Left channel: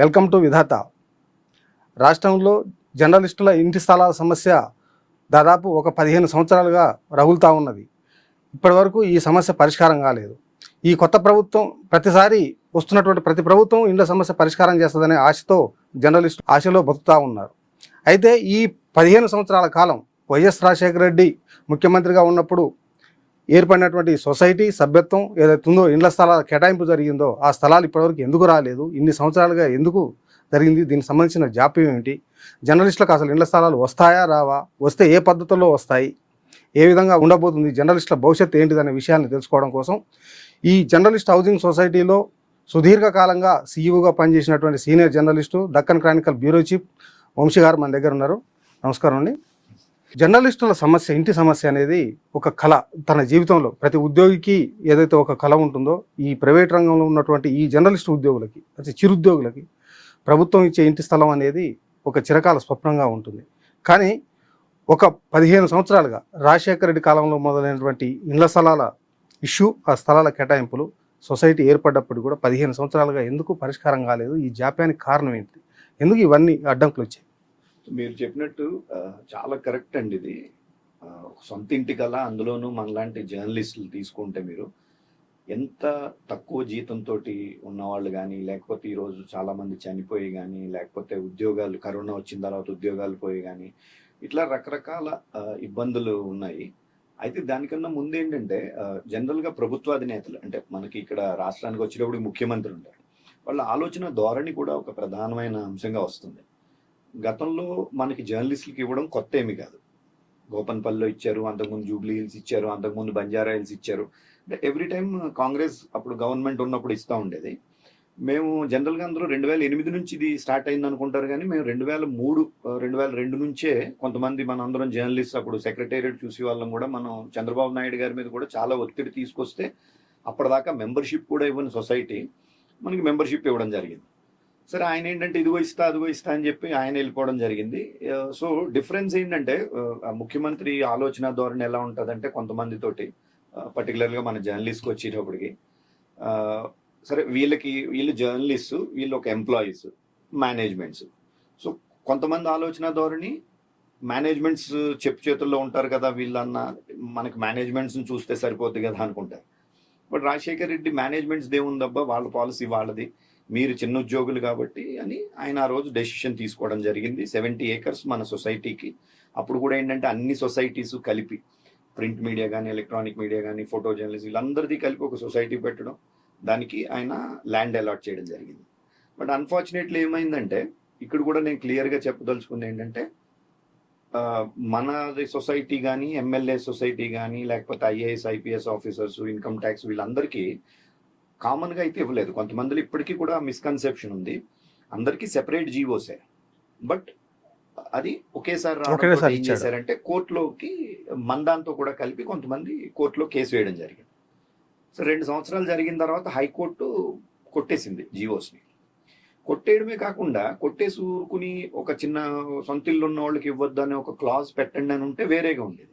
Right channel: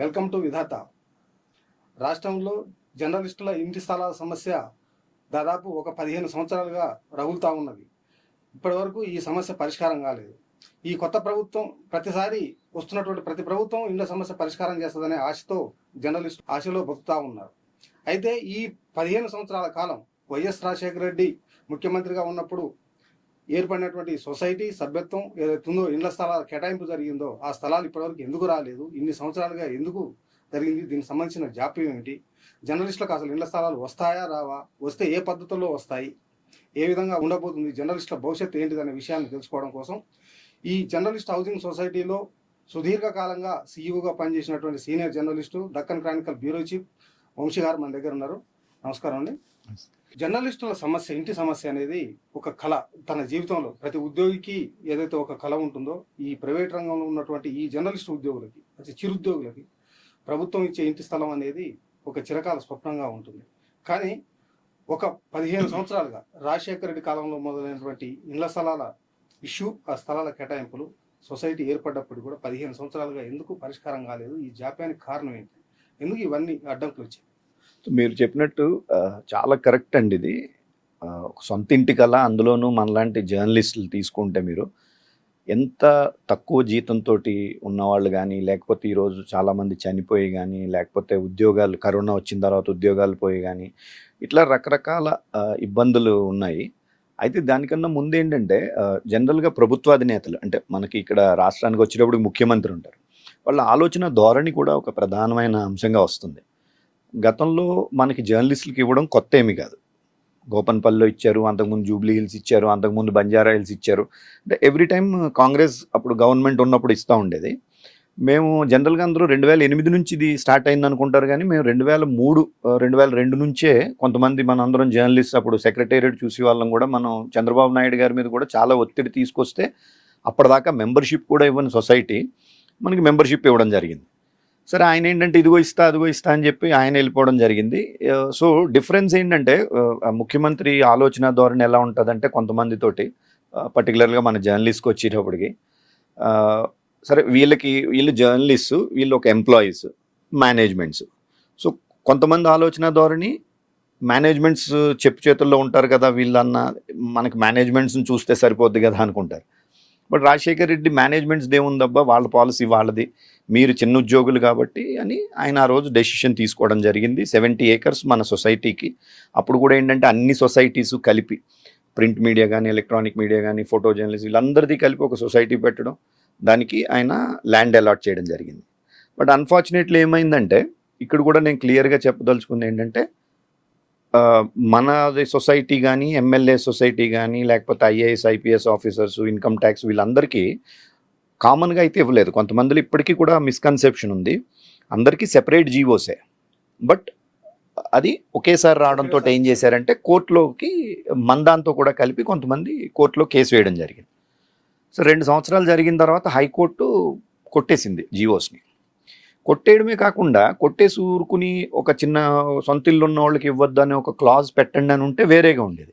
Welcome to విధాత. రాష్ట్రంలో జర్నలిస్టుల ఇంటి స్థలాల సమస్య దాదాపు ఒక 15 సంవత్సరాలుగా రగులుతూ ఉన్నది. ఇప్పటివరకు ఈ సమస్య పరిష్కారం కాలేదు. ఈ కొత్త ప్రభుత్వం ప్రతిసారి వస్తున్నటువంటి ప్రతి ప్రభుత్వం ఇండ్ల సమస్య పరిష్కారం చేస్తుందనే ఆశతో జర్నలిస్టు ఆశలో బతుకుతూ ఉన్నారు. అయితే ఈ 15 సంవత్సరాల కాలం వైఎస్ రాజశేఖర రెడ్డి ముఖ్యమంత్రిగా ఉన్నప్పుడు ఏర్పడినటువంటి సొసైటీ సభ్యత్వం ఏదైతే ఉందో, ఇండ్ల స్థలాల కేటాయింపు జరిగిందో, ఆ స్థలాలు ఇప్పటివరకు ఎందుకు రాలేదు, ఇన్ని సంవత్సరాలుగా ఎందుకు జరిగింది, దీనికి సంబంధించిన జాప్యం ఏమిటి, జర్నలిస్టులకు అసలు ఇండ్ల స్థలాలు వస్తాయా రావా, వస్తే ఏ పద్ధతుల్లో వస్తాయి, ఏ విధంగా ఉండబోతుంది, జర్నలిస్టుల భవిష్యత్తు ఏంటిదనే విషయాన్ని తెలుసుకోవడం కోసం ఈ జర్నలిస్ట్ హౌసింగ్ సొసైటీలో సుదీర్ఘకాలంగా సీఈఓగా పనిచేసినటువంటి senior journalist Deccan Chronicle bureau chief Vamshi గారు మన దగ్గర ఉన్నారు. నమస్కారం అండి. జర్నలిస్టుల సమస్య, ఇంటి సమస్య అనేది ఒక కళ. తన జీవితంలో ప్రతి ఉద్యోగికి ఏదైతే ఒక కళ ఉంటుందో, ఈ ప్రైవేట్ రంగంలో ఉన్నటువంటి ఈ జర్నలిస్టు ఉద్యోగులకి, అంటే చిరుద్యోగులకి ప్రభుత్వం ఇచ్చే ఇంటి స్థలం అనేది ఒక చిరకాల స్వప్నంగా ఉంటుంది. కానీ ఒక 15 సంవత్సరాలుగా రాజశేఖర రెడ్డి కాలంలో మొదలైనటువంటి ఇండ్ల స్థలాల ఇష్యూ, ఆ స్థలాల కేటాయింపులు సొసైటీ ఏర్పడ్డప్పుడు కూడా 15 సంవత్సరాలుగా ఎందుకు పరిష్కారం కాలేదు? ఈ జాప్యానికి కారణం ఏంటి? ఎందుకు ఇవన్నీ అడ్డంకులు వచ్చాయి? మీరు చెప్పినట్టు చాలా కరెక్ట్ అండి. ఇది ఒక సొంత ఇంటి కల, అందులోనూ మనలాంటి జర్నలిస్టులు తీసుకుంటే మీరు ఎంత తక్కువ జీతంతో ఉన్నవాళ్ళు కానీ, లేకపోతే ఈరోజు చాలామంది చనిపోయి కానీ, లేకపోతే ఉద్యోగాలు కరోనా వచ్చిన తర్వాత ఉద్యోగాలు పోయి కానీ, ఇట్లా రకరకాల ఇబ్బందులు ఉన్నాయి. అయితే దానికన్నా ముందు ఏంటంటే జనరల్గా ప్రభుత్వాధినేతలు, అంటే మనకి ఇక్కడ రాష్ట్రానికి వచ్చేటప్పుడు ముఖ్యమంత్రి ఉంటారు, వాళ్ళ ఆలోచన ధోరణి కూడా ఒక ప్రధానమైన అంశంగా వస్తుంది. గతంలో మనకి జర్నలిస్టులకి ఇవ్వడం కొత్త ఏమీ కాదు. గోపన్పల్లిలో ఇచ్చారు, అంతకుముందు జూబ్లీ హిల్స్ ఇచ్చారు, అంతకుముందు బంజారా హిల్స్ ఇచ్చారు. అంటే ఎవ్రీ టైం కాంగ్రెస్ అప్పుడు గవర్నమెంట్ ఉన్నప్పుడు ఇస్తూ ఉండేది. మేము జనరల్గా అందరూ 2008 నుంచి ఇది స్టార్ట్ అయింది అనుకుంటారు, కానీ మేము 2003, 2002 నుంచే కొంతమంది మన అందరం జర్నలిస్ట్ అప్పుడు సెక్రటేరియట్ చూసి వాళ్ళం కూడా మనం చంద్రబాబు నాయుడు గారి మీద కూడా చాలా ఒత్తిడి తీసుకొస్తే అప్పటిదాకా మెంబర్షిప్ కూడా ఇవ్వని సొసైటీ మనకి మెంబర్షిప్ ఇవ్వడం జరిగింది. సరే, ఆయన ఏంటంటే ఇదిగో ఇస్తా అదిగో ఇస్తా అని చెప్పి ఆయన వెళ్ళిపోవడం జరిగింది. సో డిఫరెన్స్ ఏంటంటే ముఖ్యమంత్రి ఆలోచన ధోరణి ఎలా ఉంటుందంటే కొంతమందితోటి, పర్టికులర్గా మన జర్నలిస్ట్కి వచ్చేటప్పటికి సరే వీళ్ళు జర్నలిస్టు, వీళ్ళు ఒక ఎంప్లాయీస్, మేనేజ్మెంట్స్. సో కొంతమంది ఆలోచన ధోరణి మేనేజ్మెంట్స్ చెప్పు చేతుల్లో ఉంటారు కదా, వీళ్ళన్న మనకి మేనేజ్మెంట్స్ని చూస్తే సరిపోద్ది కదా అనుకుంటారు. బట్ రాజశేఖర్ రెడ్డి మేనేజ్మెంట్స్ దేవుందబ్బా, వాళ్ళ పాలసీ వాళ్ళది, మీరు చిన్న ఉద్యోగులు కాబట్టి అని ఆయన ఆ రోజు డెసిషన్ తీసుకోవడం జరిగింది. 70 acres మన సొసైటీకి. అప్పుడు కూడా ఏంటంటే అన్ని సొసైటీస్ కలిపి, ప్రింట్ మీడియా కానీ, ఎలక్ట్రానిక్ మీడియా కానీ, ఫోటో జర్నలిస్ట్, వీళ్ళందరిది కలిపి ఒక సొసైటీ పెట్టడం, దానికి ఆయన ల్యాండ్ అలాట్ చేయడం జరిగింది. బట్ అన్ఫార్చునేట్లీ ఏమైందంటే, ఇక్కడ కూడా నేను క్లియర్గా చెప్పదలుచుకుంది ఏంటంటే, మనది సొసైటీ కానీ, ఎమ్మెల్యే సొసైటీ కానీ, లేకపోతే IAS IPS officers, income tax, వీళ్ళందరికీ కామన్గా అయితే ఇవ్వలేదు. కొంతమందిలో ఇప్పటికీ కూడా మిస్కన్సెప్షన్ ఉంది, అందరికీ సెపరేట్ జీవోసే. బట్ అది ఒకేసారి రావడంతో ఏం చేశారంటే కోర్టులోకి మందాంతో కూడా కలిపి కొంతమంది కోర్టులో కేసు వేయడం జరిగింది. సో 2 సంవత్సరాలు జరిగిన తర్వాత హైకోర్టు కొట్టేసింది జీవోస్ని. కొట్టేయడమే కాకుండా కొట్టేసి ఊరుకుని ఒక చిన్న సొంత ఇల్లు ఉన్న వాళ్ళకి ఇవ్వద్దు అనే ఒక క్లాజ్ పెట్టండి అని ఉంటే వేరేగా ఉండేది.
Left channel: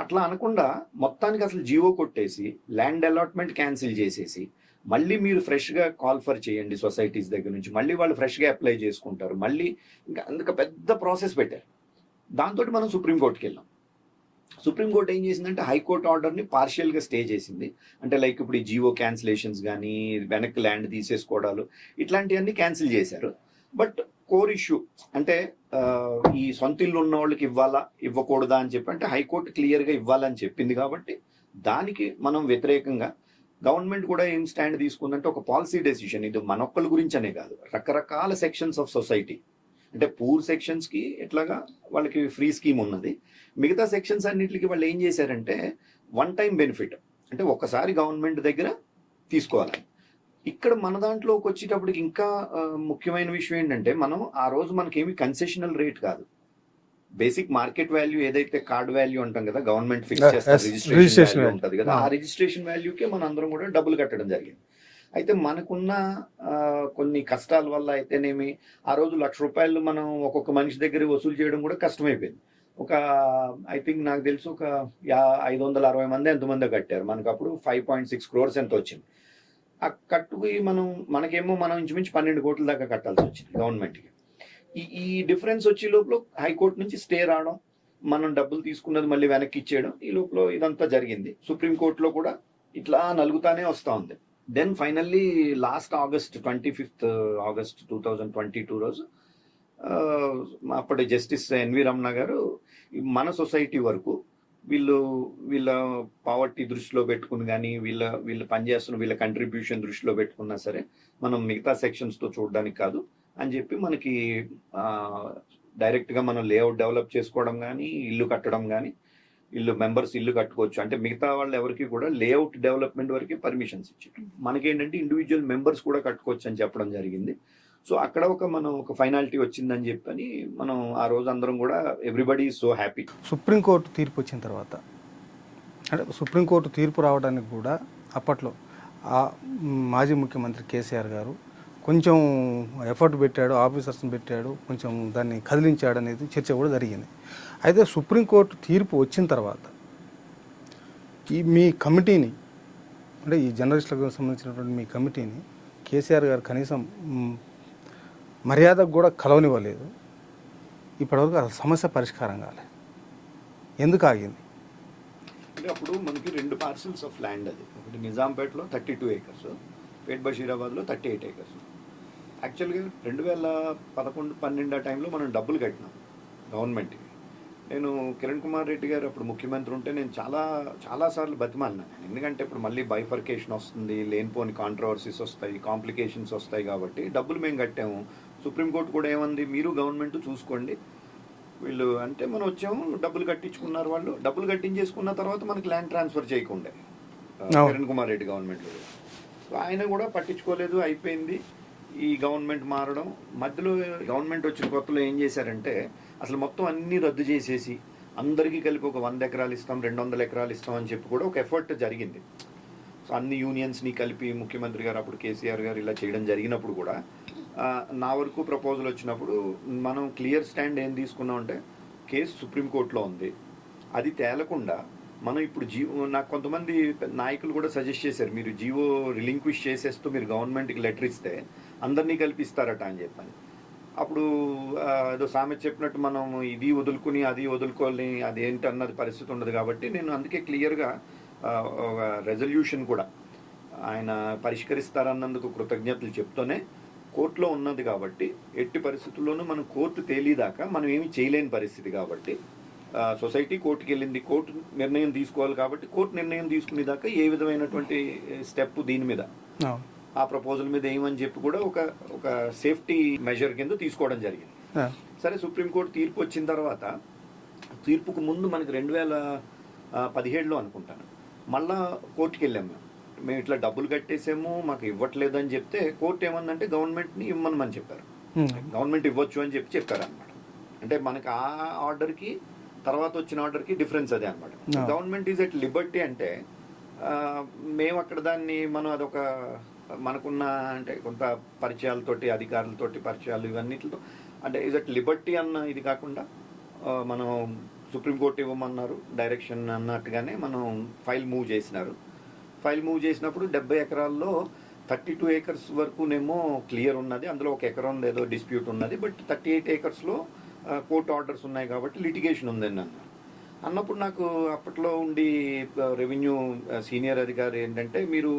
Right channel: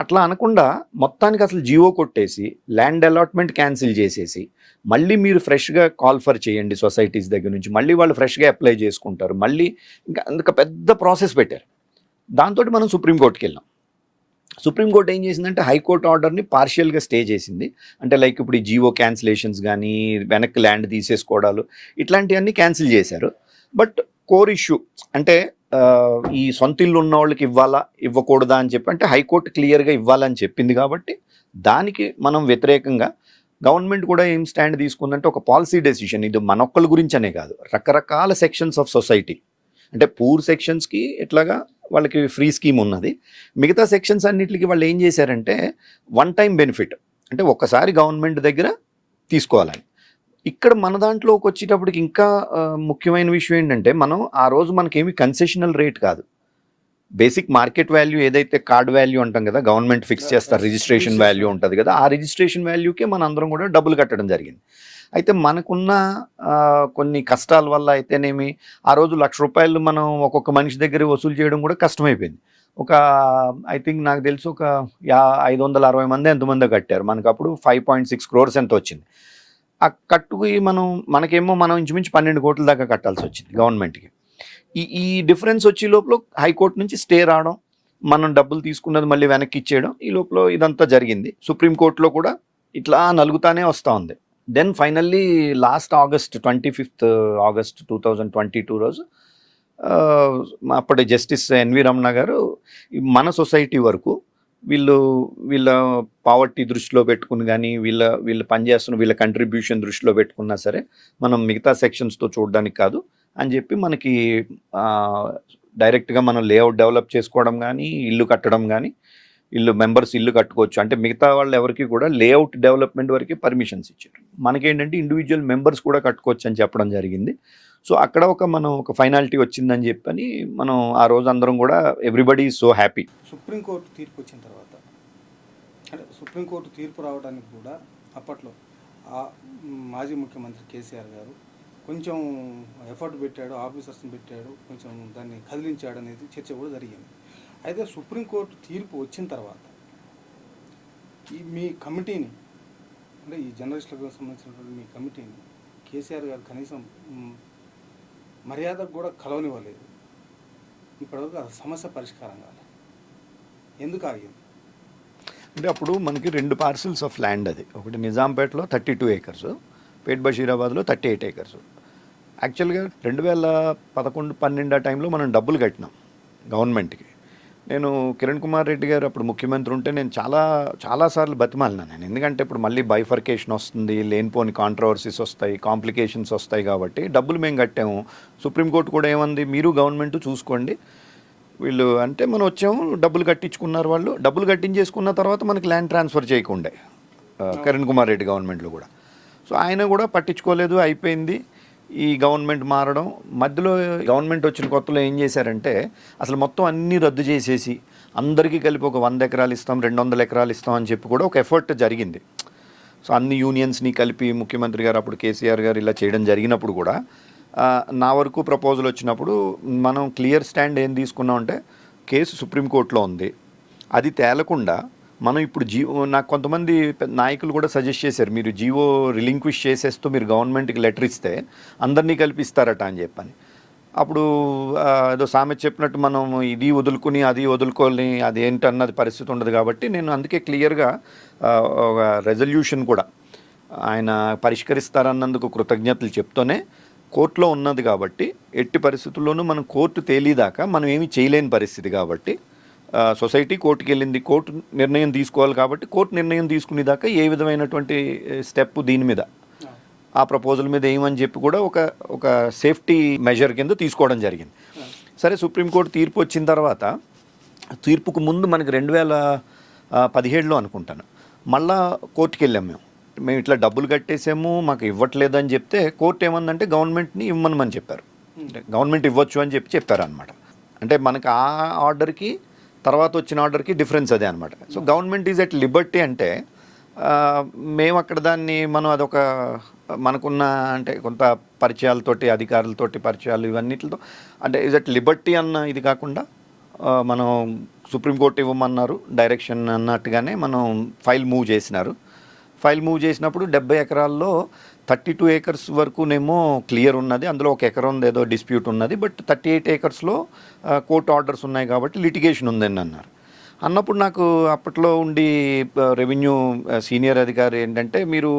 అట్లా అనకుండా మొత్తానికి అసలు జీవో కొట్టేసి ల్యాండ్ అలాట్మెంట్ క్యాన్సిల్ చేసేసి మళ్ళీ మీరు ఫ్రెష్గా కాల్ఫర్ చేయండి సొసైటీస్ దగ్గర నుంచి, మళ్ళీ వాళ్ళు ఫ్రెష్గా అప్లై చేసుకుంటారు, మళ్ళీ ఇంకా అందుకు పెద్ద ప్రాసెస్ పెట్టారు. దాంతో మనం సుప్రీంకోర్టుకి వెళ్ళాం. సుప్రీంకోర్టు ఏం చేసిందంటే హైకోర్టు ఆర్డర్ని పార్షియల్గా స్టే చేసింది. అంటే లైక్ ఇప్పుడు ఈ జీవో క్యాన్సిలేషన్స్ కానీ, వెనక్కి ల్యాండ్ తీసేసుకోవడాలు, ఇట్లాంటివన్నీ క్యాన్సిల్ చేశారు. బట్ కోర్ ఇష్యూ అంటే ఈ సొంత ఇల్లు ఉన్న వాళ్ళకి ఇవ్వాలా ఇవ్వకూడదా అని చెప్పి, అంటే హైకోర్టు క్లియర్గా ఇవ్వాలని చెప్పింది కాబట్టి దానికి మనం వ్యతిరేకంగా గవర్నమెంట్ కూడా ఏం స్టాండ్ తీసుకుందంటే ఒక పాలసీ డెసిషన్. ఇది మనొక్కల గురించి అనే కాదు, రకరకాల సెక్షన్స్ ఆఫ్ సొసైటీ, అంటే పూర్ సెక్షన్స్కి ఎట్లాగా వాళ్ళకి ఫ్రీ స్కీమ్ ఉన్నది, మిగతా సెక్షన్స్ అన్నిటికీ వాళ్ళు ఏం చేశారంటే వన్ టైం బెనిఫిట్, అంటే ఒక్కసారి గవర్నమెంట్ దగ్గర తీసుకోవాలని. ఇక్కడ మన దాంట్లోకి వచ్చేటప్పటికి ఇంకా ముఖ్యమైన విషయం ఏంటంటే, మనం ఆ రోజు మనకేమి కన్సెషనల్ రేట్ కాదు, బేసిక్ మార్కెట్ వాల్యూ ఏదైతే కార్డ్ వాల్యూ అంటాం కదా, గవర్నమెంట్ ఫిక్స్ చేస్తారు, రిజిస్ట్రేషన్ వాల్యూ ఉంటుంది కదా, ఆ రిజిస్ట్రేషన్ వాల్యూకే మన అందరం కూడా డబ్బులు కట్టడం జరిగింది. అయితే మనకున్న కొన్ని కష్టాల వల్ల అయితేనేమి ఆ రోజు ₹1,00,000 మనం ఒక్కొక్క మనిషి దగ్గర వసూలు చేయడం కూడా కష్టమైపోయింది. ఒక ఐ థింక్ నాకు తెలిసి ఒక 560 మంది ఎంతమందో కట్టారు. మనకు అప్పుడు 5.6 crores ఎంత వచ్చింది. ఆ కట్టుకి మనకేమో ఇంచుమించు 12 కోట్ల దాకా కట్టాల్సి వచ్చింది గవర్నమెంట్కి. ఈ డిఫరెన్స్ వచ్చే లోపల హైకోర్టు నుంచి స్టే రావడం, మనం డబ్బులు తీసుకున్నది మళ్ళీ వెనక్కి ఇచ్చేయడం, ఈ లోపల ఇదంతా జరిగింది. సుప్రీంకోర్టులో కూడా ఇట్లా నలుగుతానే వస్తూ ఉంది. Then finally last August 25th August 2022 రోజు అప్పటి జస్టిస్ ఎన్వి రమణ గారు మన సొసైటీ వరకు వీళ్ళ పావర్టీ దృష్టిలో పెట్టుకుని కానీ వీళ్ళు పనిచేస్తున్న వీళ్ళ కంట్రిబ్యూషన్ దృష్టిలో పెట్టుకున్నా సరే మనం మిగతా సెక్షన్స్తో చూడడానికి కాదు అని చెప్పి మనకి డైరెక్ట్గా మనం లేఅవుట్ డెవలప్ చేసుకోవడం కానీ ఇల్లు కట్టడం కానీ మెంబర్స్ ఇల్లు కట్టుకోవచ్చు అంటే మిగతా వాళ్ళు ఎవరికి కూడా లేఅవుట్ డెవలప్మెంట్ వరకు పర్మిషన్స్ ఇచ్చారు. మనకేంటంటే ఇండివిజువల్ మెంబర్స్ కూడా కట్టుకోవచ్చు అని చెప్పడం జరిగింది. సో అక్కడ ఒక ఫైనాలిటీ వచ్చిందని చెప్పని మనం ఆ రోజు అందరం కూడా ఎవ్రీబడి సో హ్యాపీ. సుప్రీంకోర్టు తీర్పు వచ్చిన తర్వాత అంటే సుప్రీంకోర్టు తీర్పు రావడానికి కూడా అప్పట్లో ఆ మాజీ ముఖ్యమంత్రి కేసీఆర్ గారు కొంచెం ఎఫర్ట్ పెట్టాడు, ఆఫీసర్స్ని పెట్టాడు, కొంచెం దాన్ని కదిలించాడు అనేది చర్చ కూడా జరిగింది. అయితే సుప్రీంకోర్టు తీర్పు వచ్చిన తర్వాత మీ కమిటీని అంటే ఈ జర్నలిస్టులకు సంబంధించినటువంటి మీ కమిటీని కేసీఆర్ గారు కనీసం మర్యాదకు కూడా కలవనివ్వలేదు. ఇప్పటివరకు ఆ సమస్య పరిష్కారం కాలేదు. ఎందుకు ఆగింది? అంటే అప్పుడు మనకి 2 పార్సిల్స్ ఆఫ్ ల్యాండ్, అది ఒకటి నిజాంపేటలో 32 acres, పేట్ బషీరాబాద్లో 38 acres. యాక్చువల్గా 2011-12 ఆ టైంలో మనం డబ్బులు కట్టినాం గవర్నమెంట్కి. నేను కిరణ్ కుమార్ రెడ్డి గారు అప్పుడు ముఖ్యమంత్రి ఉంటే నేను చాలాసార్లు బతిమాలినాను నేను. ఎందుకంటే ఇప్పుడు మళ్ళీ బైఫర్కేషన్ వస్తుంది, లేనిపోని కాంట్రవర్సీస్ వస్తాయి, కాంప్లికేషన్స్ వస్తాయి కాబట్టి డబ్బులు మేము కట్టాము. సుప్రీంకోర్టు కూడా ఏమంది, మీరు గవర్నమెంట్ చూసుకోండి వీళ్ళు అంటే మనం వచ్చాము, డబ్బులు కట్టించుకున్నారు వాళ్ళు. డబ్బులు కట్టించేసుకున్న తర్వాత మనకి ల్యాండ్ ట్రాన్స్ఫర్ చేయకుండే కిరణ్ కుమార్ రెడ్డి గవర్నమెంట్లో కూడా. సో ఆయన కూడా పట్టించుకోలేదు, అయిపోయింది. ఈ గవర్నమెంట్ మారడం మధ్యలో గవర్నమెంట్ వచ్చిన కొత్తలో ఏం చేశారంటే అసలు మొత్తం అన్నీ రద్దు చేసేసి అందరికీ కలిపి ఒక 100 ఎకరాలు ఇస్తాం, 200 ఎకరాలు ఇస్తాం అని చెప్పి కూడా ఒక ఎఫర్ట్ జరిగింది. సో అన్ని యూనియన్స్ని కలిపి ముఖ్యమంత్రి గారు అప్పుడు కేసీఆర్ గారు ఇలా చేయడం జరిగినప్పుడు కూడా నా వరకు ప్రపోజల్ వచ్చినప్పుడు మనం క్లియర్ స్టాండ్ ఏం తీసుకున్నాం అంటే కేసు సుప్రీంకోర్టులో ఉంది, అది తేలకుండా మనం ఇప్పుడు నాకు కొంతమంది నాయకులు కూడా సజెస్ట్ చేశారు, మీరు జీవో రిలింక్విష్ చేసేస్తూ మీరు గవర్నమెంట్కి లెటర్ ఇస్తే అందరినీ కల్పిస్తారట అని చెప్పని. అప్పుడు ఏదో సామెత చెప్పినట్టు మనం ఇది వదులుకుని అది వదులుకోని అది ఏంటి అన్నది పరిస్థితి ఉండదు కాబట్టి నేను అందుకే క్లియర్గా ఒక రెజల్యూషన్ కూడా ఆయన పరిష్కరిస్తారన్నందుకు కృతజ్ఞతలు చెప్తూనే కోర్టులో ఉన్నది కాబట్టి ఎట్టి పరిస్థితుల్లోనూ మనం కోర్టు తేలిదాకా మనం ఏమీ చేయలేని పరిస్థితి కాబట్టి సొసైటీ కోర్టుకి వెళ్ళింది, కోర్టు నిర్ణయం తీసుకోవాలి కాబట్టి కోర్టు నిర్ణయం తీసుకునేదాకా ఏ విధమైనటువంటి స్టెప్ దీని మీద ఆ ప్రపోజల్ మీద ఏమని చెప్పి కూడా ఒక సేఫ్టీ మెజర్ కింద తీసుకోవడం జరిగింది. సరే సుప్రీంకోర్టు తీర్పు వచ్చిన తర్వాత తీర్పుకు ముందు మనకి 2017లో అనుకుంటాను మళ్ళా కోర్టుకి వెళ్ళాం. మేము ఇట్లా డబ్బులు కట్టేసాము, మాకు ఇవ్వట్లేదు అని చెప్తే కోర్టు ఏమందంటే గవర్నమెంట్ని ఇవ్వమని చెప్పారు. గవర్నమెంట్ ఇవ్వచ్చు అని చెప్పారు అనమాట. అంటే మనకి ఆ ఆర్డర్కి తర్వాత వచ్చిన ఆర్డర్కి డిఫరెన్స్ అదే అనమాట. So government is at Liberty అంటే మేము అక్కడ దాన్ని మనం అదొక మనకున్న అంటే కొంత పరిచయాలతోటి అధికారులతోటి పరిచయాలు ఇవన్నిటితో అంటే ఈజ్ ఎట్ లిబర్టీ అన్న ఇది కాకుండా మనం సుప్రీంకోర్టు ఇవ్వమన్నారు డైరెక్షన్ అన్నట్టుగానే మనం ఫైల్ మూవ్ చేసినారు. ఫైల్ మూవ్ చేసినప్పుడు 70 ఎకరాల్లో 32 acres వరకునేమో క్లియర్ ఉన్నది, అందులో 1 ఎకరం ఏదో డిస్ప్యూట్ ఉన్నది. బట్ 38 acresలో కోర్టు ఆర్డర్స్ ఉన్నాయి కాబట్టి లిటిగేషన్ ఉందని అన్నప్పుడు నాకు అప్పట్లో ఉండి రెవెన్యూ సీనియర్ అధికారి ఏంటంటే మీరు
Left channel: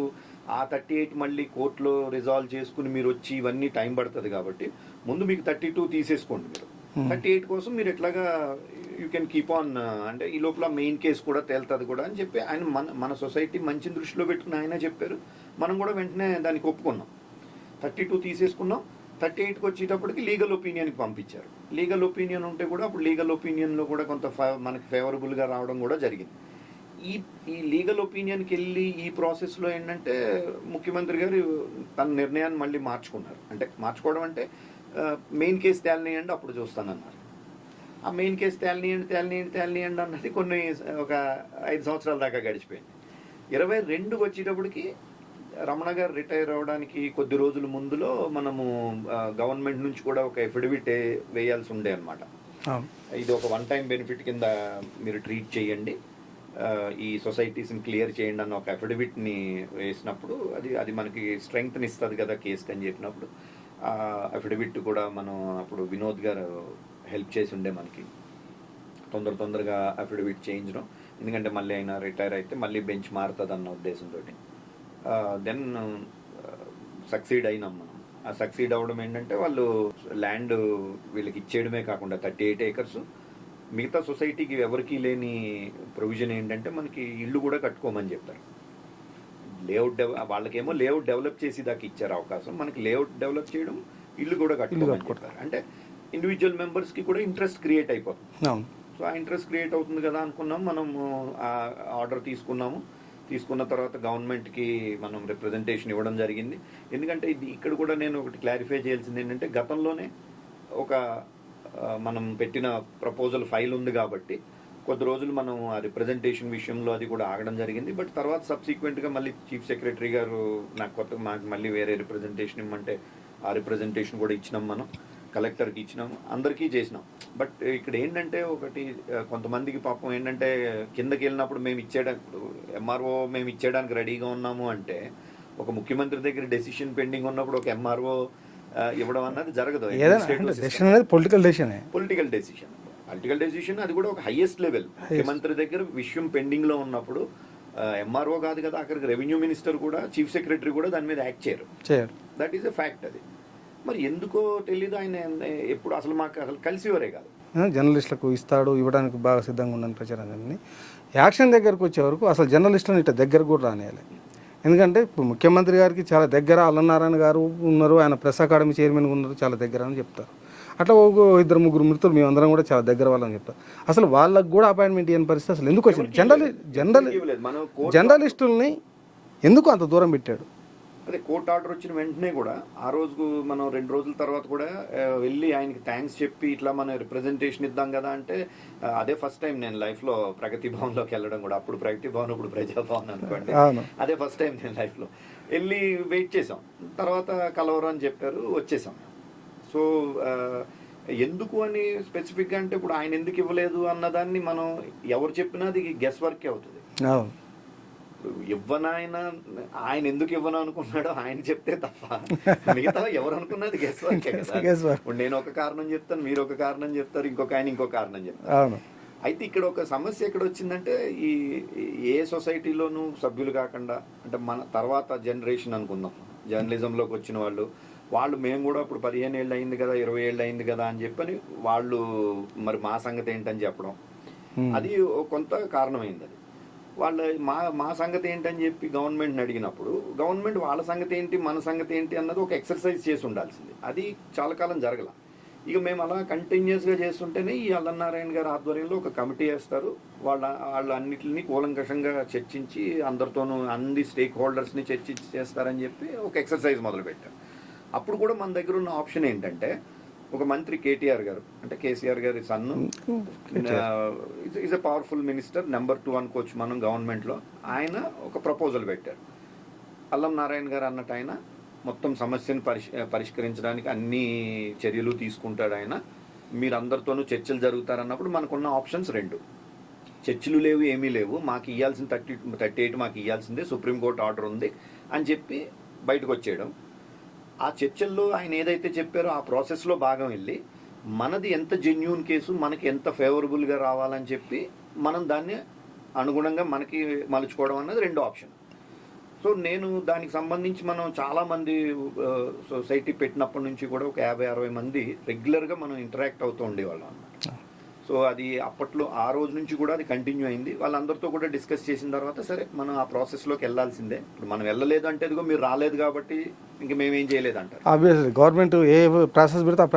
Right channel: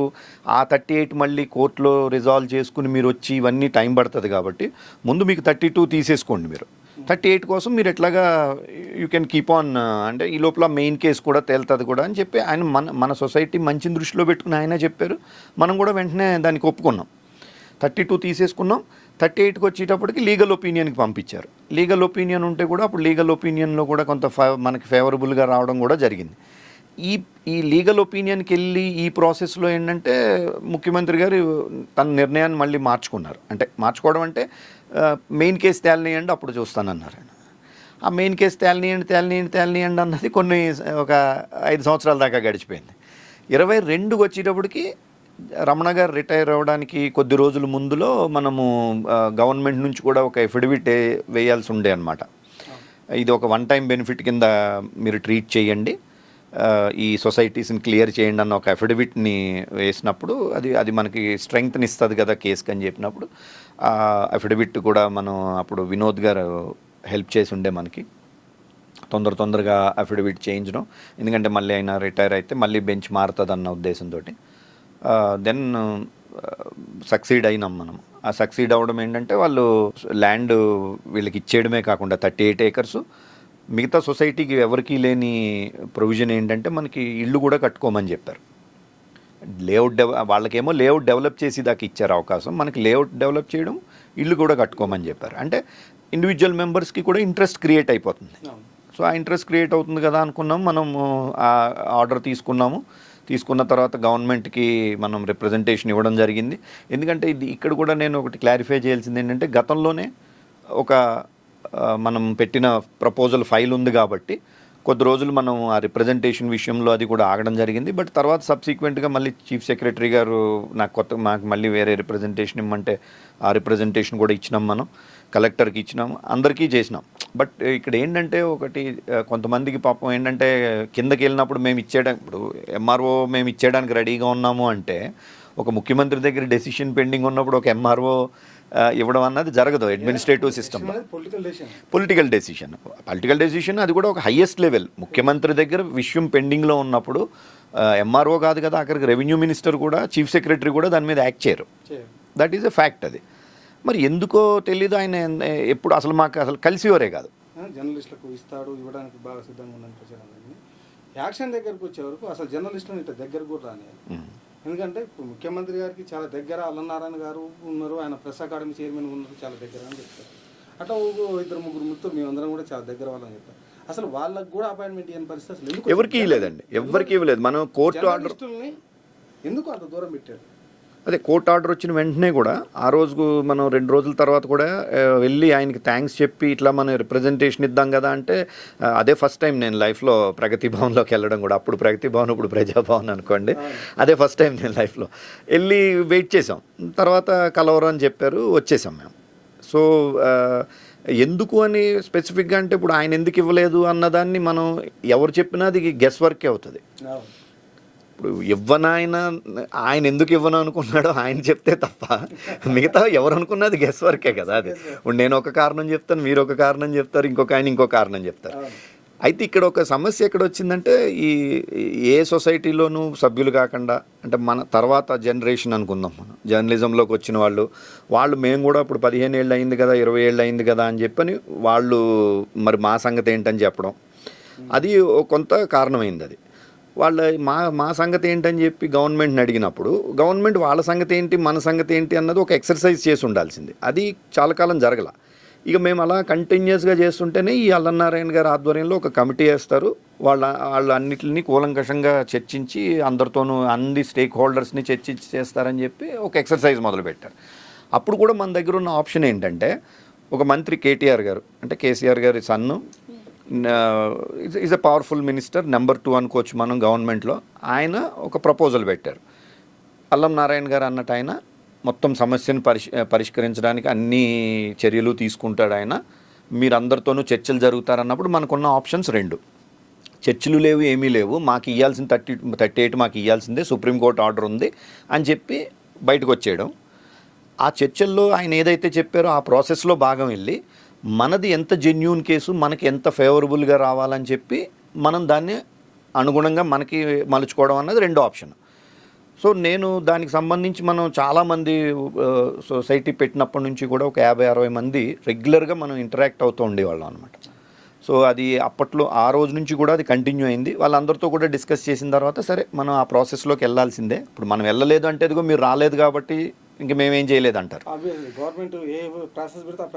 ఆ 38 మళ్ళీ కోర్టులో రిజాల్వ్ చేసుకుని మీరు వచ్చి ఇవన్నీ టైం పడుతుంది కాబట్టి ముందు మీకు 32 తీసేసుకోండి, మీరు 38 కోసం మీరు ఎట్లాగా యూ కెన్ కీప్ ఆన్ అంటే ఈ లోపల మెయిన్ కేసు కూడా తేలుతుంది కూడా అని చెప్పి ఆయన మన సొసైటీ మంచిని దృష్టిలో పెట్టుకుని ఆయన చెప్పారు. మనం కూడా వెంటనే దానికి ఒప్పుకున్నాం, 32 తీసేసుకున్నాం. 38కి వచ్చేటప్పటికి లీగల్ ఒపీనియన్కి పంపించారు. లీగల్ ఒపీనియన్ ఉంటే కూడా అప్పుడు లీగల్ ఒపీనియన్లో కూడా కొంత మనకి ఫేవరబుల్గా రావడం కూడా జరిగింది. ఈ లీగల్ ఒపీనియన్కి వెళ్ళి ఈ ప్రాసెస్లో ఏంటంటే ముఖ్యమంత్రి గారు తన నిర్ణయాన్ని మళ్ళీ మార్చుకున్నారు. అంటే మార్చుకోవడం అంటే మెయిన్ కేసు తేలనీయండి అప్పుడు చూస్తానన్నారు. ఆ మెయిన్ కేసు తేలనీయండి అన్నది ఒక 5 సంవత్సరాల దాకా గడిచిపోయింది. 22కి వచ్చేటప్పటికి రమణ గారు రిటైర్ అవ్వడానికి కొద్ది రోజుల ముందులో మనము గవర్నమెంట్ నుంచి కూడా ఒక ఎఫిడవిట్ వేయాల్సి ఉండే అనమాట. ఇది ఒక 1 టైం బెనిఫిట్ కింద మీరు ట్రీట్ చేయండి, ఈ సొసైటీస్ని క్లియర్ చేయండి అన్న ఒక అఫిడవిట్ని వేసినప్పుడు అది మనకి స్ట్రెంగ్త్ని ఇస్తుంది కదా కేసుకి అని చెప్పినప్పుడు అఫిడవిట్ కూడా మనం అప్పుడు వినోద్ గారు హెల్ప్ చేసి ఉండే మనకి తొందరగా అఫిడవిట్ చేయించడం, ఎందుకంటే మళ్ళీ ఆయన రిటైర్ అయితే మళ్ళీ బెంచ్ మారుతుంది అన్న ఉద్దేశంతో దెన్ సక్సీడ్ అయినాం మనం. ఆ సక్సీడ్ అవ్వడం ఏంటంటే వాళ్ళు ల్యాండ్ వీళ్ళకి ఇచ్చేయడమే కాకుండా 38 acres మిగతా సొసైటీకి ఎవరికీ లేని ప్రొవిజన్ ఏంటంటే మనకి ఇల్లు కూడా కట్టుకోమని చెప్పారు. వాళ్ళకేమో లేఅవుట్ డెవలప్ చేసి దాకా ఇచ్చారు అవకాశం, మనకి లేఅవుట్ డెవలప్ చేయడం, ఇల్లు కూడా కట్టుకోమని చెప్పారు. అంటే ఇండివిజువల్ మెంబర్స్కి కూడా ఇంట్రెస్ట్ క్రియేట్ అయిపోతుంది. సో ఆ ఇంట్రెస్ట్ క్రియేట్ అవుతుంది కదా అనుకున్నాం, మనం ఆ ఆర్డర్ తీసుకున్న తర్వాత గవర్నమెంట్కి మనం రిప్రజెంటేషన్ ఇవ్వడం జరిగింది. ఎందుకంటే ఇక్కడ కూడా నేను ఒకటి క్లారిఫై చేయాల్సింది ఏంటంటే గతంలోనే ఒక మనం పెట్టిన ప్రపోజల్ ఫైల్ ఉంది కాబట్టి కొద్ది రోజులు మనం ఆ రిప్రజెంటేషన్ విషయంలో అది కూడా ఆగడం జరిగింది. బట్ తర్వాత సబ్సిక్వెంట్గా మళ్ళీ చీఫ్ సెక్రటరీ గారు మాకు మళ్ళీ వేరే రిప్రజెంటేషన్ ఇమ్మంటే ఆ రిప్రజెంటేషన్ కూడా ఇచ్చినాం, మనం కలెక్టర్కి ఇచ్చినాం, అందరికీ చేసినాం. బట్ ఇక్కడ ఏంటంటే ఒకటి కొంతమందికి పాపం ఏంటంటే కిందకి వెళ్ళినప్పుడు ఇప్పుడు ఎంఆర్ఓ మేము ఇచ్చేయడానికి రెడీగా ఉన్నాము అంటే ఒక ముఖ్యమంత్రి దగ్గర డెసిషన్ పెండింగ్ ఉన్నప్పుడు ఒక ఎంఆర్ఓ ఇవ్వడం అన్నది జరగదు. అడ్మినిస్ట్రేటివ్ సిస్టమ్ పొలిటికల్ డెసిషన్ అది కూడా ఒక హైయెస్ట్ లెవెల్. ముఖ్యమంత్రి దగ్గర విషయం పెండింగ్లో ఉన్నప్పుడు ఎంఆర్ఓ కాదు కదా, అక్కడికి రెవెన్యూ మినిస్టర్ కూడా చీఫ్ సెక్రటరీ కూడా దాని మీద యాక్ట్ చేయరు. That is a fact. అది మరి ఎందుకో తెలీదు, ఆయన ఎప్పుడు అసలు మాకు అసలు కలిసివరే కాదు. జర్నలిస్టులకు ఇవ్వడానికి బాగా సిద్ధంగా ఉండని ప్రచారాన్ని యాక్షన్ దగ్గరకు వచ్చే వరకు అసలు జర్నలిస్టులను ఇట్లా దగ్గర కూడా రానియాలి. ఎందుకంటే ఇప్పుడు ముఖ్యమంత్రి గారికి చాలా దగ్గర అల్లనారాయణ గారు ఉన్నారు, ఆయన ప్రెస్ అకాడమీ చైర్మన్ ఉన్నారు, చాలా దగ్గర అని చెప్తారు. అట్లా ఒక 2-3 మిత్రులు మేమందరం కూడా చాలా దగ్గర వాళ్ళని చెప్తారు. అసలు వాళ్ళకు కూడా అపాయింట్మెంట్ ఇవ్వని పరిస్థితి అసలు ఎందుకు? జర్నలిస్టుల్ని ఎందుకు అంత దూరం పెట్టాడు? అదే కోర్టు ఆర్డర్ వచ్చిన వెంటనే కూడా ఆ రోజు మనం 2 రోజుల తర్వాత కూడా వెళ్ళి ఆయనకి థ్యాంక్స్ చెప్పి ఇట్లా మనం రిప్రజెంటేషన్ ఇద్దాం కదా అంటే అదే ఫస్ట్ టైం నేను లైఫ్లో ప్రగతి భవన్లోకి వెళ్ళడం కూడా. అప్పుడు ప్రగతి భవన్, ఇప్పుడు ప్రజాభవన్ అనుకోండి. అదే ఫస్ట్ టైం నేను లైఫ్లో వెళ్ళి వెయిట్ చేసాం. తర్వాత కలవరు అని చెప్పారు, వచ్చేసాం మేము. సో ఎందుకు అని స్పెసిఫిక్గా అంటే ఇప్పుడు ఆయన ఎందుకు ఇవ్వలేదు అన్నదాన్ని మనం ఎవరు చెప్పినా అది గెస్ వర్కే అవుతుంది. ఇప్పుడు ఆయన ఎందుకు ఇవ్వను అనుకున్నాడో ఆయన చెప్తే తప్ప మిగతా ఎవరు అనుకున్నది గెస్ వర్కే కదా. ఇప్పుడు నేను ఒక కారణం చెప్తాను, మీరు ఒక కారణం చెప్తారు, ఇంకొక ఆయన ఇంకో కారణం చెప్తారు. అయితే ఇక్కడ ఒక సమస్య ఎక్కడ వచ్చిందంటే ఈ ఏ సొసైటీలోనూ సభ్యులు కాకుండా అంటే మన తర్వాత జనరేషన్ అనుకుందాం, మనం జర్నలిజంలోకి వచ్చిన వాళ్ళు మేము కూడా ఇప్పుడు 15 ఏళ్ళు అయింది కదా, 20 ఏళ్ళు అయింది కదా అని చెప్పని వాళ్ళు మరి మా సంగతి ఏంటని చెప్పడం, అది కొంత కారణమైంది. అది వాళ్ళ మా సంగతి ఏంటని చెప్పి గవర్నమెంట్ని అడిగినప్పుడు గవర్నమెంట్ వాళ్ళ సంగతి ఏంటి మన సంగతి ఏంటి అన్నది ఒక ఎక్సర్సైజ్ చేసి ఉండాల్సింది. అది చాలా కాలం జరగల. ఇక మేము అలా కంటిన్యూస్గా చేస్తుంటేనే ఈ అల్లనారాయణ గారి ఆధ్వర్యంలో ఒక కమిటీ వేస్తారు. వాళ్ళు అన్నిటిని కూలంకషంగా చర్చించి అందరితోనూ అన్ని స్టేక్ హోల్డర్స్ని చర్చించి చేస్తారని చెప్పి ఒక ఎక్సర్సైజ్ మొదలుపెట్టారు. అప్పుడు కూడా మన దగ్గర ఉన్న ఆప్షన్ ఏంటంటే ఒక మంత్రి కేటీఆర్ గారు అంటే కేసీఆర్ గారి son is a powerful minister, number 2 అనుకోవచ్చు మనం గవర్నమెంట్లో. ఆయన ఒక ప్రపోజల్ పెట్టారు. అల్లం నారాయణ గారు అన్నట్టు ఆయన మొత్తం సమస్యను పరిష్కరించడానికి అన్ని చర్యలు తీసుకుంటాడు ఆయన. మీరందరితోనూ చర్చలు జరుగుతారన్నప్పుడు మనకున్న ఆప్షన్స్ 2. చర్చలు లేవు, ఏమీ లేవు, మాకు ఇవ్వాల్సిన 38 మాకు ఇవ్వాల్సిందే, సుప్రీంకోర్టు ఆర్డర్ ఉంది అని చెప్పి బయటకు వచ్చేయడం. ఆ చర్చల్లో ఆయన ఏదైతే చెప్పారో ఆ ప్రాసెస్లో భాగం వెళ్ళి మనది ఎంత జెన్యూన్ కేసు, మనకి ఎంత ఫేవరబుల్గా రావాలని చెప్పి మనం దాన్ని అనుగుణంగా మనకి మలుచుకోవడం అన్నది 2వ ఆప్షన్. సో నేను దానికి సంబంధించి మనం చాలామంది సొసైటీ పెట్టినప్పటి నుంచి కూడా ఒక 50-60 మంది రెగ్యులర్గా మనం ఇంటరాక్ట్ అవుతూ ఉండేవాళ్ళం అనమాట. సో అది అప్పట్లో ఆ రోజు నుంచి కూడా అది కంటిన్యూ అయింది. వాళ్ళందరితో కూడా డిస్కస్ చేసిన తర్వాత సరే మనం ఆ ప్రాసెస్లోకి వెళ్ళాల్సిందే, ఇప్పుడు మనం వెళ్ళలేదు అంటే ఇదిగో మీరు రాలేదు కాబట్టి ఇంక మేమేం చేయలేదు అంటారు. గవర్నమెంట్ ఏ ప్రాసెస్ పెడితే ఆ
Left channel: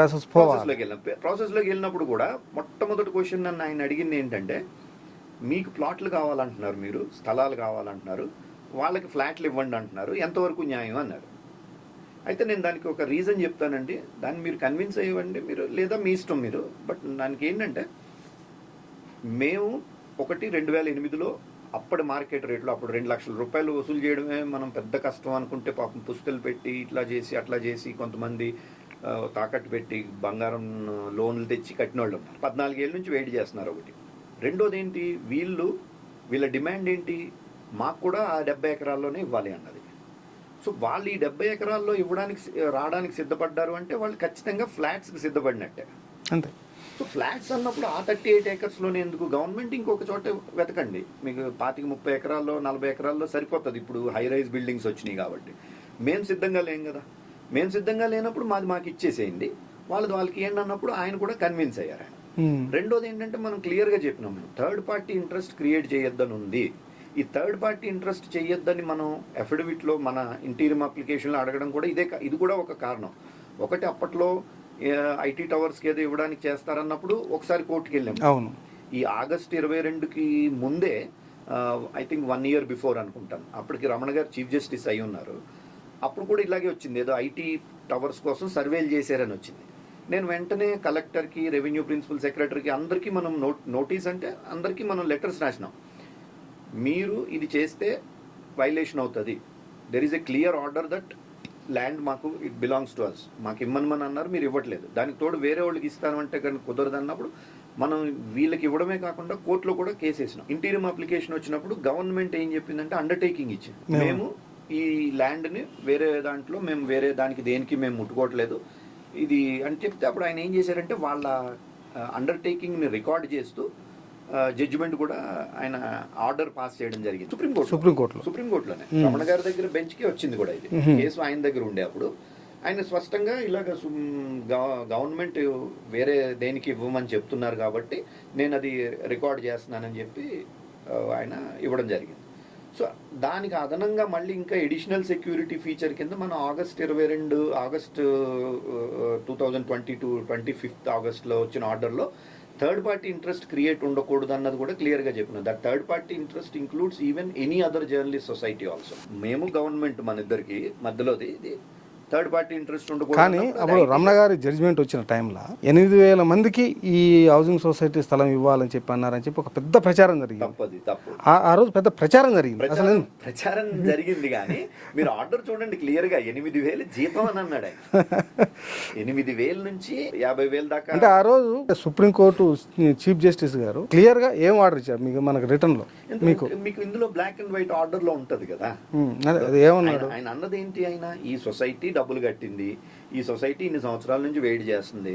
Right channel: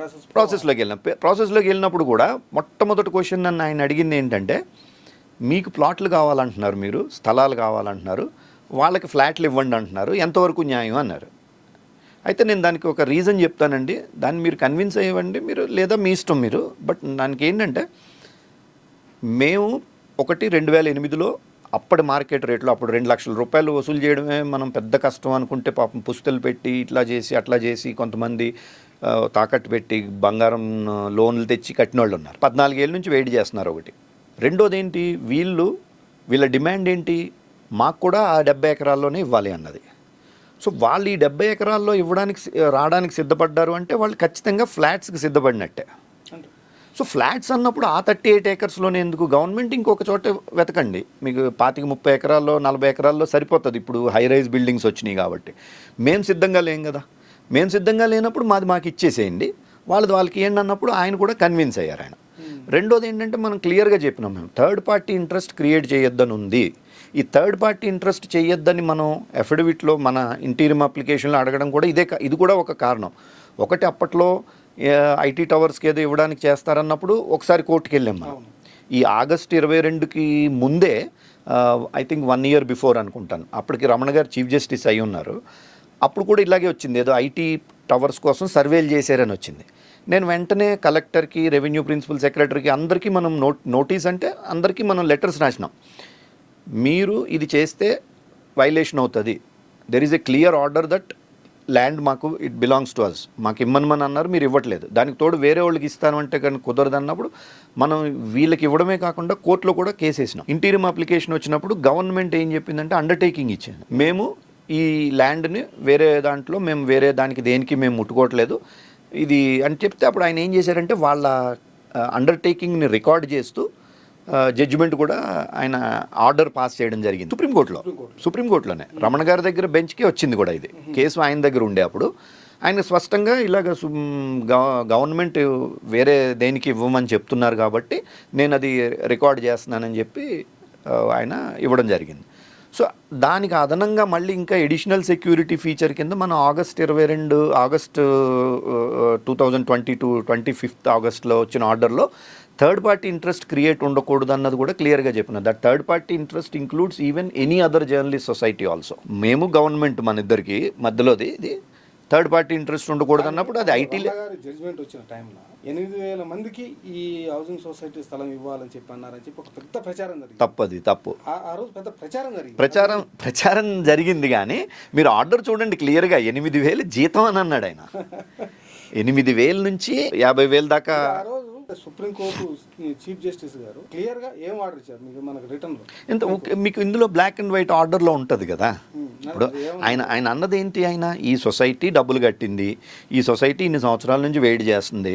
ప్రాసెస్లోకి వెళ్ళినప్పుడు కూడా మొట్టమొదటి క్వశ్చన్ నన్ను ఆయన అడిగింది ఏంటంటే, మీకు ప్లాట్లు కావాలంటున్నారు, మీరు స్థలాలు కావాలంటున్నారు, వాళ్ళకి ఫ్లాట్లు ఇవ్వండి అంటున్నారు, ఎంతవరకు న్యాయం అన్నారు. అయితే నేను దానికి ఒక రీజన్ చెప్తానండి, దాన్ని మీరు కన్విన్స్ అయ్యండి మీరు, లేదా మీ ఇష్టం మీరు. బట్ దానికి ఏంటంటే మేము 2008లో అప్పటి మార్కెట్ రేట్లో అప్పుడు 2 లక్షల రూపాయలు వసూలు చేయడమే మనం పెద్ద కష్టం అనుకుంటే పాపం పుస్తలు పెట్టి ఇట్లా చేసి అట్లా చేసి కొంతమంది తాకట్టు పెట్టి బంగారం లోన్లు తెచ్చి కట్టిన వాళ్ళు ఉన్నారు. 14 ఏళ్ళ నుంచి వెయిట్ చేస్తున్నారు. ఒకటి. రెండోది ఏంటి, వీళ్ళు వీళ్ళ డిమాండ్ ఏంటి, మాకు కూడా ఆ 70 ఎకరాల్లోనే ఇవ్వాలి అన్నది. సో వాళ్ళు ఈ 70 ఎకరాల్లో రావడానికి సిద్ధపడ్డారు అంటే వాళ్ళు ఖచ్చితంగా ఫ్లాట్స్కి సిద్ధపడినట్టే. అంతే. సో ఫ్లాట్స్ అన్నప్పుడు ఆ 38 ఏకర్స్లోనే ఎందుకు, గవర్నమెంట్ ఇంకొక చోట వెతకండి. మీకు 25-30 ఎకరాల్లో 40 ఎకరాల్లో సరిపోతుంది. ఇప్పుడు హై రైజ్ బిల్డింగ్స్ వచ్చినాయి కాబట్టి. మేము సిద్ధంగా లేం కదా. మేము సిద్ధంగా లేనప్పుడు మాకు ఇచ్చేసేయండి, వాళ్ళకి ఏంటి అన్నప్పుడు ఆయన కూడా కన్విన్స్ అయ్యారు ఆయన. రెండోది ఏంటంటే మనం క్లియర్గా చెప్పినాం, మేము థర్డ్ పార్టీ ఇంట్రెస్ట్ క్రియేట్ చేయొద్దని ఉంది. ఈ థర్డ్ పార్టీ ఇంట్రెస్ట్ చేయొద్దని మనం అఫిడవిట్లో మన ఇంటీరియం అప్లికేషన్లో అడగడం కూడా ఇది కూడా ఒక కారణం. ఒకటి అప్పట్లో ఐటీ టవర్స్కి ఏదో ఇవ్వడానికి చేస్తారన్నప్పుడు ఒకసారి కోర్టుకు వెళ్ళాము. అవును. ఈ ఆగస్టు 22కి ముందే ఐ థింక్ 1 year బిఫోర్ అనుకుంటాను, అప్పటికి రమణ గారు చీఫ్ జస్టిస్ అయి ఉన్నారు. అప్పుడు కూడా ఇలాగే వచ్చింది, ఏదో ఐటీ టవర్స్ కోసం సర్వేలు చేశారని వచ్చింది. నేను వెంటనే కలెక్టర్కి, రెవెన్యూ ప్రిన్సిపల్ సెక్రటరీకి అందరికీ మనం నోటీస్ అంటే అందరికీ మనం లెటర్స్ రాసినాం. మీరు ఇది చేస్తే వైలేషన్ అవుతుంది, there is a clear order that land మాకు ఇట్ బిలాంగ్స్ టు అస్, మాకు ఇమ్మని అన్నారు, మీరు ఇవ్వట్లేదు. దానికి తోడు వేరే వాళ్ళకి ఇస్తాను అంటే కానీ కుదరదు అన్నప్పుడు మనం వీళ్ళకి ఇవ్వడమే కాకుండా కోర్టులో కూడా కేసు వేసినాం. ఇంటీరియం అప్లికేషన్ వచ్చినప్పుడు గవర్నమెంట్ ఏం చెప్పిందంటే అండర్టేకింగ్ ఇచ్చింది, మేము ఈ ల్యాండ్ని మేము వేరే దానికి దేనికి మేము ముట్టుకోవట్లేదు ఇది అని చెప్తే, అప్పుడు ఆయన ఏం చేశారంటే వాళ్ళ అండర్టేకింగ్ని రికార్డ్ చేస్తూ జడ్జిమెంట్ కూడా ఆయన ఆర్డర్ పాస్ చేయడం జరిగింది సుప్రీంకోర్టులోనే. రమణ గారి దగ్గర బెంచ్కే వచ్చింది కూడా ఇది కేసు, ఆయన దగ్గర ఉండే. అప్పుడు ఆయన స్పష్టంగా ఇలాగ గవర్నమెంట్ వేరే దేనికి ఇవ్వమని చెప్తున్నారు కాబట్టి నేను అది రికార్డ్ చేస్తున్నానని చెప్పి ఆయన ఇవ్వడం జరిగింది. సో దానికి అదనంగా మళ్ళీ ఇంకా ఎడిషనల్ సెక్యూరిటీ ఫీచర్ కింద మనం ఆగస్టు 2022 25th ఆగస్ట్లో వచ్చిన ఆర్డర్లో థర్డ్ పార్టీ ఇంట్రెస్ట్ క్రియేట్ ఉండకూడదు అన్నది కూడా క్లియర్గా చెప్పిన. That third party interest includes even any other journalist society also. మేము గవర్నమెంట్ మన ఇద్దరికి మధ్యలోది ఇది థర్డ్ పార్టీ ఇంట్రెస్ట్ ఉండకూడదు అన్నప్పుడు రమణ గారి జడ్జిమెంట్ వచ్చిన టైంలో 8,000 మందికి ఈ హౌసింగ్ సొసైటీ స్థలం ఇవ్వాలని చెప్పి అన్నారని చెప్పి ఒక పెద్ద ప్రచారం జరిగింది. తప్పు. ఆ రోజు పెద్ద ప్రచారం జరిగింది. ప్రచారం జరిగింది కానీ మీరు ఆర్డర్ చూడండి క్లియర్గా 8,000 జీతం అని అన్నాడు ఆయన. 8,000 నుంచి 50,000 దాకా. ఆ రోజు సుప్రీంకోర్టు చీఫ్ జస్టిస్ గారు క్లియర్ గా ఏం ఆర్డర్ ఇచ్చారు మీకు మనకు రిటర్న్ లో? మీకు ఇందులో బ్లాక్ అండ్ వైట్ ఆర్డర్ లో ఉంటది కదా. ఆయన అన్నది ఏంటి, ఆయన ఈ సొసైటీ డబ్బులు కట్టింది, ఈ సొసైటీ ఇన్ని సంవత్సరాల నుంచి వెయిట్ చేస్తుంది,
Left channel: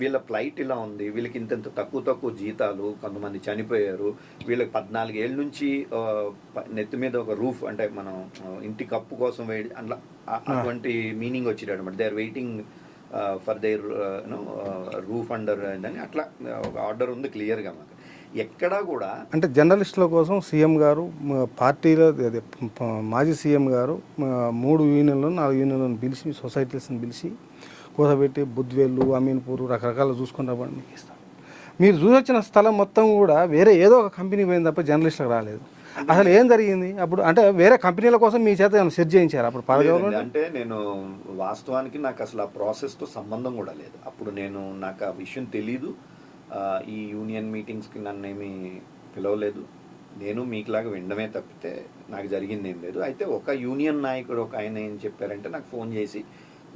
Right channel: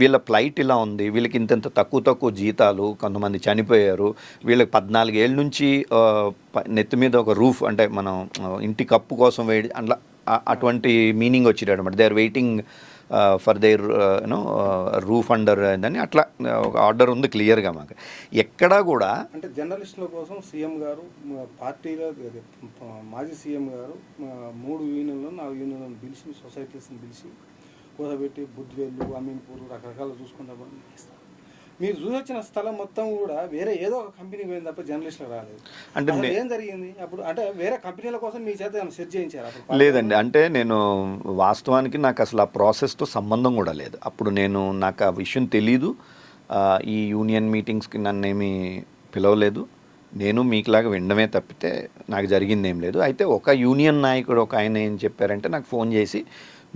వీళ్ళ ఫ్లైట్ ఇలా ఉంది, వీళ్ళకి ఇంత తక్కువ జీతాలు, కొంతమంది చనిపోయారు, వీళ్ళకి 14 ఏళ్ళ నుంచి నెత్తి మీద ఒక రూఫ్ అంటే మనం ఇంటి కప్పు కోసం వెయిట్ అట్లా అటువంటి మీనింగ్ వచ్చేది అనమాట. They are waiting for their roof under అని అట్లా ఒక ఆర్డర్ ఉంది క్లియర్గా. మాకు ఎక్కడా కూడా అంటే జర్నలిస్టుల కోసం సీఎం గారు పార్టీలో మాజీ సీఎం గారు 3 యూనియన్లను 4 యూనియన్లను పిలిచి సొసైటీస్ని పిలిచి కూసబెట్టి బుద్వేళ్ళు, అమీన్పూర్ రకరకాలు చూసుకుని రావడం మీకు ఇస్తాం. మీరు చూసొచ్చిన స్థలం మొత్తం కూడా వేరే ఏదో ఒక కంపెనీ పోయింది తప్ప జర్నలిస్టులకు రాలేదు. అంటే అసలు ఏం జరిగింది అప్పుడు? అంటే వేరే కంపెనీల కోసం మీ చేత సెట్ చేయించారు అప్పుడు? లేదండి, అంటే నేను వాస్తవానికి నాకు అసలు ఆ ప్రాసెస్తో సంబంధం కూడా లేదు. అప్పుడు నాకు ఆ విషయం తెలీదు. ఈ యూనియన్ మీటింగ్స్కి నన్నేమీ పిలవలేదు. నేను మీకులాగా వినడమే తప్పితే నాకు జరిగింది ఏం లేదు. అయితే ఒక యూనియన్ నాయకుడు ఒక ఆయన ఏం చెప్పారంటే నాకు ఫోన్ చేసి,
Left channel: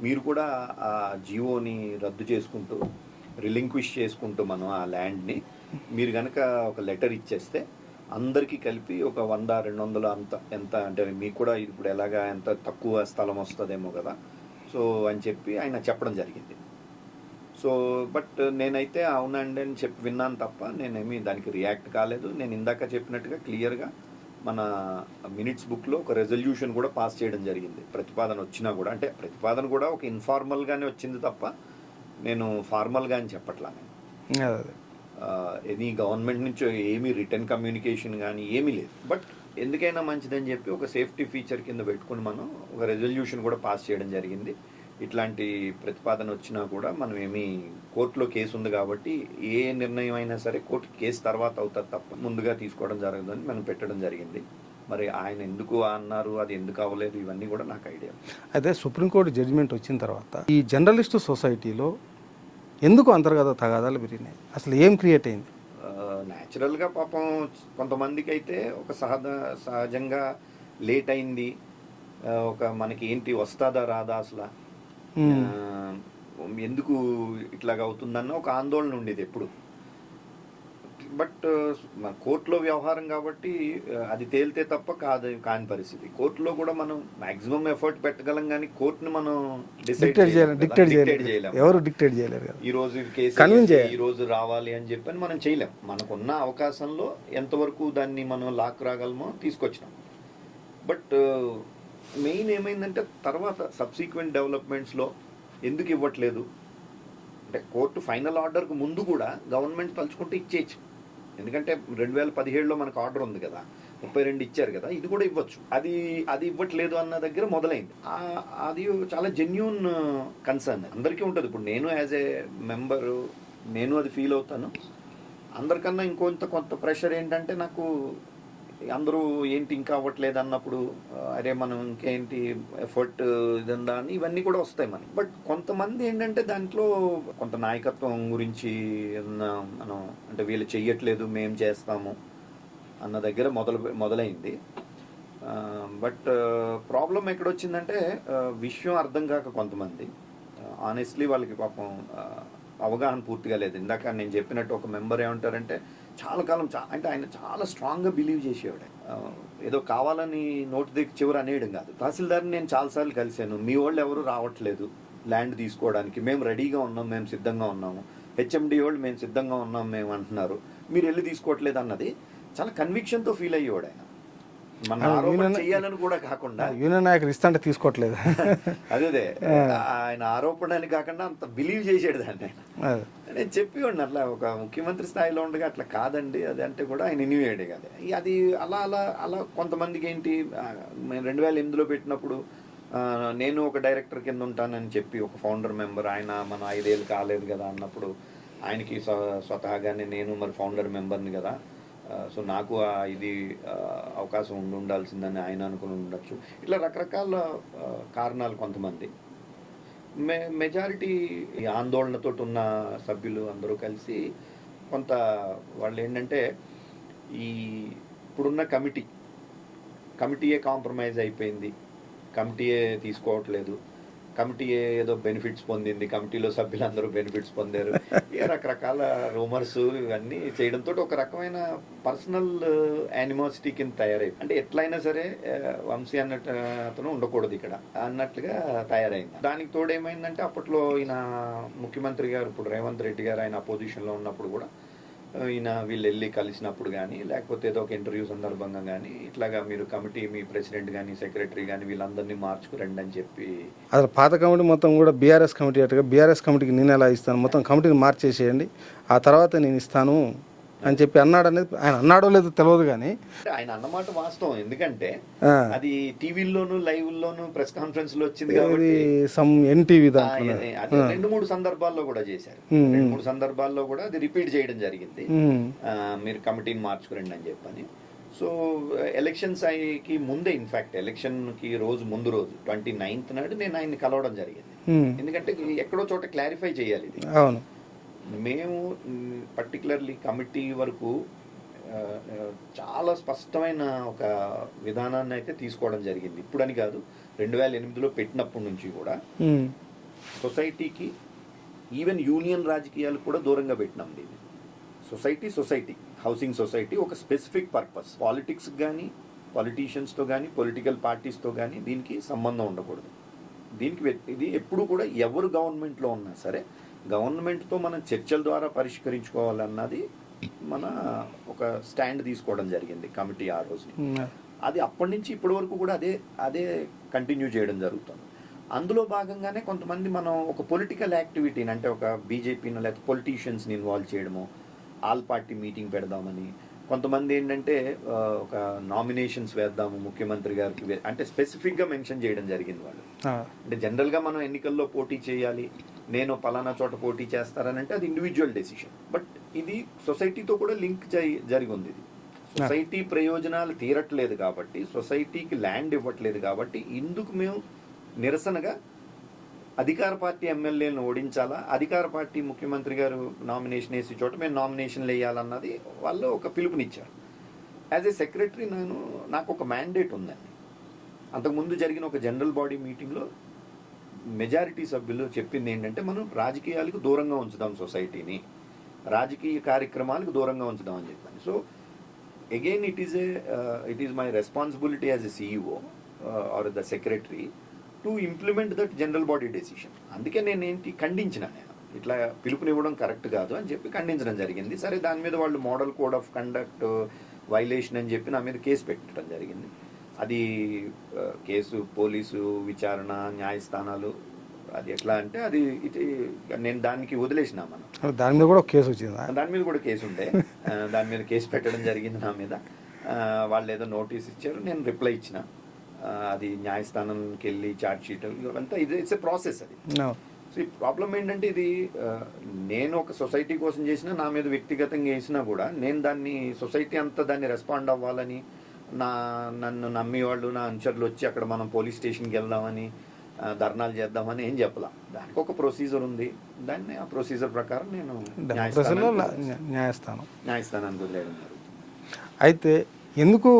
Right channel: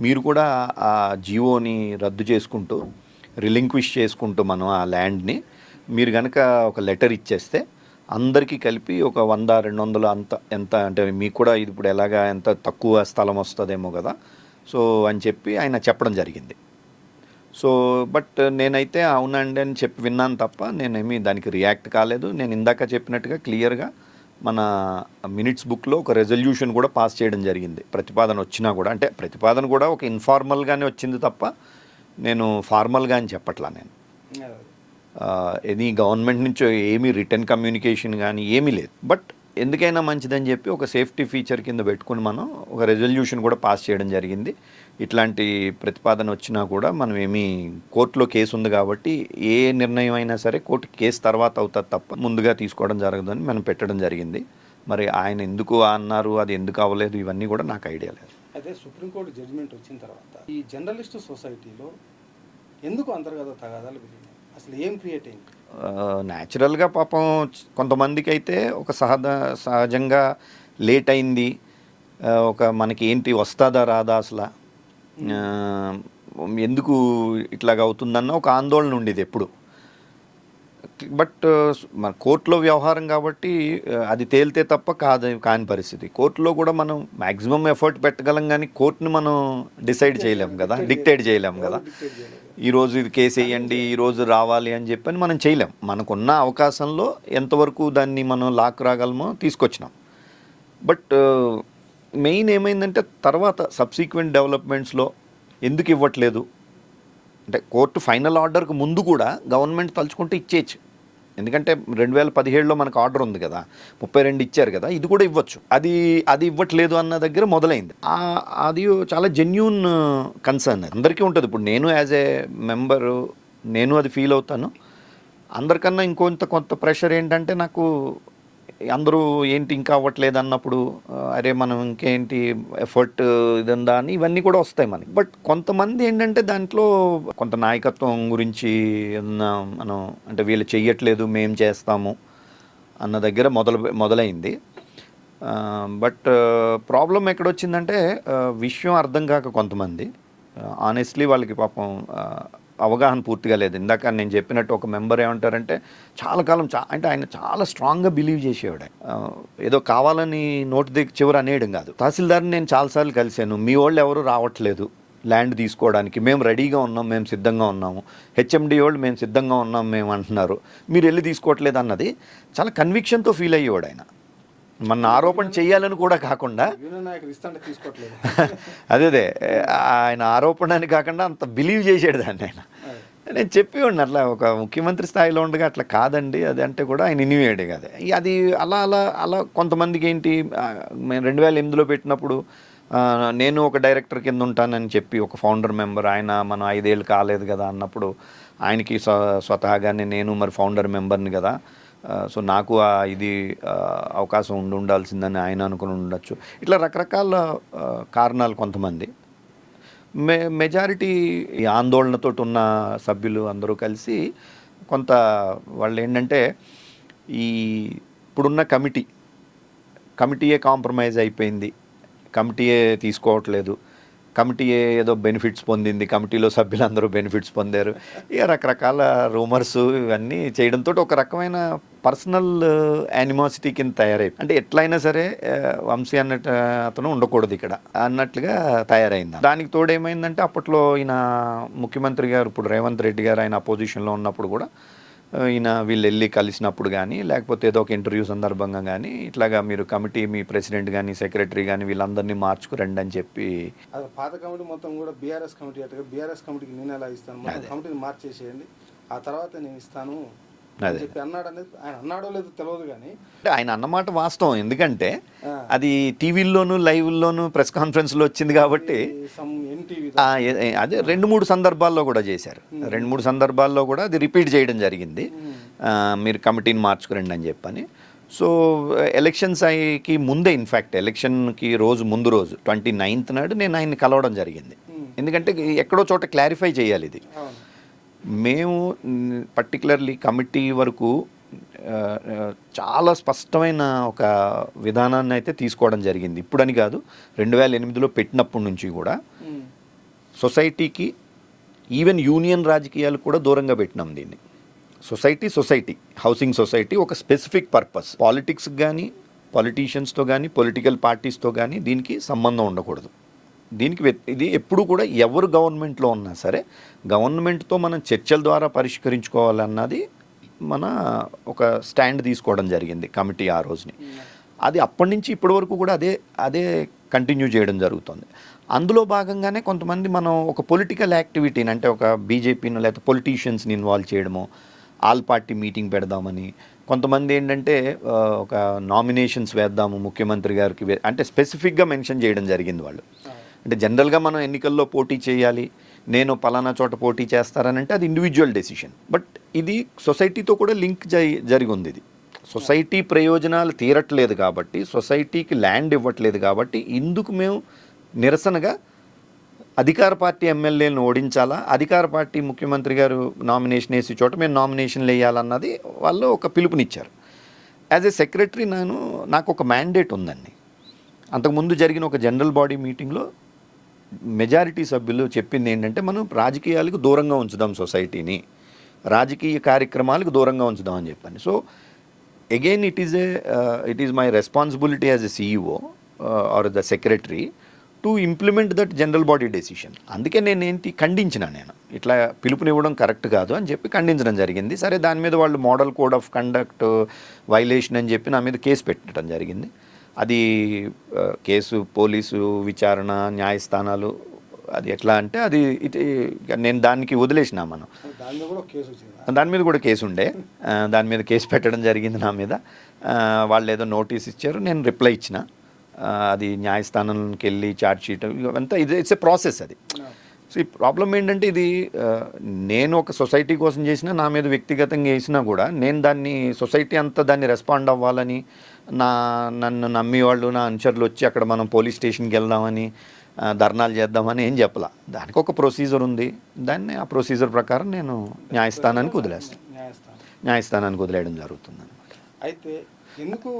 మీరు కూడా ఆ జియోని రద్దు చేసుకుంటూ రిలింక్విష్ చేసుకుంటూ మనం ఆ ల్యాండ్ని మీరు కనుక ఒక లెటర్ ఇచ్చేస్తే అందరికీ కలిపి ఒక 100-200 ఎంత అంటే మీకు కూడా ఇది ఇప్పుడు ఎలాగా ఎంత తక్కువ స్థలం వస్తుందేమో కదా, సో అని చెప్పి ఆయన చెప్పడం జరిగింది. సో బట్ నేనైతే అవునండి అని చెప్పి విన్నాను తప్ప నేనేమి దానికి రియాక్ట్ కాలేదు. నేను ఇందాక చెప్పినట్టుగా క్లియర్గా మన మినిట్స్ బుక్లో ఒక రెజల్యూషన్ కూడా పాస్ చేయడం జరిగింది. ప్రతిపాదన వచ్చినా కూడా, అంటే ప్రతిపాదన కూడా ఒక ఇన్ఫార్మల్గానే వచ్చింది తప్ప నేను ఫార్మల్గా అని చెప్పట్లా. నేను ఎనీ గవర్నమెంట్ నుంచి ఏమీ రిటర్న్ కమ్యూనికేషన్ కానీ ఏమీ లేదు. బట్ ఎందుకైనా మంచిదని చెప్పి ఒక సేఫ్టీ ఫీచర్ కింద పెట్టుకుని మనం ఒక రెజల్యూషన్ కూడా పాస్ చేయడం జరిగింది. ఇట్లాంటి ప్రతిపాదన వచ్చినా కూడా మనం ఏమీ కోర్టులో కేసు ఉంది కాబట్టి ఏ నిర్ణయం అయినా సరే కోర్టు కేసు తర్వాత అవుతుంది తప్ప ముందుగా తీసుకోవడం జరగదని మనం పెట్టడం జరిగింది. మరి ఆయన ఎందుకు అన్నారు, అది ఎందుకు అవ్వలేదు, ఇవన్నీ కూడా నాకు ఐడియా లేదు. అయితే సుప్రీంకోర్టు జడ్జిమెంట్ వచ్చిన తర్వాత ఈ జర్నలిస్టు సొసైటీలో ఎందుకు అంతర్గత తగాదాలు పెరిగినాయి? అసలు ఏం క్రియేట్ అయింది? న్యాచురల్గా పాపం కొంతమందికి అయితే ఒక సహజంగా లేట్ అయింది, ఒక మనకి ఏంటి వస్తుందా రాదా అసలు ఎందుకు ఇట్లాగ అవుతుందన్న ఒక ఆందోళన ఉండేది ఎప్పుడు. బట్ మన కోర్టులో వ్యవహారం కాబట్టి అది తేలితే తప్ప కాని పరిస్థితి. కోర్టులో కూడా మనం మాక్సిమం ఎఫర్ట్ పెట్టగలం కానీ కోర్టుని మనం డిసైడ్ చేయలేము కదా, డిక్టేట్ చేయలేము. ఎవరు డిక్టేట్ చేయలేరు. ఈ రోజు ఇది కేసు వేయండి, ఈ రోజు రావాలి అని చెప్పని మనం చేయలేం. మనకున్న అవకాశంలో ఎంతవరకు దాన్ని మనం లాక్ రాగలమో తీసుకొచ్చినాం. బట్ మెయిన్ ఏమైందంటే తర్వాత సబ్సిక్వెంట్ డెవలప్మెంట్స్లో ఎందుకు ఇవ్వట్లేదు అంటే కోర్టు ఫైనల్ ఆర్డర్కి ముందు కూడా గవర్నమెంట్ తలుచుకుంటే ఇచ్చేయచ్చు. ఎందుకంటే 2017లో మనకు ఆర్డర్ ఉంది కదా, 32 ఇచ్చారు కదా, ఇది కూడా ఇవ్వచ్చు. అది ఇవ్వట్లేదు అన్న దగ్గర మొదలైంది. అది చాలా జెన్యూన్ కన్సర్న్, అందరికీ ఉంటుంది. ఇప్పుడు నేను యాజ్ ఏ మెంబరు నేను అది ఫీల్ అవుతాను. అందరికన్నా కొంత ప్రెషర్ ఏంటంటే నాకు అందరూ ఏంటి ఇంకా అవ్వట్లేదు అన్నప్పుడు అరే మనం ఇంకేంటి ఎఫర్ట్ ఇదందా అని ఇవన్నీ కూడా వస్తాయి మనకి. బట్ కొంతమంది ఏంటంటే దాంట్లో కొంత నాయకత్వం గురించి మనం అంటే వీళ్ళు చెయ్యట్లేదు మేము చేస్తాము అన్న దగ్గర మొదలైంది. బట్ ప్రాబ్లం ఎక్కడొచ్చిందంటే విషయం అర్థం కాక కొంతమంది ఆనెస్ట్లీ వాళ్ళకి పాపం అవగాహన పూర్తిగా లేదు. ఇందాక నేను చెప్పినట్టు ఒక మెంబర్ ఏమంటారంటే చాలా కాలం అంటే ఆయన చాలా స్ట్రాంగ్గా బిలీవ్ చేసేవాడు. ఏదో కావాలని నోటి చివరి అనేయడం కాదు. తహసీల్దార్ని నేను చాలాసార్లు కలిశాను, మీ వాళ్ళు ఎవరు రావట్లేదు ల్యాండ్ తీసుకోవడానికి, మేము రెడీగా ఉన్నాం, మేము సిద్ధంగా ఉన్నాము, హెచ్ఎండి వాళ్ళు మేము సిద్ధంగా ఉన్నాం మేము అంటున్నారు, మీరు వెళ్ళి తీసుకోవట్లేదు అన్నది చాలా కన్విక్షన్తో ఫీల్ అయ్యేవాడు ఆయన. మన ఆరోపణ చేయాలని కూడా కాకుండా యూనియన్ నాయకులు ఇస్తాంటే తీసుకోవట్లేదు అదే ఆయన ఆరోపణ అని కాకుండా అంత బిలీవ్ చేసాడు దాన్ని ఆయన. నేను చెప్పేవాడిని అట్లా ఒక ముఖ్యమంత్రి స్థాయిలో ఉండగా అట్లా కాదండి అది అంటే కూడా ఆయన ఇనివేయడే కదా. అది అలా కొంతమందికి ఏంటి 2008లో పెట్టినప్పుడు నేను ఒక డైరెక్టర్ కింద ఉంటానని చెప్పి ఒక ఫౌండర్ మెంబర్ ఆయన మనం 5 ఏళ్ళు కాలేదు కదా అన్నప్పుడు ఆయనకి స్వతహాగానే నేను మరి ఫౌండర్ మెంబర్ని కదా, సో నాకు ఇది అవకాశం ఉండాల్సిందని ఆయన అనుకుని ఉండొచ్చు. ఇట్లా రకరకాల కారణాలు కొంతమంది. మెజారిటీ ఆందోళనతో ఉన్న సభ్యులు అందరూ కలిసి కొంత వాళ్ళు ఏంటంటే ఈ ఇప్పుడున్న కమిటీయే కాంప్రమైజ్ అయిపోయింది, కమిటీయే తీసుకోవట్లేదు, కమిటీయే ఏదో బెనిఫిట్స్ పొందింది, కమిటీలో సభ్యులందరూ బెనిఫిట్స్ పొందారు, ఇక రకరకాల రూమర్స్ ఇవన్నీ చేయడంతో ఒక రకమైన పర్సనల్ యానిమాసిటీ కింద తయారైంది. అంటే ఎట్లయినా సరే వంశీ అన్నట్టు అతను ఉండకూడదు ఇక్కడ అన్నట్లుగా తయారైంది. దానికి తోడు ఏమైందంటే అప్పట్లో ఈయన ముఖ్యమంత్రి గారు ఇప్పుడు రేవంత్ రెడ్డి గారు ఆయన అపోజిషన్లో ఉన్నప్పుడు కూడా ఈయన వీళ్ళు వెళ్ళి కలిసినప్పుడు కానీ లేకపోతే ఏదో ఒక ఇంటర్వ్యూ సందర్భంగా కానీ ఇట్లాగా మీరు కమిటీ మీ ప్రెసిడెంట్ కానీ సెక్రటరీ కానీ వీళ్ళందరినీ మార్చుకురండి అని చెప్పి అసలు పాత కమిటీ మొత్తం కూడా బీఆర్ఎస్ కమిటీ అట్టుగా బీఆర్ఎస్ కమిటీకి నేను ఎలా ఇస్తాను, మొత్తం కమిటీని మార్చేసేయండి ఆ తర్వాత నేను ఇస్తాను అని చెప్పి అన్నాడు. అనేది ఆయన అన్నాడో లేదో తెలియదు కానీ ఆయన అన్నమాట వాస్తవం. ఎందుకంటే అది టీవీల్లోను లైవ్లోను ప్రెస్ కాన్ఫరెన్స్లో వచ్చింది కాబట్టి అది 2-3 సందర్భాల్లో కూడా చేశారు. 2-3 సందర్భాల్లో కూడా అది రిపీట్ చేయడం జరిగింది, మీరు కమిటీని మార్చుకురండి అని చెప్పని. సో ఎలక్షన్స్కి ముందే ఇన్ఫ్యాక్ట్ ఎలక్షన్కి ముందు రోజు 29th నాడు నేను ఆయన్ని కలవడం జరిగింది. ఎందుకంటే ఎక్కడో చోట క్లారిఫై చేయాలి ఇది. మేము పర్టికులర్లీ కమిటీ వరకు చాలా స్పష్టమైన ఒక విధానాన్ని అయితే తీసుకోవడం జరిగింది. ఇప్పుడని కాదు, 2008లో పెట్టినప్పటి నుంచి కూడా సొసైటీకి ఈవెన్ యూనియన్ రాజకీయాలు కూడా దూరంగా పెట్టినాం దీన్ని. సొసైటీ హౌసింగ్ సొసైటీ ఒక స్పెసిఫిక్ పర్పస్, పాలిటిక్స్కి కానీ పొలిటీషియన్స్తో కానీ పొలిటికల్ పార్టీస్తో కానీ దీనికి సంబంధం ఉండకూడదు. దీనికి ఇది ఎప్పుడు కూడా ఎవరు గవర్నమెంట్లో ఉన్నా సరే గవర్నమెంట్తో మనం చర్చల ద్వారా పరిష్కరించుకోవాలన్నది మన ఒక స్టాండ్ తీసుకోవడం జరిగింది కమిటీ ఆ రోజుని. అది అప్పటి నుంచి ఇప్పటి వరకు కూడా అదే కంటిన్యూ చేయడం జరుగుతుంది. అందులో భాగంగానే కొంతమంది మనం ఒక పొలిటికల్ యాక్టివిటీని అంటే ఒక బీజేపీని లేకపోతే పొలిటీషియన్స్ని ఇన్వాల్వ్ చేయడము, ఆల్ పార్టీ మీటింగ్ పెడదామని, కొంతమంది ఏంటంటే ఒక నామినేషన్స్ వేద్దాము ముఖ్యమంత్రి గారికి అంటే స్పెసిఫిక్గా మెన్షన్ చేయడం జరిగింది వాళ్ళు. అంటే జనరల్గా మనం ఎన్నికల్లో పోటీ చేయాలి, నేను పలానా చోట పోటీ చేస్తారని అంటే అది ఇండివిజువల్ డెసిషన్. బట్ ఇది సొసైటీతో కూడా లింక్ జరిగి ఉంది. ఇది సొసైటీ ప్రయోజనాలు తీరట్లేదు కాబట్టి, సొసైటీకి ల్యాండ్ ఇవ్వట్లేదు కాబట్టి ఇందుకు మేము నిరసనగా అధికార పార్టీ ఎమ్మెల్యేలను ఓడించాలా, అధికార పార్టీ ముఖ్యమంత్రి గారు నామినేషన్ వేసే చోట మేము నామినేషన్లు వేయాలన్నది వాళ్ళు ఒక పిలుపునిచ్చారు. యాజ్ ఏ సెక్రటరీ నాకు ఒక మ్యాండేట్ ఉందండి. అంతకుముందు జరిగిన ఒక జనరల్ బాడీ మీటింగ్లో మెజారిటీ సభ్యులు చెప్పింది ఏంటంటే మనం రాజకీయాలకు దూరంగా ఉంచుదాం సొసైటీని, రాజకీయ కార్యక్రమాలకు దూరంగా ఉంచుదామని చెప్పాను. So again it is my responsibility as a CEO or the secretary to implement that general body decision. అందుకే నేను ఖండించిన, నేను ఇట్లా పిలుపునివ్వడం కరెక్ట్ కాదు అని చెప్పి ఖండించడం జరిగింది. సరే, దాని మీద వాళ్ళు model code of conduct violation అని చెప్పి నా మీద కేసు పెట్టడం జరిగింది. అది కేసు, పోలీసు విచారణ, న్యాయస్థానాలు, అది ఎట్లా అంటే అది నేను దానికి వదిలేసిన. మనం దాని మీద కూడా కేసు వచ్చింది, దాని మీద కూడా కేసు ఉండే, దాని మీద కేసు పెట్టడం జరిగింది నా మీద. వాళ్ళు ఏదో నోటీస్ ఇచ్చారు, నేను రిప్లై ఇచ్చిన. అది న్యాయస్థానంకి వెళ్ళి ఛార్జ్ షీట్ ఇవంతా ఇట్స్ ఏ ప్రాసెస్ అది. సో ఈ ప్రాబ్లం ఏంటంటే ఇది నేను ఒక సొసైటీ కోసం చేసినా, నా మీద వ్యక్తిగతంగా వేసినా కూడా నేను దాన్ని సొసైటీ అంతా దాన్ని రెస్పాండ్ అవ్వాలని, నన్ను నమ్మి వాళ్ళు, నా అనుచరులు వచ్చి అక్కడ మనం పోలీస్ స్టేషన్కి వెళ్దామని, ధర్నాలు చేద్దామని ఏం చెప్పాల. దానికి ఒక ప్రొసీజర్ ఉంది, దాన్ని ఆ ప్రొసీజర్ ప్రకారం నేను న్యాయస్థానానికి వదిలేస్తాను, న్యాయస్థానానికి వదిలేయడం జరుగుతుంది. అయితే ఎందుకు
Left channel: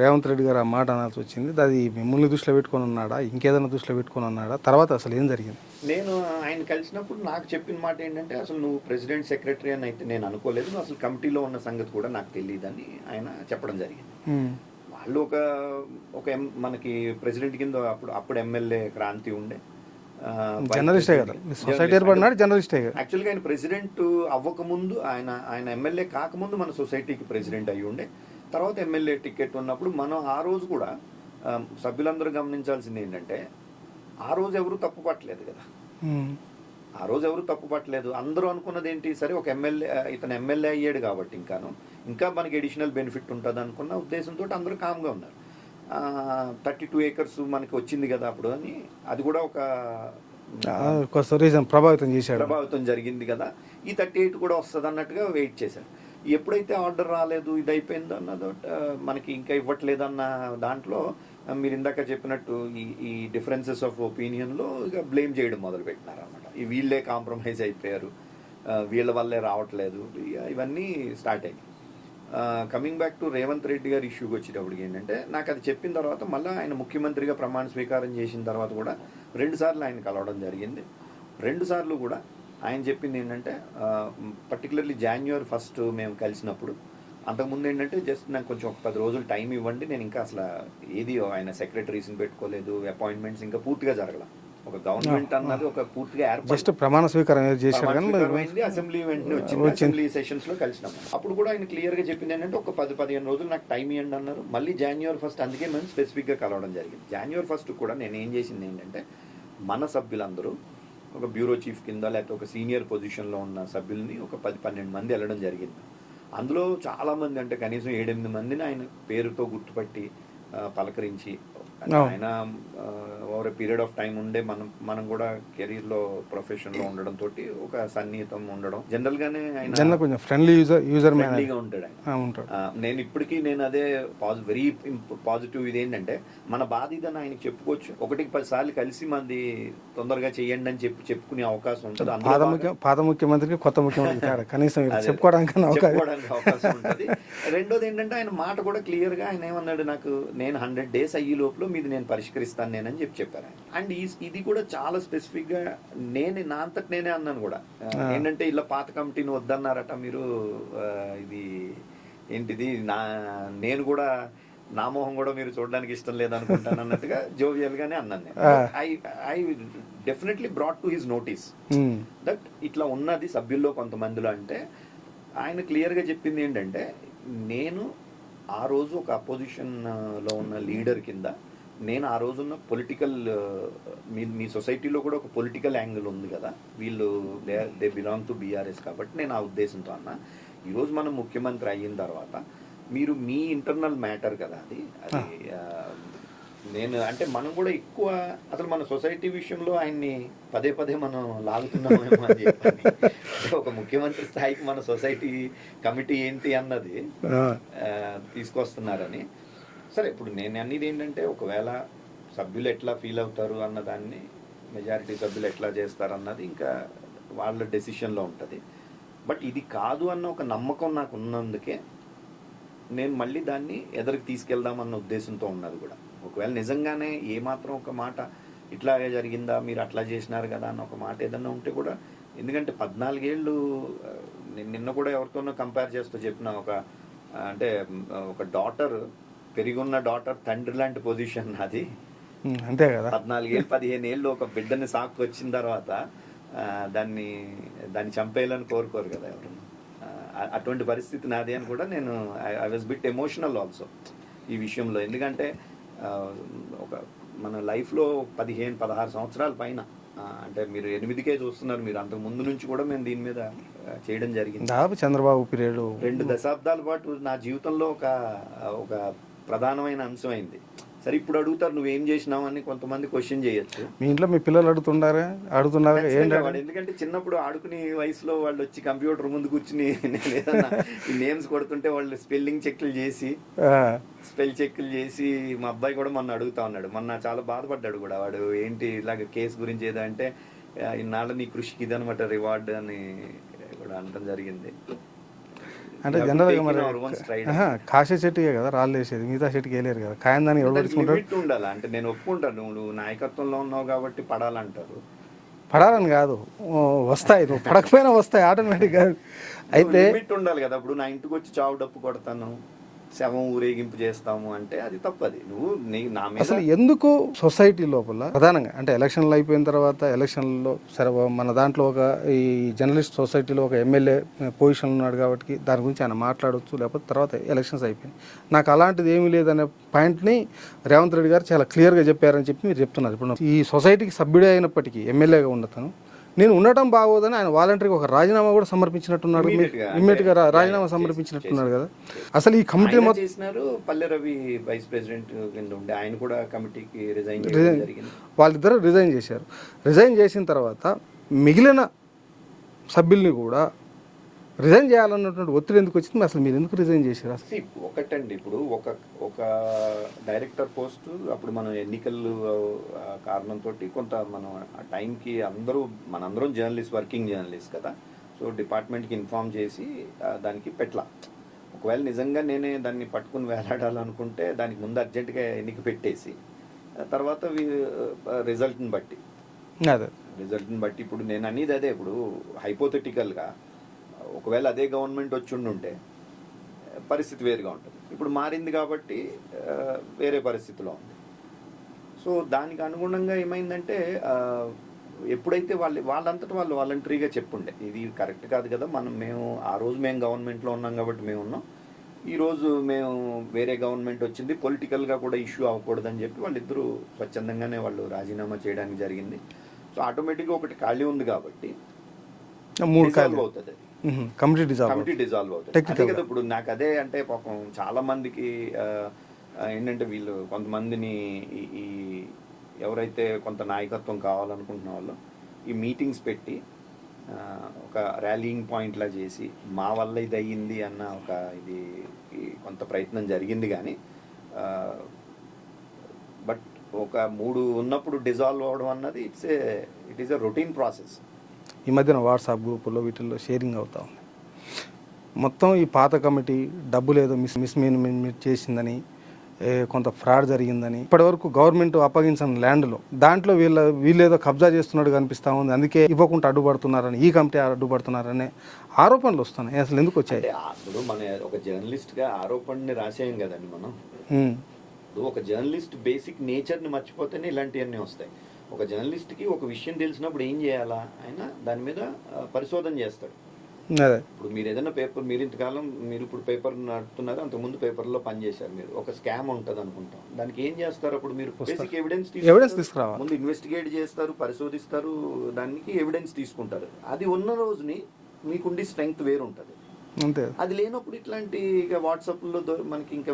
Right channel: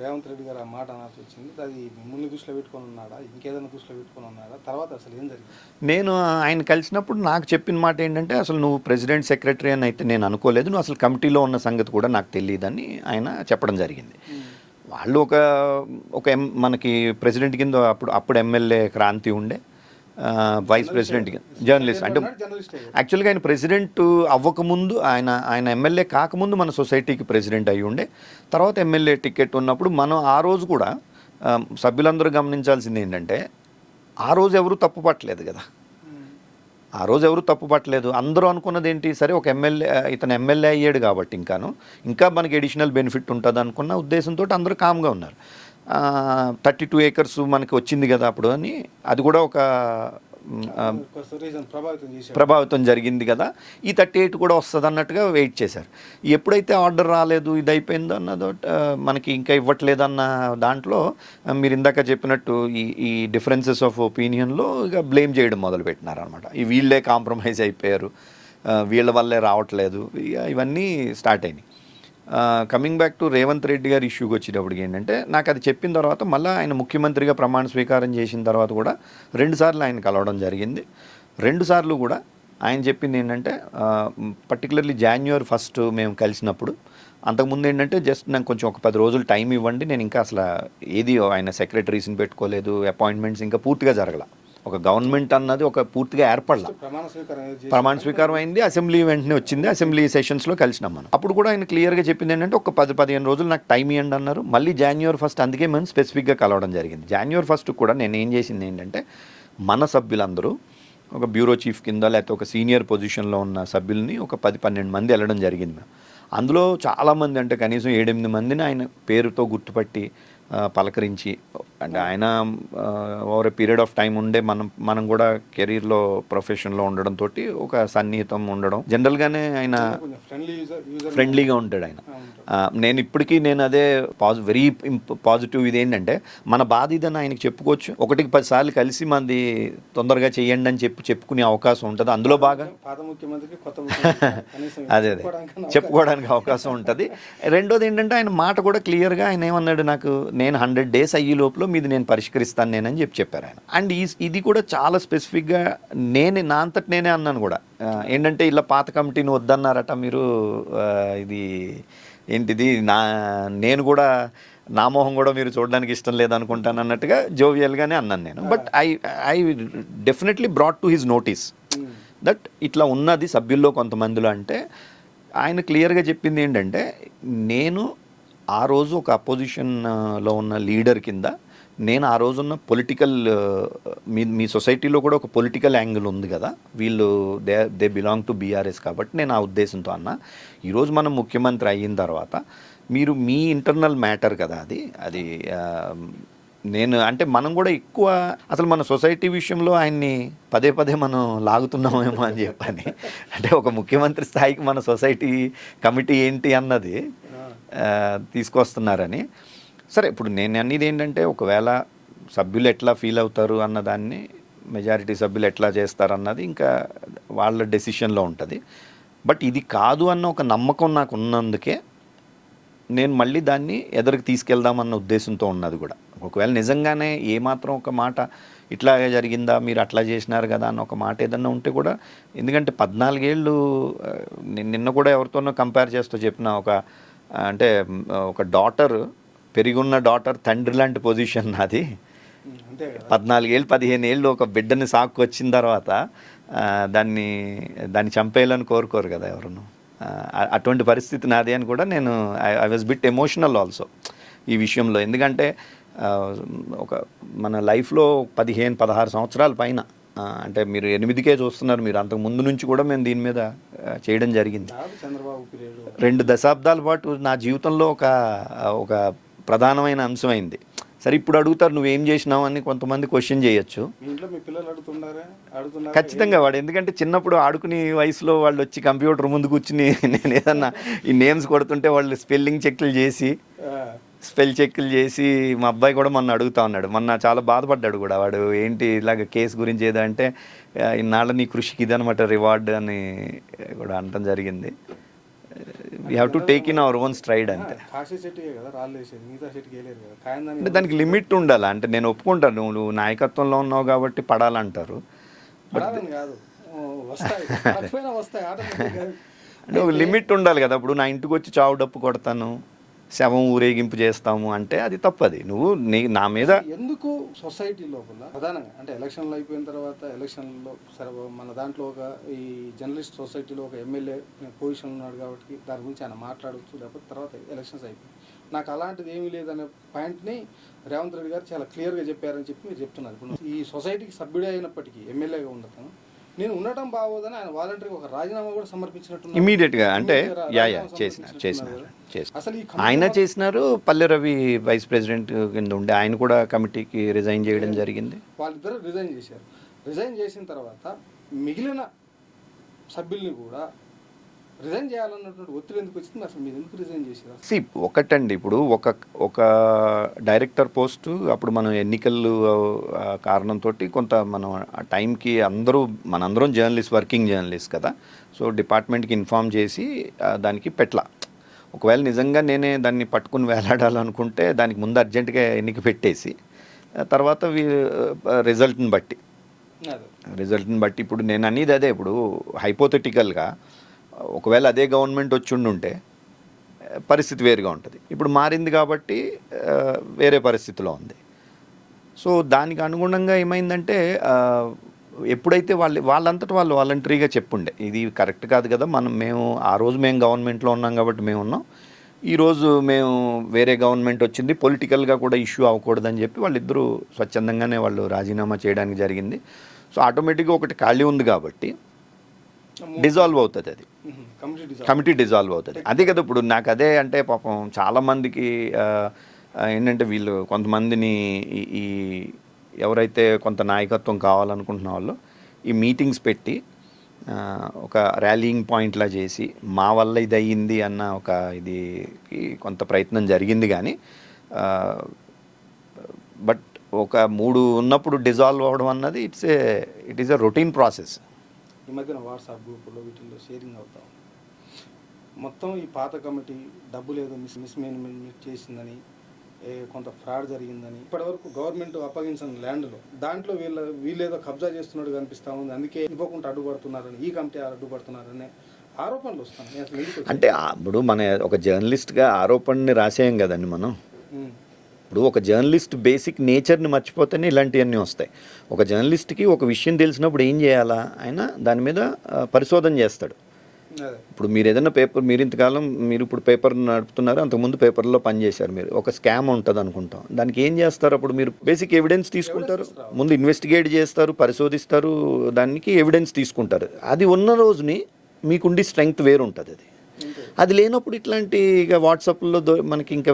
రేవంత్ రెడ్డి గారు ఆ మాట అనాల్సి వచ్చింది? అది మిమ్మల్ని దృష్టిలో పెట్టుకొని ఉన్నాడా, ఇంకేదైనా దృష్టిలో పెట్టుకొని ఉన్నాడా? తర్వాత అసలు ఏం జరిగింది? నేను ఆయన కలిసినప్పుడు నాకు చెప్పిన మాట ఏంటంటే, అసలు నువ్వు ప్రెసిడెంట్ సెక్రటరీ అని అయితే నేను అనుకోలేదు, నువ్వు అసలు కమిటీలో ఉన్న సంగతి కూడా నాకు తెలియదని ఆయన చెప్పడం జరిగింది. వాళ్ళు మనకి ప్రెసిడెంట్ కింద అప్పుడు ఎమ్మెల్యే క్రాంతి ఉండే, వైస్ ప్రెసిడెంట్ జర్నలిస్ట్. యాక్చువల్గా ఆయన ప్రెసిడెంట్ అవ్వకముందు, ఆయన ఎమ్మెల్యే కాకముందు మన సొసైటీకి ప్రెసిడెంట్ అయ్యి ఉండే. తర్వాత ఎమ్మెల్యే టికెట్ ఉన్నప్పుడు మనం ఆ రోజు కూడా సభ్యులందరూ గమనించాల్సింది ఏంటంటే, ఆ రోజు ఎవరు తప్పు పట్టలేదు కదా. ఆ రోజు ఎవరు తప్పు పట్టలేదు. అందరూ అనుకున్నది ఏంటి, సరే ఒక ఇతను ఎమ్మెల్యే అయ్యాడు కాబట్టి ఇంకా మనకి ఎడిషనల్ బెనిఫిట్ ఉంటుంది అనుకున్న ఉద్దేశంతో అందరూ కామ్గా ఉన్నారు. 32 acres మనకి వచ్చింది కదా అప్పుడు అని, అది కూడా ఒక ప్రభావితం జరిగింది కదా, ఈ 38 కూడా వస్తుంది అన్నట్టుగా వెయిట్ చేశారు. ఎప్పుడైతే ఆర్డర్ రాలేదు, ఇది అయిపోయిందో అన్నదో, మనకి ఇంకా ఇవ్వట్లేదన్న దాంట్లో మీరు ఇందాక చెప్పినట్టు ఈ డిఫరెన్సెస్ ఆఫ్ ఒపీనియన్లో ఇక బ్లేమ్ చేయడం మొదలుపెట్టినారు అనమాట. వీళ్ళే కాంప్రమైజ్ అయిపోయారు, వీళ్ళ వల్లే రావట్లేదు, ఇవన్నీ స్టార్ట్ అయినాయి. Coming back to Revanth Reddy గారి ఇష్యూకి వచ్చేటప్పటికి ఏంటంటే, నాకు అది చెప్పిన తర్వాత మళ్ళీ ఆయన ముఖ్యమంత్రిగా ప్రమాణ స్వీకారం చేసిన తర్వాత కూడా 2 సార్లు ఆయన కలవడం జరిగింది. 2 సార్లు కూడా ఆయన చెప్పింది ఏంటంటే, పర్టికులర్లీ January 1 మేము కలిసినప్పుడు, అంతకుముందు ఏంటంటే జస్ట్ నాకు కొంచెం ఒక 10 రోజులు టైం ఇవ్వండి, నేను ఇంకా అసలు ఏది ఆయన సెక్రటరీస్ని పెట్టుకోలేదు, అపాయింట్మెంట్స్ ఇంకా పూర్తిగా జరగల, ఒక గవర్నమెంట్ అన్నది ఒక పూర్తిగా ఏర్పడి ప్రమాణ స్వీకారం అయింది, అసెంబ్లీ వెంటనే వచ్చింది, అసెంబ్లీ సెషన్స్లో కలిసినాం మనం. అప్పుడు కూడా ఆయన క్లియర్గా చెప్పింది ఏంటంటే, ఒక 10-15 రోజులు నాకు టైం ఇవ్వండి అన్నారు. మళ్ళీ January 1 అందుకే మేము స్పెసిఫిక్గా కలవడం జరిగింది. January 1 కూడా నేను ఏం చేసింది ఏంటంటే, మన సభ్యులందరూ ఒక బ్యూరో చీఫ్ కింద లేకపోతే ఒక సీనియర్ పొజిషన్లో ఉన్న సభ్యుల్ని ఒక 10-12 మంది వెళ్ళడం జరిగింది మేము. అందులో చాలామంది, అంటే కనీసం 7-8 మందిని ఆయన పేరుతో గుర్తుపట్టి పలకరించి, అంటే ఆయన over a period of time ఉండే మనం కూడా కెరీర్లో ప్రొఫెషన్లో ఉండడంతో ఒక సన్నిహితం ఉండడం, జనరల్గానే ఆయన ఫ్రెండ్లీగా ఉంటాడు ఆయన. నేను ఇప్పటికీ అదే వెరీ పాజిటివ్ ఇది ఏంటంటే, మన బాధ ఇదని ఆయనకి చెప్పుకోవచ్చు. 1-10 సార్లు కలిసి మంది తొందరగా చేయండి అని చెప్పుకునే అవకాశం ఉంటుంది. అందులో బాగా పాత ముఖ్యమంత్రికి కొత్త ముఖ్యమంత్రి చెప్పుకోవడానికి అవకాశం ఉంటుంది. రెండోది ఏంటంటే, ఆయన మాట కూడా క్లియర్గా ఆయన ఏమన్నాడు, నేను 100 days అయ్యే లోపల మీది నేను పరిష్కరిస్తాను నేనని చెప్పారు ఆయన. అండ్ ఇది కూడా చాలా స్పెసిఫిక్గా నా అంతటి నేనే అన్నాను కూడా. ఏంటంటే, ఇలా పాత కమిటీని వద్దన్నారట మీరు, ఇది ఏంటిది, నేను కూడా నా మొహం కూడా మీరు చూడడానికి ఇష్టం లేదనుకుంటాను అన్నట్టుగా జోవియల్గానే అన్నాను నేను. But I definitely brought to his notice that ఇట్లా ఉన్నది సభ్యుల్లో కొంతమందిలో. అంటే ఆయన క్లియర్గా చెప్పింది ఏంటంటే, నేను ఆ రోజు ఒక అపోజిషన్లో ఉన్న లీడర్ కింద, నేను ఆ రోజున్న పొలిటికల్, మీ సొసైటీలో కూడా ఒక పొలిటికల్ యాంగిల్ ఉంది కదా, వీళ్ళు దే బిలాంగ్ టు బీఆర్ఎస్ కాబట్టి నేను ఆ ఉద్దేశంతో అన్నా. ఈరోజు మనం ముఖ్యమంత్రి అయిన తర్వాత మీరు మీ ఇంటర్నల్ మ్యాటర్ కదా అది నేను అంటే మనం కూడా ఎక్కువ అసలు మన సొసైటీ విషయంలో ఆయన్ని పదే మనం లాగుతున్నామేమో అని చెప్పని, అంటే ఒక ముఖ్యమంత్రి స్థాయికి మన సొసైటీ కమిటీ ఏంటి అన్నది తీసుకొస్తున్నారని. సరే, ఇప్పుడు నేను అనేది ఏంటంటే, ఒకవేళ సభ్యులు ఎట్లా ఫీల్ అవుతారు అన్నదాన్ని, మెజారిటీ సభ్యులు ఎట్లా చేస్తారు అన్నది ఇంకా వాళ్ళ డెసిషన్లో ఉంటుంది. బట్ ఇది కాదు అన్న ఒక నమ్మకం నాకు ఉన్నందుకే నేను మళ్ళీ దాన్ని ఎదురుకు తీసుకెళ్దామన్న ఉద్దేశంతో ఉన్నది కూడా. ఒకవేళ నిజంగానే ఏమాత్రం ఒక మాట ఇట్లా జరిగిందా, మీరు అట్లా చేసినారు కదా అన్న ఒక మాట ఏదన్నా ఉంటే కూడా, ఎందుకంటే 14 ఏళ్ళు నేను నిన్న కూడా ఎవరితోనో కంపేర్ చేస్తూ చెప్పిన అంటే ఒక డాటర్, పెరిగున్న డాటర్ తండ్రి లాంటి పొజిషన్ నాది. అంతే కదా. 14 ఏళ్ళు 15 ఏళ్ళు ఒక బిడ్డని సాకు వచ్చిన తర్వాత దాన్ని చంపేయాలని కోరుకోరు కదా ఎవరును. అటువంటి పరిస్థితి నాది అని కూడా నేను I was bit emotional also ఈ విషయంలో. ఎందుకంటే ఒక మన లైఫ్లో 15-16 సంవత్సరాల పైన, అంటే మీరు 8కే చూస్తున్నారు, మీరు అంతకు ముందు నుంచి కూడా మేము దీని మీద చేయడం జరిగింది. చంద్రబాబు పీరియడ్ 2 దశాబ్దాల పాటు నా జీవితంలో ఒక ప్రధానమైన అంశమైంది. సరే, ఇప్పుడు అడుగుతారు నువ్వేం చేసినావు అని కొంతమంది క్వశ్చన్ చేయొచ్చు. మీ ఇంట్లో మీ పిల్లలు అడుగుతున్నారు ఖచ్చితంగా. వాడు ఎందుకంటే చిన్నప్పుడు ఆడుకునే వయసులో వాళ్ళు వచ్చి కంప్యూటర్ ముందు కూర్చుని నేను ఏదన్నా ఈ నేమ్స్ కొడుతుంటే వాళ్ళు స్పెల్ చెక్లు చేసి మా అబ్బాయి కూడా మొన్న అడుగుతా ఉన్నాడు. మొన్న చాలా బాధపడ్డాడు కూడా వాడు, ఏంటి ఇలాగ కేసు గురించి ఏదో అంటే, ఇన్నాళ్ళ నీ కృషికి ఇదనమాట రివార్డ్ అని కూడా అనటం జరిగింది. కాశీ చెట్టుకే కదా రాళ్ళు వేసేది, మిగతా చెట్టుకి వేయలేరు కదా. దానికి లిమిట్ ఉండాలి. అంటే నేను ఒప్పుకుంటాను, నువ్వు నాయకత్వంలో ఉన్నావు కాబట్టి పడాలంటారు. పడాలని కాదు, వస్తాయి, పడకపోయినా వస్తాయి ఆటోమేటిక్గా. లిమిట్ ఉండాలి కదా. ఇప్పుడు నా ఇంటికి వచ్చి చావు డప్పు కొడతాను, శవం ఊరేగింపు చేస్తాము అంటే అది తప్పది. నువ్వు నా మీద ఎందుకు సొసైటీ లోపల ప్రధానంగా అంటే ఎలక్షన్లు అయిపోయిన తర్వాత, ఎలక్షన్లో సరే మన దాంట్లో ఒక ఈ జర్నలిస్ట్ సొసైటీలో ఒక ఎమ్మెల్యే పొజిషన్ ఉన్నాడు కాబట్టి దాని గురించి ఆయన మాట్లాడవచ్చు, లేకపోతే తర్వాత ఎలక్షన్స్ అయిపోయింది. నాకు అలాంటిది ఏమీ లేదనే పాయింట్ని రేవంత్ రెడ్డి గారు చాలా క్లియర్గా చెప్పారని చెప్పి మీరు చెప్తున్నారు. ఇప్పుడు ఈ సొసైటీకి సభ్యుడే అయినప్పటికీ ఎమ్మెల్యేగా ఉండతాను, నేను ఉండటం బాగోదని ఆయన వాలంటరీగా ఒక రాజీనామా కూడా సమర్పించినట్టున్నారు. రాజీనామా సమర్పించినట్టున్నారు కదా. అసలు ఈ కమిటీ చేసినారు. పల్లె రవి వైస్ ప్రెసిడెంట్ కింద ఉండే ఆయన కూడా కమిటీకి రిజైన్ చేయడం జరిగింది. వాళ్ళిద్దరూ రిజైన్ చేశారు. రిజైన్ చేసిన తర్వాత మిగిలిన సభ్యుల్ని కూడా రిజైన్ చేయాలన్నటువంటి ఒత్తిడి ఎందుకు వచ్చింది? అసలు మీరు ఎందుకు రిజైన్ చేశారు? ఒకటండి, ఇప్పుడు ఒక డైరెక్టర్ పోస్టు అప్పుడు మనం ఎన్నికలు కారణంతో కొంత మనం ఆ టైంకి మనందరం వర్కింగ్ జర్నలిస్ట్ కదా. సో డిపార్ట్మెంట్కి ఇన్ఫామ్ చేసి దానికి పెట్ల. ఒకవేళ నిజంగా నేనే దాన్ని పట్టుకుని వేలాడాలనుకుంటే దానికి ముందు అర్జెంటుగా ఎన్నిక పెట్టేసి తర్వాత రిజల్ట్ని బట్టి ఇప్పుడు నేను అనేది అదే. ఇప్పుడు హైపోథెటికల్గా ఒకవేళ అదే గవర్నమెంట్ వచ్చి ఉంటే పరిస్థితి వేరుగా ఉంటుంది. ఇప్పుడు మారింది కాబట్టి వేరే పరిస్థితిలో ఉంది. సో దానికి అనుగుణంగా ఏమైందంటే, ఎప్పుడైతే వాళ్ళంతటా వాళ్ళు వాలంటరీగా చెప్పుండే ఇది కరెక్ట్ కాదు కదా, మేము ఆ రోజు మేము గవర్నమెంట్లో ఉన్నాం కాబట్టి మేము ఉన్నాం, ఈరోజు మేము వేరే గవర్నమెంట్ వచ్చింది, పొలిటికల్గా కూడా ఇష్యూ అవ్వకూడదని చెప్పి వాళ్ళిద్దరూ స్వచ్ఛందంగానే వాళ్ళు రాజీనామా చేయడానికి జరిగింది. సో ఆటోమేటిక్గా ఒకటి ఖాళీ ఉంది కాబట్టి డిజాల్వ్ అవుతుంది, అది కమిటీ డిజాల్వ్ అవుతుంది. అదే కదా. ఇప్పుడు నాకు అదే అంటే పాపం చాలామందికి ఏంటంటే వీళ్ళు కొంతమందిని ఈ ఎవరైతే కొంత నాయకత్వం కావాలనుకుంటున్న వాళ్ళు ఈ మీటింగ్స్ పెట్టి ఒక ర్యాలీయింగ్ పాయింట్లా చేసి మా వల్ల ఇది అయ్యింది అన్న ఒక ఇది కొంత ప్రయత్నం జరిగింది. కానీ బట్ ఒక 3 ఉన్నప్పుడు డిజాల్వ్ అవ్వడం అన్నది it is a routine process. ఈ మధ్యన వాట్సాప్ గ్రూపుల్లో వీటిల్లో షేరింగ్ అవుతా ఉంది. మొత్తం ఈ పాత కమిటీ డబ్బులు ఏదో మిస్మేనేజ్మెంట్ చేసిందని, కొంత ఫ్రాడ్ జరిగిందని, ఇప్పటివరకు గవర్నమెంట్ అప్పగించిన ల్యాండ్లో దాంట్లో వీళ్ళేదో కబ్జా చేస్తున్నట్టు కనిపిస్తూ ఉంది, అందుకే ఇవ్వకుండా అడ్డుపడుతున్నారని, ఈ కమిటీ అడ్డుపడుతున్నారనే ఆరోపణలు వస్తున్నాయి. అసలు ఎందుకు వచ్చాయి? అంటే ఇప్పుడు మన ఒక జర్నలిస్ట్గా ఆరోపణని రాసేయం కదండి మనం. ఇప్పుడు ఒక జర్నలిస్ట్ బేసిక్ నేచర్ని మర్చిపోతేనే ఇలాంటివన్నీ వస్తాయి. ఒక జర్నలిస్ట్కి ఒక విషయం తెలిసినప్పుడు ఏం చేయాలా, ఆయన దాని మీద పరిశోధన చేస్తాడు. ఇప్పుడు మీరు ఏదైనా మీరు ఇంతకాలం మీరు ఇప్పుడు పేపర్ నడుపుతున్నారు, అంతకుముందు పేపర్లో పనిచేశారు, మీరు ఒక స్కామ్ ఉంటుంది అనుకుంటాం, దానికి ఏం చేస్తారు? అప్పుడు మీరు బేసిక్ ఎవిడెన్స్ తీసుకుంటారు, ముందు ఇన్వెస్టిగేట్ చేస్తారు, పరిశోధిస్తారు, దానికి ఎవిడెన్స్ తీసుకుంటారు. అది ఉన్న రోజుని మీకుండి స్ట్రెంగ్త్ వేరు ఉంటుంది. అది లేనప్పుడు ఇట్లాంటి ఇక వాట్సాప్లో మనకి ఇంకా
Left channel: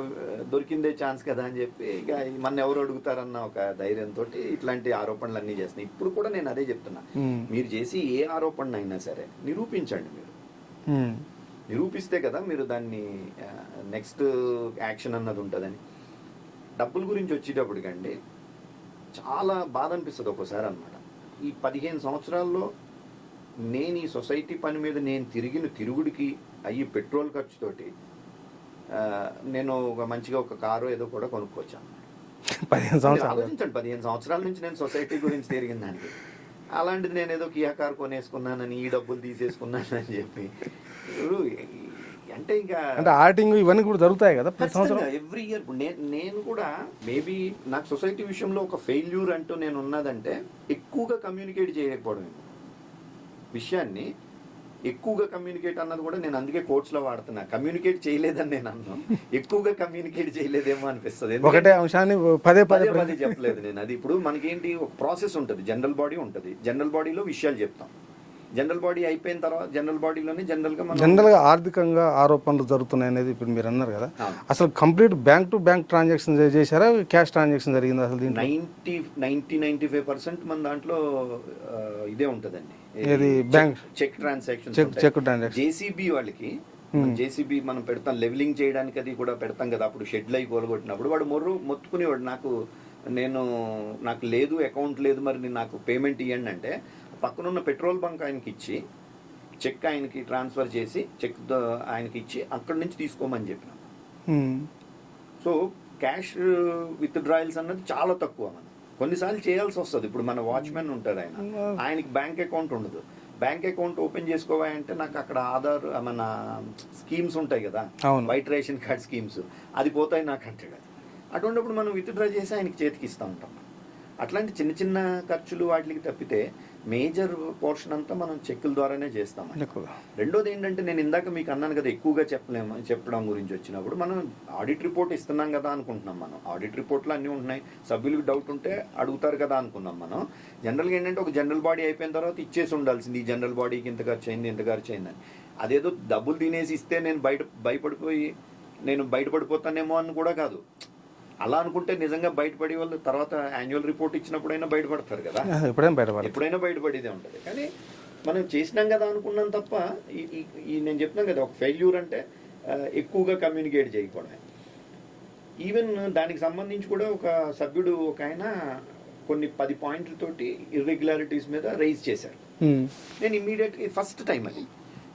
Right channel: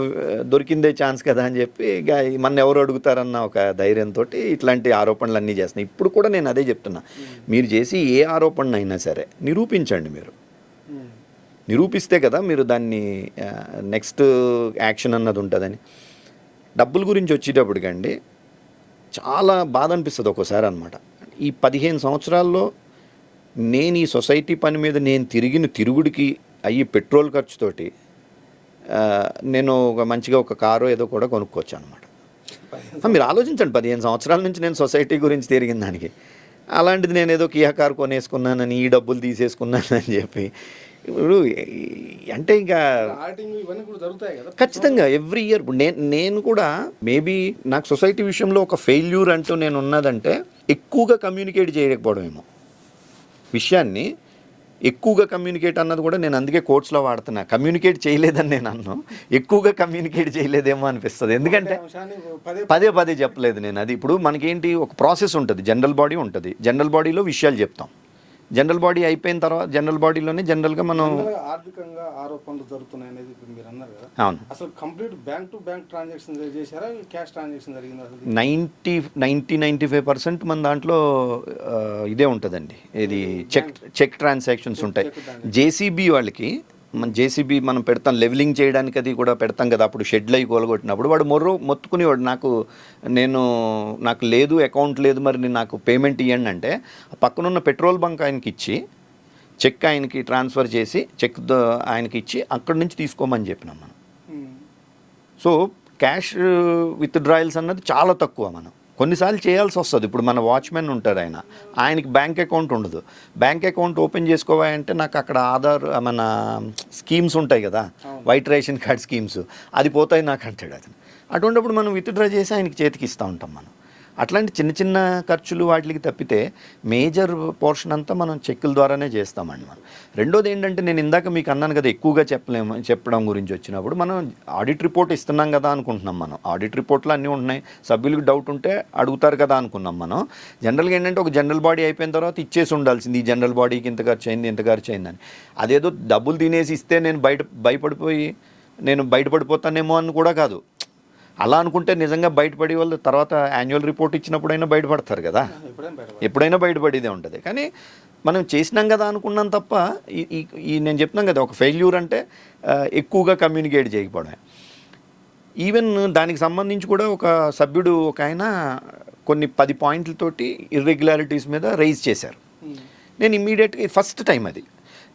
దొరికిందే ఛాన్స్ కదా అని చెప్పి ఇక మన ఎవరు అడుగుతారన్న ఒక ధైర్యంతో ఇట్లాంటి ఆరోపణలు అన్నీ చేస్తున్నాయి. ఇప్పుడు కూడా నేను అదే చెప్తున్నా, మీరు చేసి ఏ ఆరోపణ అయినా సరే నిరూపించండి. మీరు నిరూపిస్తే కదా మీరు దాన్ని నెక్స్ట్ యాక్షన్ అన్నది ఉంటుందని. డబ్బుల గురించి వచ్చేటప్పటికండి చాలా బాధ అనిపిస్తుంది ఒక్కోసారి అనమాట. ఈ 15 సంవత్సరాల్లో నేను ఈ సొసైటీ పని మీద నేను తిరుగుడికి అయ్యి పెట్రోల్ ఖర్చుతోటి నేను మంచిగా ఒక కారు ఏదో కూడా కొనుక్కోవచ్చు అనమాట. 15 మీరు ఆలోచించండి, 15 సంవత్సరాల నుంచి నేను సొసైటీ గురించి తిరిగిన దానికి, అలాంటిది నేను ఏదో కియా కార్ కొనేసుకున్నానని, ఈ డబ్బులు తీసేసుకున్నానని చెప్పి ఇప్పుడు అంటే ఇంకా ఆడిటింగ్ ఇవన్నీ కూడా జరుగుతాయి కదా ఖచ్చితంగా ఎవ్రీ ఇయర్. ఇప్పుడు నేను కూడా మేబీ నాకు సొసైటీ విషయంలో ఒక ఫెయిల్యూర్ అంటూ నేను ఉన్నదంటే ఎక్కువగా కమ్యూనికేట్ చేయలేకపోవడమేమో. విషయాన్ని ఎక్కువగా కమ్యూనికేట్ అన్నది కూడా నేను అందుకే కోర్ట్స్లో వాడుతున్నా. కమ్యూనికేట్ చేయలేదని నేను అన్నాను, ఎక్కువగా కమ్యూనికేట్ చేయలేదేమో అనిపిస్తుంది. ఎందుకంటే అంశాన్ని పదే పదే చెప్పలేదు నేను. అది ఇప్పుడు మనకేంటి ఒక ప్రాసెస్ ఉంటుంది, జనరల్ బాడీ ఉంటుంది, జనరల్ బాడీలో విషయాలు చెప్తాం. జనరల్ బాడీ అయిపోయిన తర్వాత జనరల్ బాడీలోనే జనరల్గా ఆర్థికంగా ఆరోపణలు జరుగుతున్నాయి అనేది ఇప్పుడు మీరు అన్నారు కదా. అవును. అసలు complete bank to bank transaction చేశారా, క్యాష్ ట్రాన్సాక్షన్ జరిగింది? అసలు 95% మన దాంట్లో ఇదే ఉంటుందండి, ఇది చెక్ ట్రాన్సాక్షన్స్ ఉంటాయి. జేసీబీ వాళ్ళకి మన జేసీబీ మనం పెడతాం లెవెలింగ్ చేయడానికి, అది కూడా పెడతాం కదా. అప్పుడు షెడ్లు అయి కోలగొట్టినప్పుడు వాడు మొత్తుకునేవాడు, నాకు లేదు అకౌంట్ లేదు, మరి నాకు పేమెంట్ ఇవ్వండి అంటే పక్కనున్న పెట్రోల్ బంక్ ఆయనకి ఇచ్చి చెక్ ఆయనకి ట్రాన్స్ఫర్ చేసి చెక్ ఆయనకి ఇచ్చి అక్కడి నుంచి తీసుకోమని చెప్పినాం మనం. సో క్యాష్ విత్ డ్రాయల్స్ అన్నది చాలా తక్కువ. మనం కొన్నిసార్లు చేయాల్సి వస్తుంది. ఇప్పుడు మన వాచ్మెన్ ఉంటారు, ఆయనకి బ్యాంక్ అకౌంట్ ఉండదు. బ్యాంక్ అకౌంట్ ఓపెన్ చేసుకోవాలంటే నాకు అక్కడ ఆధార్ మన స్కీమ్స్ ఉంటాయి కదా, వైట్ రేషన్ కార్డ్ స్కీమ్స్, అది పోతాయి నాకు అంటాడు. అది అటువంటిప్పుడు మనం విత్డ్రా చేసి ఆయనకి చేతికి ఇస్తూ ఉంటాం. మనం అట్లాంటి చిన్న చిన్న ఖర్చులు వాటికి తప్పితే మేజర్ పోర్షన్ అంతా మనం చెక్కుల ద్వారానే చేస్తామండి. రెండోది ఏంటంటే నేను ఇందాక మీకు అన్నాను కదా, ఎక్కువగా చెప్పడం గురించి వచ్చినప్పుడు మనం ఆడిట్ రిపోర్ట్ ఇస్తున్నాం కదా అనుకుంటున్నాం. మనం ఆడిట్ రిపోర్ట్లో అన్నీ ఉంటున్నాయి, సభ్యులకు డౌట్ ఉంటే అడుగుతారు కదా అనుకున్నాం. మనం జనరల్గా ఏంటంటే ఒక జనరల్ బాడీ అయిపోయిన తర్వాత ఇచ్చేసి ఉండాల్సింది, ఈ జనరల్ బాడీకి ఇంత ఖర్చు అయింది ఇంత ఖర్చు అయిందని. అదేదో డబ్బులు తినేసి ఇస్తే నేను బయటపడిపోతానేమో అని కూడా కాదు. అలా అనుకుంటే నిజంగా బయటపడే వాళ్ళు తర్వాత యాన్యువల్ రిపోర్ట్ ఇచ్చినప్పుడైనా బయటపడతారు కదా, ఎప్పుడైనా బయటపడేదే ఉంటుంది. కానీ మనం చేసినాం కదా అనుకున్నాం తప్ప ఈ నేను చెప్తున్నాం కదా, ఒక ఫెయిల్యూర్ అంటే ఎక్కువగా కమ్యూనికేట్ చేయకపోవడమే. ఈవెన్ దానికి సంబంధించి కూడా ఒక సభ్యుడు ఒక ఆయన కొన్ని 10 పాయింట్లతోటి ఇర్రెగ్యులారిటీస్ మీద రైజ్ చేశారు. నేను ఇమ్మీడియట్గా ఫస్ట్ టైం అది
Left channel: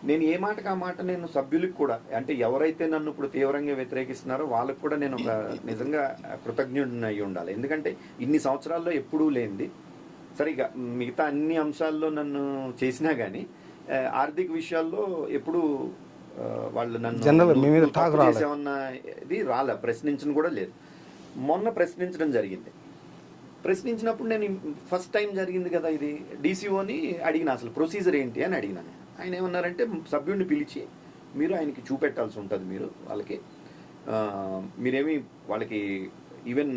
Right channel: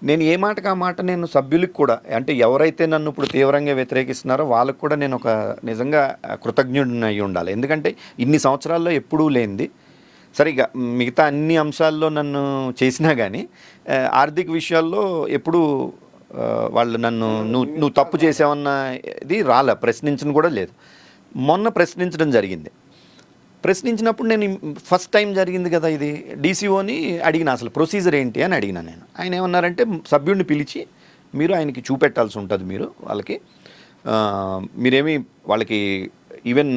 నేను ఏ మాటకు ఆ మాట నేను సభ్యులకు కూడా, అంటే ఎవరైతే నన్ను ఇప్పుడు తీవ్రంగా వ్యతిరేకిస్తున్నారో వాళ్ళకు కూడా నేను ఒక నిజంగా కృతజ్ఞుడిని అయి ఉండాలి. ఎందుకంటే ఇన్ని సంవత్సరాల్లో ఎప్పుడూ లేనిది. సరిగా మిగతా అన్ని అంశాల్లో నన్ను చేసినా కానీ ఆర్థిక విషయాల్లో ఎప్పుడూ వాళ్ళు నన్ను నువ్వు తప్పు చేసావన్న ఇది ప్రశ్నించడం కూడా లేదు. మొన్న ప్రశ్నించడం జరిగింది. ప్రశ్నించినప్పుడు నేను ఫస్ట్ టైం జరిగింది కదా ఇది, డీసీఓని అడిగిన అసలు ప్రొసీజర్ ఏంటి అని అడిగినా నేను. ఆయన ఏమన్నారంటే సభ్యుడిని పిలిచి మీరు ఆయనకి చూపెట్టాల్సి ఉంటుంది, మీరు వాళ్ళకి మీరేమి వాళ్ళకి ఈవెన్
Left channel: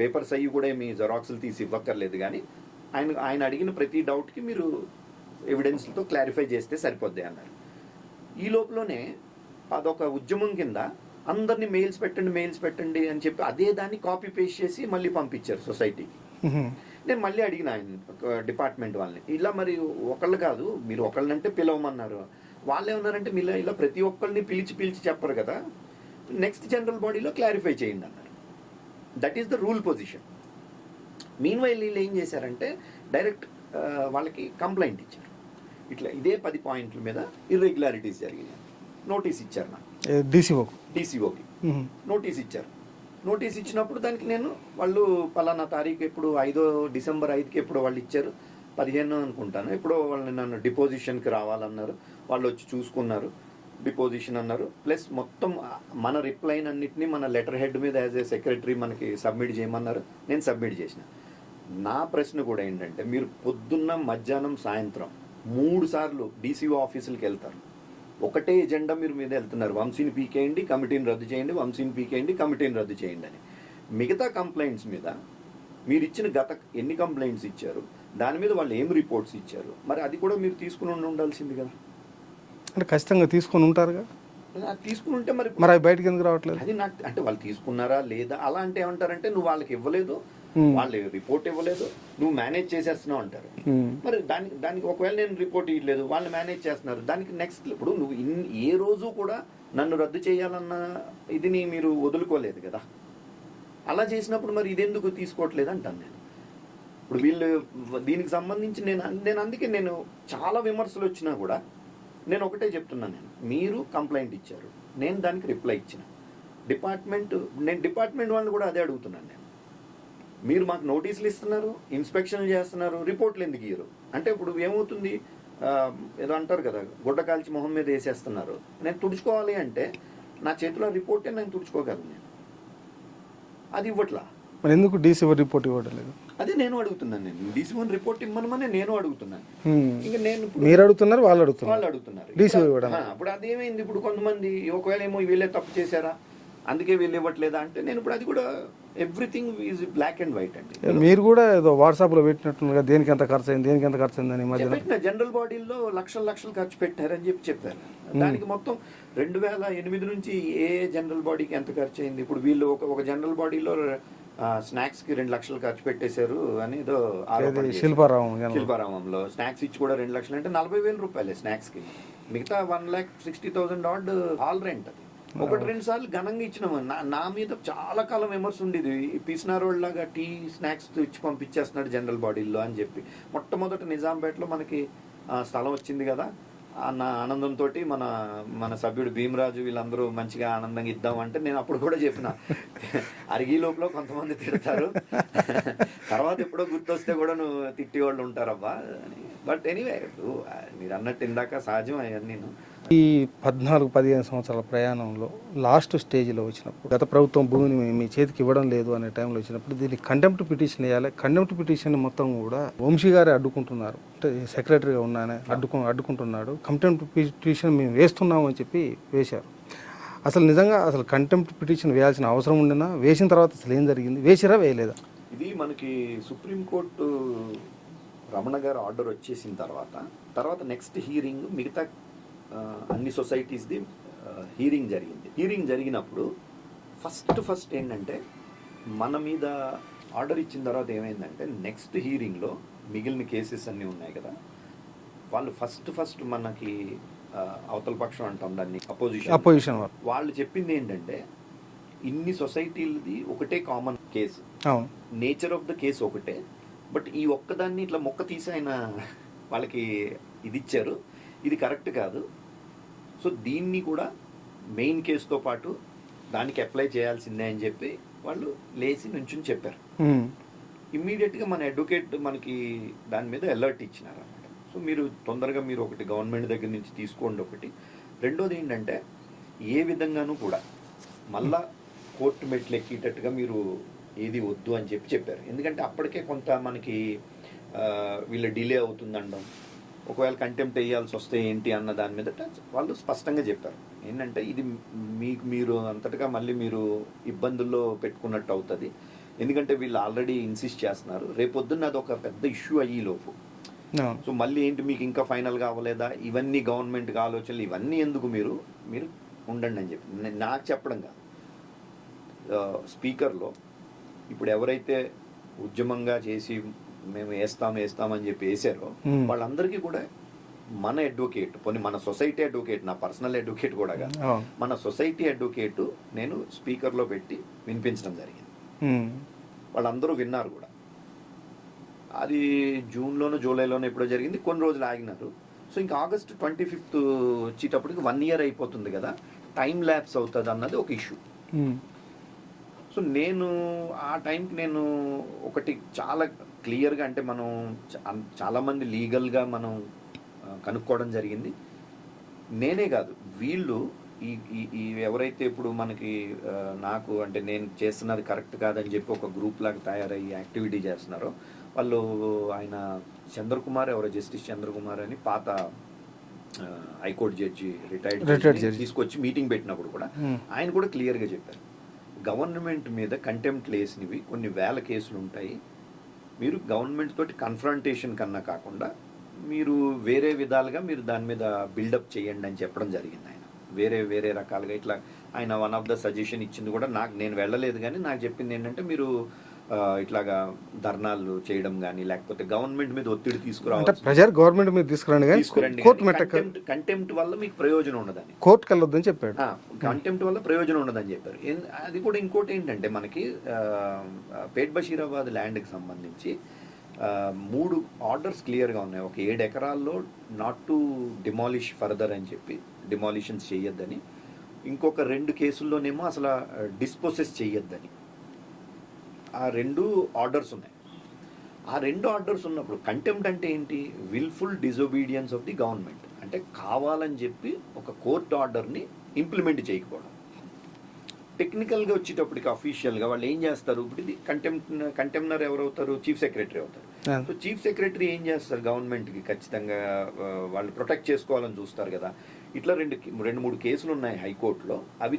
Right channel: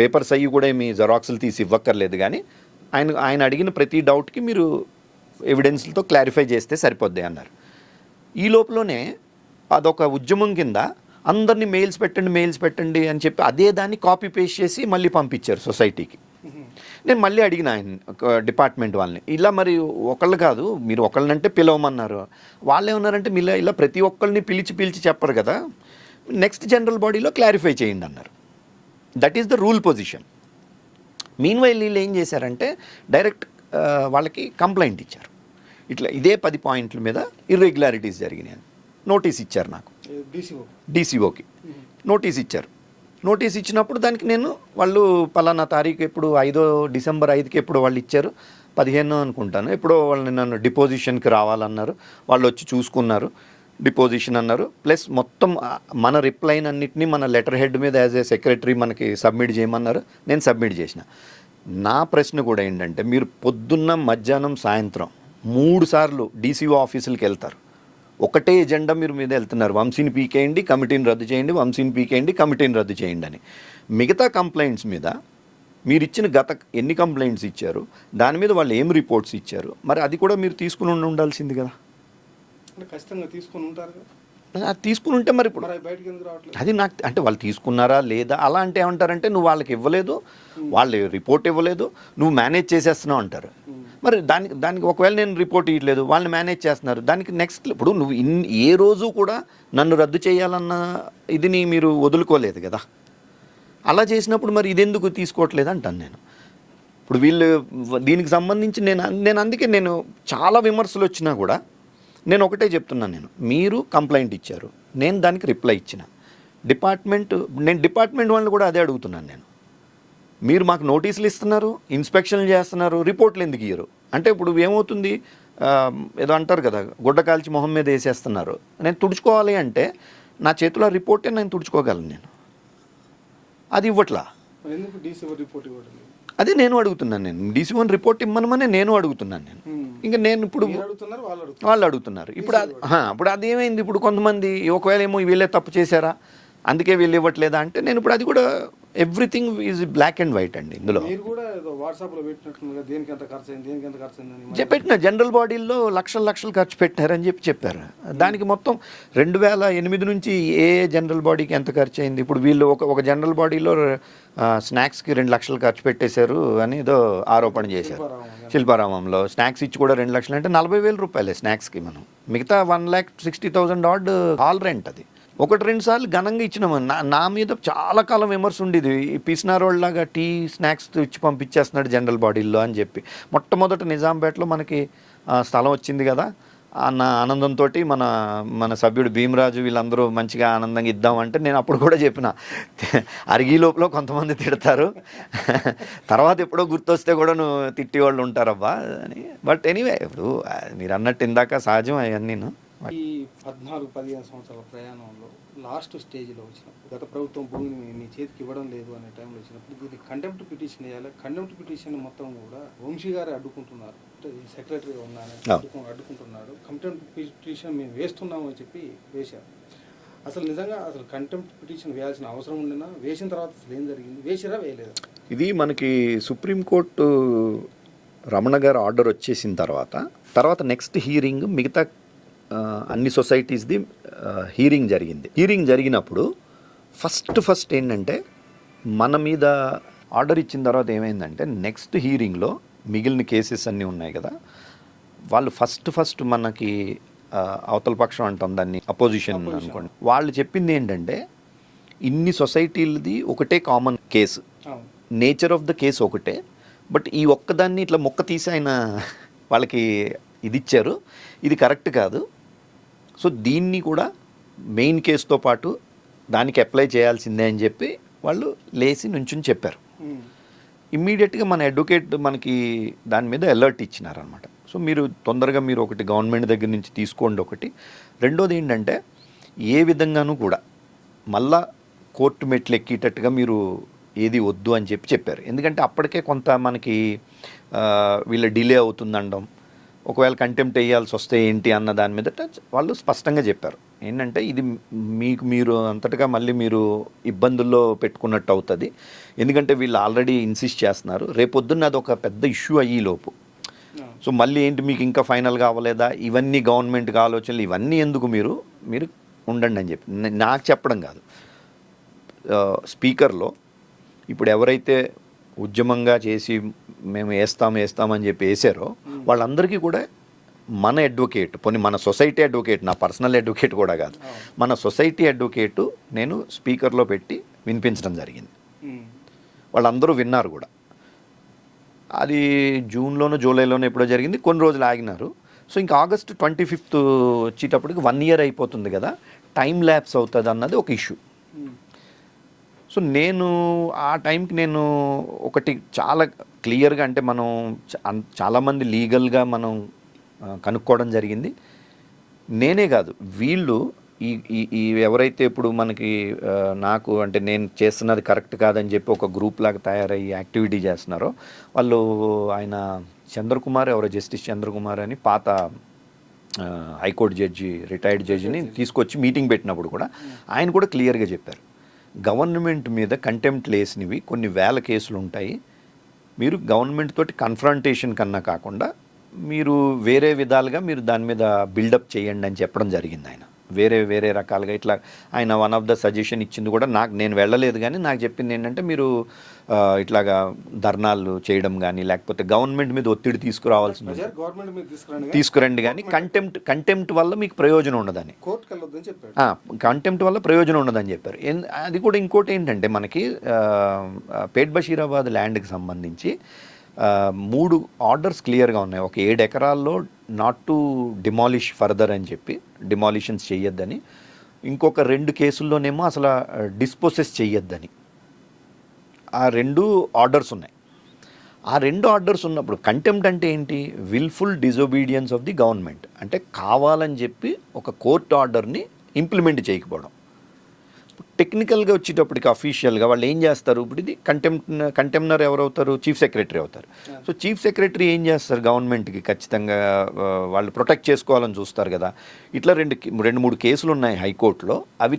పేపర్స్ అయ్యి కూడా ఏమి జెరాక్స్లు తీసి ఇవ్వక్కర్లేదు, కానీ ఆయన అడిగిన ప్రతి డౌట్కి మీరు ఎవిడెన్స్లతో క్లారిఫై చేస్తే సరిపోద్ది అన్నారు. ఈ లోపలనే అదొక ఉద్యమం కింద అందరినీ మెయిల్స్ పెట్టండి అని చెప్పి అదే దాన్ని కాపీ పేస్ట్ చేసి మళ్ళీ పంపించారు సొసైటీకి. నేను మళ్ళీ అడిగిన ఆయన డిపార్ట్మెంట్ వాళ్ళని, ఇలా మరి ఒకళ్ళు కాదు మీరు ఒకళ్ళనంటే పిలవమన్నారు, వాళ్ళు ఏమన్నారంటే ఇలా ప్రతి ఒక్కరిని పిలిచి చెప్పరు కదా, నెక్స్ట్ జనరల్ బాడీలో క్లారిఫై చేయండి అన్నారు. That is the rule position. Mean while వీళ్ళు ఏం చేశారంటే డైరెక్ట్ వాళ్ళకి కంప్లైంట్ ఇచ్చారు, ఇట్లా ఇదే 10 పాయింట్ల మీద ఇర్రెగ్యులారిటీస్ జరిగినాయి. నోటీస్ ఇచ్చారు నాకు, డీసీఓకి నోటీస్ ఇచ్చారు. నోటీస్ ఇచ్చినప్పుడు దానికి నేను వాళ్ళు పలానా తారీఖు ఎప్పుడు 5 డిసెంబర్ 5కి ఎప్పుడు వాళ్ళు ఇచ్చారు, 15 అనుకుంటాను, ఎప్పుడో వాళ్ళని నన్ను డిపోజిషన్కి రావాలన్నారు. వాళ్ళు వచ్చి చూసుకున్నారు, డిపోజిషన్ అన్నారు. ప్లస్ మొత్తం మన రిప్లైన్ అన్నింటినీ మన లెటర్ హెడ్ మీద యాజ్ ఏ సెక్రటరీ మనకి సబ్మిట్ చేయమన్నారు. నేను సబ్మిట్ చేసిన. నా ప్రశ్న కూడా ఏంటంటే మీరు పొద్దున్న మధ్యాహ్నం సాయంత్రం 3 సార్లు డీసీఓ ఆఫీసులకు వెళ్తారు, ఒకటే ఎజెండా మీరు మీద వెళ్తున్నారు, వంశీని పీకేయండి కమిటీని రద్దు చేయండి, వంశీని పీకేయండి కమిటీని రద్దు చేయండి అని. మిగతా కంప్లైంట్స్ మీద మీరు ఇచ్చిన గత ఎన్ని కంప్లైంట్స్ ఇచ్చారు, దాని మీద వాళ్ళు ఏం రిపోర్ట్స్ ఇచ్చారు, మరి అది కూడా మీరు తీసుకుని ఉండాల్సింది కదా. అంటే ఖచ్చితంగా తీసుకుని ఉంటారుగా, అది తీసుకుని ఉంటే మరి అవి బయటకు ఎందుకు రావట్లేదు? అది నాకు అంటే వాళ్ళు తీసుకున్నారా లేదా అలా అంటే ఏమంటారంటే నువ్వు వాళ్ళకి ఇవ్వలేదు, వాళ్ళు రిపోర్ట్ ఇవ్వలేదు, నువ్వు మేనేజ్ చేసేస్తున్నావు అంటారు. మరి దానికి ఒకవేళ నేను రిపోర్ట్ ఇవ్వలేదు, వాళ్ళని మేనేజ్ చేస్తున్నారు, దానికి నెక్స్ట్ ఇప్పుడు నువ్వు ఏ రోజు కూడా నన్ను రద్దు చేయాలన్న ఇదిని మీరు వదులుకోలేదు కదా. అలా చేసినప్పుడు మరి ఇదెందుకు తీసుకోవట్లేదు అంటాను నేను. ఇప్పుడు వీళ్ళు దీనికి సంబంధించి నేను అందుకే నేను చాలా విమర్శలు వచ్చినా కూడా నేను ఒకటే చెప్తున్నాను, మీరు కంప్లైంట్ ఇచ్చారు, నేను దానికి రిప్లై ఇచ్చిన, నేను డిపార్ట్మెంట్ వాళ్ళని కూడా అదే అడుగుతున్నాను నేను. మీరు మాకు నోటీసులు ఇస్తున్నారు, ఇన్స్పెక్షన్లు చేస్తున్నారు, రిపోర్ట్లు ఎందుకు ఇయ్యరు అంటే ఇప్పుడు ఏమవుతుంది, ఏదో అంటారు కదా, గుడ్డ కాల్చి మొహం మీద వేసేస్తున్నారు. నేను తుడుచుకోవాలి అంటే నా చేతిలో రిపోర్టే నేను తుడుచుకోగలను, నేను అది ఇవ్వట్లా. మరి ఎందుకు డీసీ రిపోర్ట్ ఇవ్వట్లేదు? అదే నేను అడుగుతున్నాను. నేను DC1 రిపోర్ట్ ఇమ్మనమని నేను అడుగుతున్నాను. నేను ఇంకా నేను ఇప్పుడు మీరు అడుగుతున్నారు, వాళ్ళు అడుగుతున్నారు. ఇప్పుడు అది ఏమైంది, ఇప్పుడు కొంతమంది ఒకవేళ ఏమో వీళ్ళే తప్పు చేశారా అందుకే వీళ్ళు ఇవ్వట్లేదా అంటే నేను ఇప్పుడు అది కూడా everything is black and white అండి. మీరు కూడా ఏదో వాట్సాప్లో పెట్టినట్లుగా దేనికి ఎంత ఖర్చు అయింది, దేనికి ఎంత ఖర్చు అయిందని పెట్టిన జనరల్ బాడీల్లో లక్షలు ఖర్చు పెట్టారని చెప్పారు. దానికి మొత్తం 2008 నుంచి ఏ జనరల్ బాడీకి ఎంత ఖర్చు అయింది, ఇప్పుడు వీళ్ళు ఒక జనరల్ బాడీలో స్నాక్స్కి 2 లక్షలు ఖర్చు పెట్టేశారు అని ఏదో ఆరోపణ చేశారు. శిల్పారామంలో స్నాక్స్ ఇచ్చి కూడా 2 లక్షలు అంటే 40,000 రూపాయలే స్నాక్స్కి. మనం మిగతా 1,60,000 ఆడ్ హాల్ రెంట్. అది 1-2 సార్లు ఘనంగా ఇచ్చినామని నా మీద చాలా కాలం విమర్శ ఉండేది, ఈ పిసినారోళ్ళలాగా టీ స్నాక్స్ ఇచ్చి పంపించేస్తున్నాడు జనరల్ బాడీల్లో అని చెప్పి. మొట్టమొదట నిజాంపేటలో మనకి స్థలం వచ్చింది కదా అన్న ఆనందంతో మన సభ్యుడు భీమరాజు వీళ్ళందరూ మంచిగా ఆనందంగా ఇద్దామంటే నేను అప్పుడు కూడా చెప్పిన, అరిగి లోపల కొంతమంది తిడతారు, తర్వాత ఎప్పుడో గుర్తొస్తే కూడా నువ్వు తిట్టి వాళ్ళు ఉంటారబ్బా అని. బట్ ఎనీవే ఇప్పుడు మీరు అన్నట్టు ఇందాక సహజం అవన్నీ. ఈ 14-15 సంవత్సరాల ప్రయాణంలో లాస్ట్ స్టేజ్లో వచ్చినప్పుడు గత ప్రభుత్వం భూమిని మీ చేతికి ఇవ్వడం లేదు అనే టైంలో వచ్చినప్పుడు దీనికి కంటెంప్ట్ పిటిషన్ వేయాలి. కంటెంప్ట్ పిటిషన్ మొత్తం కూడా వంశీ గారే అడ్డుకుంటున్నారు, అంటే సెక్రటరీగా ఉన్నానే అడ్డుకుంటున్నాడు. కంటెంప్ట్ పిటిషన్ మేము వేస్తున్నాము అని చెప్పి వేశారు. అసలు నిజంగా అసలు కంటెంప్ట్ పిటిషన్ వేయాల్సిన అవసరం ఉండినా వేసిన తర్వాత అసలు ఏం జరిగింది, వేసిరా వేయలేదా? ఇది మనకి సుప్రీంకోర్టు రమణ గారు ఆర్డర్ వచ్చేసిన తర్వాత నెక్స్ట్ హీరింగ్ మిగతా అన్ని సొసైటీస్ది హీరింగ్ జరిగింది. హీరింగ్ జరిగినప్పుడు ఫస్ట్ ఏంటంటే మన మీద ఆర్డర్ ఇచ్చిన తర్వాత ఏమైందంటే నెక్స్ట్ హీరింగ్లో మిగిలిన కేసెస్ అన్నీ ఉన్నాయి కదా, వాళ్ళు ఫస్ట్ మనకి అవతల పక్షం అంటాం దాన్ని, అపోజిషన్ వాళ్ళు చెప్పింది ఏంటంటే ఇన్ని సొసైటీలది ఒకటే common case, nature of the case ఒకటే, బట్ ఈ ఒక్కదాన్ని ఇట్లా మొక్క తీసి ఆయన వాళ్ళకి ఇది ఇచ్చారు, ఇది కరెక్ట్ కాదు. సో దీన్ని కూడా మెయిన్ కేసుతో పాటు దానికి అప్లై చేయాల్సిందే అని చెప్పి వాళ్ళు లేచి నుంచుని చెప్పారు. ఇమ్మీడియట్గా మన అడ్వకేట్ మనకి దాని మీద అలర్ట్ ఇచ్చినారనమాట. సో మీరు తొందరగా మీరు ఒకటి గవర్నమెంట్ దగ్గర నుంచి తీసుకోండి ఒకటి. రెండోది ఏంటంటే ఏ విధంగానూ కూడా మళ్ళా కోర్టు మెట్లు ఎక్కేటట్టుగా మీరు ఏది వద్దు అని చెప్పారు. ఎందుకంటే అప్పటికే కొంత మనకి వీళ్ళ డిలే అవుతుందండం, ఒకవేళ కంటెంప్ట్ వేయాల్సి వస్తే ఏంటి అన్న దాని మీద వాళ్ళు స్పష్టంగా చెప్పారు. ఏంటంటే ఇది మీరు అంతటగా మళ్ళీ మీరు ఇబ్బందుల్లో పెట్టుకున్నట్టు అవుతుంది, ఎందుకంటే వీళ్ళు ఆల్రెడీ ఇన్సిస్ట్ చేస్తున్నారు, రేపొద్దున్న అది ఒక పెద్ద ఇష్యూ అయ్యేలోపు. సో మళ్ళీ ఏంటి మీకు ఇంకా ఫైనల్గా అవ్వలేదా, ఇవన్నీ గవర్నమెంట్కి ఆలోచనలు, ఇవన్నీ ఎందుకు మీరు ఉండండి అని చెప్పి నాకు చెప్పడం కాదు. స్పీకర్లో ఇప్పుడు ఎవరైతే ఉద్యమంగా చేసి మేము వేస్తామని చెప్పి వేసారో వాళ్ళందరికీ కూడా మన అడ్వకేట్, పోనీ మన సొసైటీ అడ్వకేట్, నా పర్సనల్ అడ్వకేట్ కూడా కాదు, మన సొసైటీ అడ్వకేటు నేను స్పీకర్లో పెట్టి వినిపించడం జరిగింది. వాళ్ళందరూ విన్నారు కూడా. అది జూన్లోనో జూలైలోనో ఎప్పుడో జరిగింది, కొన్ని రోజులు ఆగినారు. సో ఇంకా ఆగస్ట్ 25 వచ్చేటప్పటికి 1 year అయిపోతుంది కదా, టైం ల్యాప్స్ అవుతుంది అన్నది ఒక ఇష్యూ. సో నేను ఆ టైంకి నేను ఒకటి చాలా క్లియర్గా, అంటే మనం చాలామంది లీగల్గా మనం కనుక్కోవడం జరిగింది. నేనే కాదు, వీళ్ళు ఈ ఎవరైతే ఇప్పుడు మనకి నాకు అంటే నేను చేస్తున్నది కరెక్ట్ కాదని చెప్పి ఒక గ్రూప్ లాగా తయారయ్యి యాక్టివిటీ చేస్తున్నారో వాళ్ళు, ఆయన చంద్రకుమార్ ఎవరో, జస్టిస్ చంద్రకుమార్ అని పాత హైకోర్టు జడ్జి, రిటైర్డ్ జడ్జిని తీసుకొచ్చి మీటింగ్ పెట్టినప్పుడు కూడా ఆయన కూడా క్లియర్గా చెప్పారు, గవర్నమెంట్ మీద కంటెంప్ట్ లేసినవి కొన్ని వేల కేసులు ఉంటాయి, మీరు గవర్నమెంట్ తోటి కన్ఫ్రంటేషన్ కన్నా కాకుండా మీరు వేరే విధాలుగా మీరు దాని మీద బిల్డప్ చేయండి అని చెప్పడం జరిగింది. ఆయన వేరే రకాలుగా ఇట్లా ఆయన వన్ ఆఫ్ ద సజెషన్ ఇచ్చింది కూడా నేను వెళ్ళలేదు, కానీ నాకు చెప్పింది ఏంటంటే మీరు ఇట్లాగా ధర్నాలు చేయడం కానీ లేకపోతే గవర్నమెంట్ మీద ఒత్తిడి గవర్నమెంట్ మీద తీసుకురండి కానీ కంటెంప్ట్ వల్ల మీకు ప్రయోజనం ఉండదని, కోర్టుకు వెళ్ళొద్దని చెప్పాడు. కంటెంప్ట్ వల్ల ప్రయోజనం ఉండదని చెప్పారు. అది కూడా ఇంకోటి ఏంటంటే మనకి పేట్ బషీరాబాద్ ల్యాండ్కి సంబంధించి 3 ఆర్డర్స్ క్లియర్గా ఉన్నాయి. ఒక 7 ఎకరాల్లో నాట్ టు డిమాలిష్ ఫర్దర్ అని చెప్పి, డిమాలిషన్స్ చేయొద్దని. ఇంకొక 2 కేసుల్లోనేమో అసలు డిస్పోసెస్ చెయ్యొద్దని. ఆ 2 ఆర్డర్స్ ఉన్నాయి. ఆ 2 ఆర్డర్స్ ఉన్నప్పుడు కంటెంప్ట్ అంటే ఏంటి? Wilful disobedience of the government. అంటే కావాలని చెప్పి ఒక కోర్టు ఆర్డర్ని ఇంప్లిమెంట్ చేయకపోవడం. టెక్నికల్గా వచ్చేటప్పటికి అఫీషియల్గా వాళ్ళు ఏం చేస్తారు? ఇప్పుడు ఇది కంటెంప్నర్ ఎవరవుతారు? చీఫ్ సెక్రటరీ అవుతారు. సో చీఫ్ సెక్రటరీ ఏం చేస్తారు? గవర్నమెంట్కి ఖచ్చితంగా వాళ్ళు ప్రొటెక్ట్ చేసుకోవాలని చూస్తారు కదా. ఇట్లా 2-3 కేసులు ఉన్నాయి హైకోర్టులో. అవి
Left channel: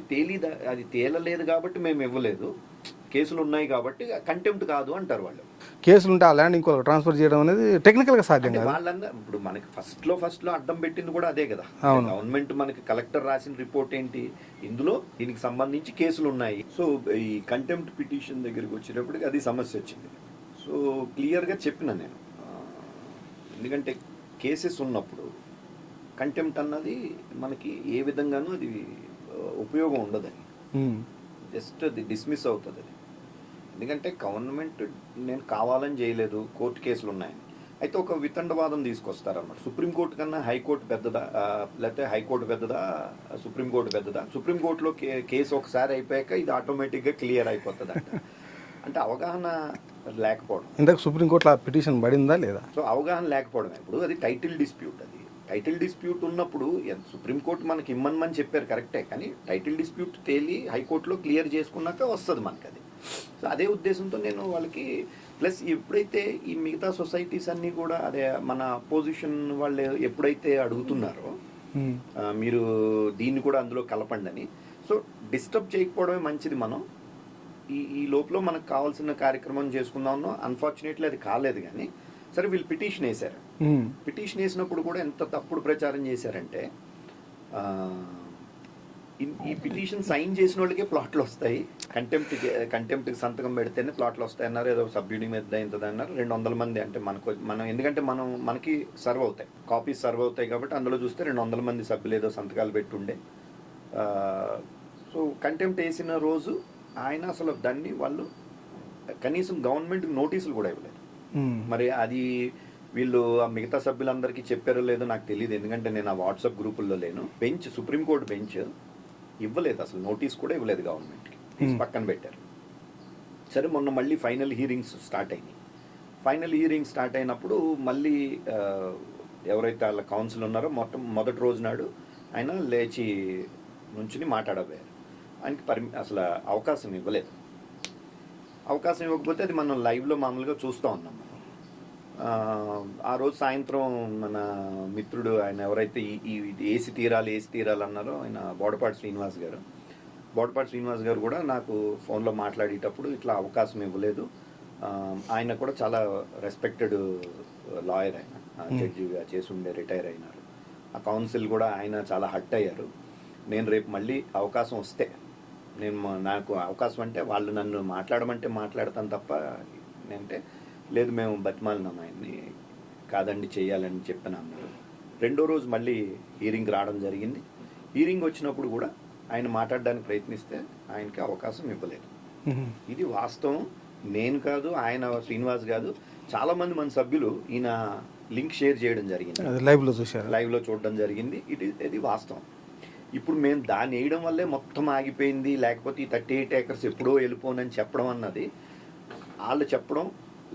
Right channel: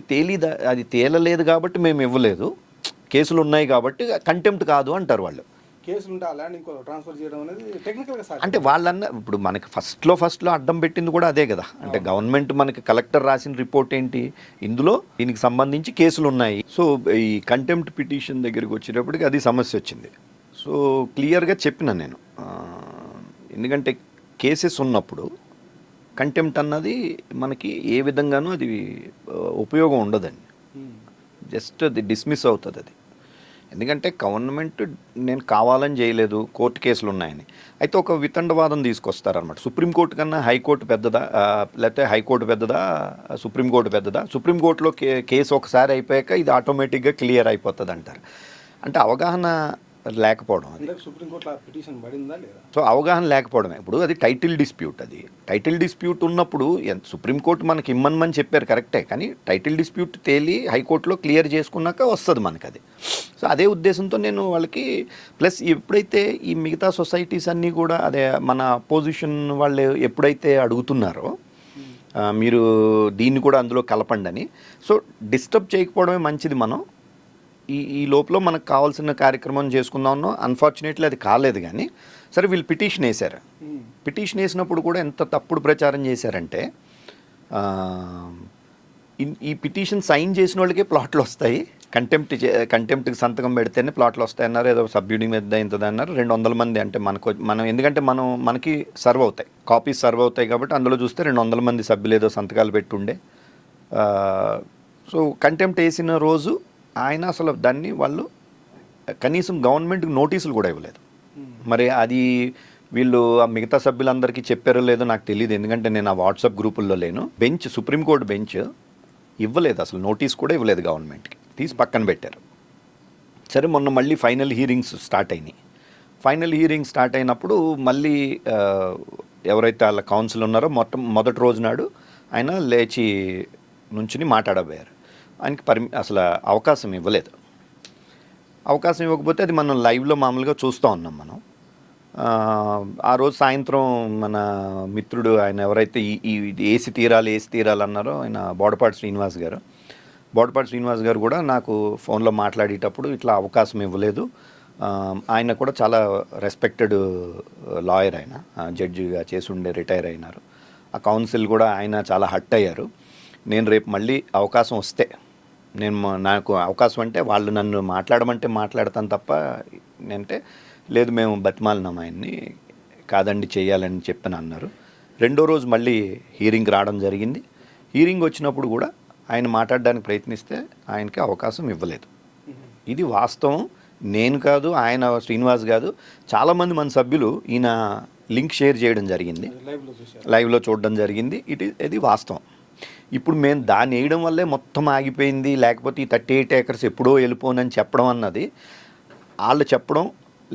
అది తేలలేదు కాబట్టి మేము ఇవ్వలేదు, కేసులు ఉన్నాయి కాబట్టి కంటెంప్ట్ కాదు అంటారు వాళ్ళు. కేసులు ఉంటే ఆ ల్యాండ్ ఇంకో ట్రాన్స్ఫర్ చేయడం అనేది టెక్నికల్గా సాధ్యం. అంటే వాళ్ళన్న ఇప్పుడు మనకి ఫస్ట్లో అడ్డం పెట్టింది కూడా అదే కదా. అంటే గవర్నమెంట్ మనకి కలెక్టర్ రాసిన రిపోర్ట్ ఏంటి? ఇందులో దీనికి సంబంధించి కేసులు ఉన్నాయి. సో ఈ కంటెంప్ట్ పిటిషన్ దగ్గరికి వచ్చేటప్పటికి అది సమస్య వచ్చింది. సో క్లియర్గా చెప్పిన నేను, ఎందుకంటే కేసెస్ ఉన్నప్పుడు కంటెంప్ట్ అన్నది మనకి ఏ విధంగానూ అది ఉపయోగం ఉండదని, జస్ట్ అది డిస్మిస్ అవుతుంది అది. ఎందుకంటే గవర్నమెంట్ నేను కావాలని చేయలేదు, కోర్టు కేసులు ఉన్నాయని. అయితే ఒక వితండవాదం తీసుకొస్తారనమాట. సుప్రీంకోర్టు కన్నా హైకోర్టు పెద్దదా, లేకపోతే హైకోర్టు పెద్దదా, సుప్రీంకోర్టు పెద్దదా? సుప్రీంకోర్టులో కేసు ఒకసారి అయిపోయాక ఇది ఆటోమేటిక్గా క్లియర్ అయిపోతుంది అంటారు. అంటే అవగాహన లేకపోవడం. ఇందాక సుప్రీంకోర్టులో ఆ పిటిషన్ పడిందా లేదా? సో అవగాహన లేకపోవడమే. ఇప్పుడు అది టైటిల్ డిస్ప్యూట్. అది టైటిల్ డిస్ప్యూట్ ఉన్నప్పుడు సుప్రీంకోర్టు మనకి ఇమ్మని చెప్పారు కరెక్టే, కానీ టైటిల్ డిస్ప్యూట్ తేలి హైకోర్టులో క్లియర్ చేసుకున్నాక వస్తుంది మనకు అది. సో అదే ఉద్దేశంతో నేను వాళ్ళకి ప్లస్ ఎప్పుడైతే ఈ మిగతా సొసైటీస్ అన్నీ కూడా అదే మన అపోజిషన్ వాళ్ళు ఎప్పుడైతే అడుగుతున్నారో మీరు దీన్ని కూడా అందులో కలపండి అని, సో డిస్టర్బ్ చేయకపోవడమే మంచిది. మనం ఈ లోపల మనకు కావాల్సిన కార్యక్రమం చేసుకుందామన్నో. అన్ఫార్చునేట్లీ అది కాలేదు. కానీ సరే వీళ్ళు పిటిషన్ వేశారు. పిటిషన్ వేసినప్పుడు కూడా ఎంత తప్పుడు ప్రచారం చేశారంటే, ఈ పిటిషన్ సైన్ చేసిన వాళ్ళకే ప్లాట్లు వస్తాయి, కంటెంప్ట్కి సంతకం పెడితేనే ప్లాట్లు వస్తాయి అన్నారు. ఏదో సబ్యూడి మీద ఇంతది అన్నారు. 200 మంది అంటే మనం ఎందుకంటే మనకి సర్వ్ అవుతాయి, కాపీస్ సర్వ్ అవుతాయి కాబట్టి అందులో చూస్తే 200 మంది సభ్యులు ఏదో సంతకాలు పెట్టుండే. సో కంటెంప్ట్ వేసిన రోజు ఆయన అసలు దాన్ని వాళ్ళు కనీసం గవర్నమెంట్కి నోటీసులు కూడా ఇవ్వలేదు. మరి అది వీళ్ళు ఆ మిగతా సభ్యులందరికీ చెప్పారో లేదో నాకు తెలియదు, ఎందుకంటే నేను ఆ వాట్సాప్ గ్రూపుల్లో లేను. సుప్రీంకోర్టు బెంచ్ ఇవ్వలేదు, అసలు నోటీస్ కూడా ఇవ్వలేదు గవర్నమెంట్కి, తీసి పక్కన పెట్టారు. సరే మొన్న మళ్ళీ ఫైనల్ హీరింగ్స్ స్టార్ట్ అయినాయి. ఫైనల్ హీరింగ్ స్టార్ట్ అయినప్పుడు మళ్ళీ ఎవరైతే వాళ్ళ కౌన్సిల్ ఉన్నారో మొదటి రోజు నాడు ఆయన లేచి నుంచుని మాట్లాడబోయారు. ఆయనకి అసలు అవకాశం ఇవ్వలేదు. అవకాశం ఇవ్వకపోతే అది మనం లైవ్లో మామూలుగా చూస్తూ ఉన్నాం మనం. ఆ రోజు సాయంత్రం మన మిత్రుడు ఆయన ఎవరైతే ఈ ఏసి తీరాలి అన్నారో ఆయన బోడపాటి శ్రీనివాస్ గారు కూడా నాకు ఫోన్లో మాట్లాడేటప్పుడు ఇట్లా అవకాశం ఇవ్వలేదు. ఆయన కూడా చాలా రెస్పెక్టెడ్ లాయర్, ఆయన జడ్జిగా చేసి ఉండే రిటైర్ అయినారు. ఆ కౌన్సిల్ కూడా ఆయన చాలా హర్ట్ అయ్యారు. నేను రేపు మళ్ళీ అవకాశం వస్తే నాకు అవకాశం అంటే వాళ్ళు నన్ను మాట్లాడమంటే మాట్లాడతాను తప్ప, నేనంటే లేదు మేము బతిమాలినాం ఆయన్ని, కాదండి చేయాలని చెప్పని అన్నారు. రెండో రోజు మళ్ళీ హీరింగ్ రావడం జరిగింది. హీరింగ్ వచ్చినప్పుడు కూడా ఆయన మాట్లాడడానికి ప్రయత్నిస్తే ఆయనకి అవకాశం ఇవ్వలేదు. ఇది వాస్తవం. నేను కాదు, ఆయన శ్రీనివాస్ కాదు, చాలామంది మన సభ్యులు ఈయన లింక్ షేర్ చేయడం జరిగింది, లైవ్లో చూడడం జరిగింది. ఇది వాస్తవం. ఇప్పుడు మేము దాన్ని వేయడం వల్లే మొత్తం ఆగిపోయింది, లేకపోతే ఈ 38 acres ఎప్పుడో వెళ్ళిపోనని చెప్పడం అన్నది వాళ్ళు చెప్పడం,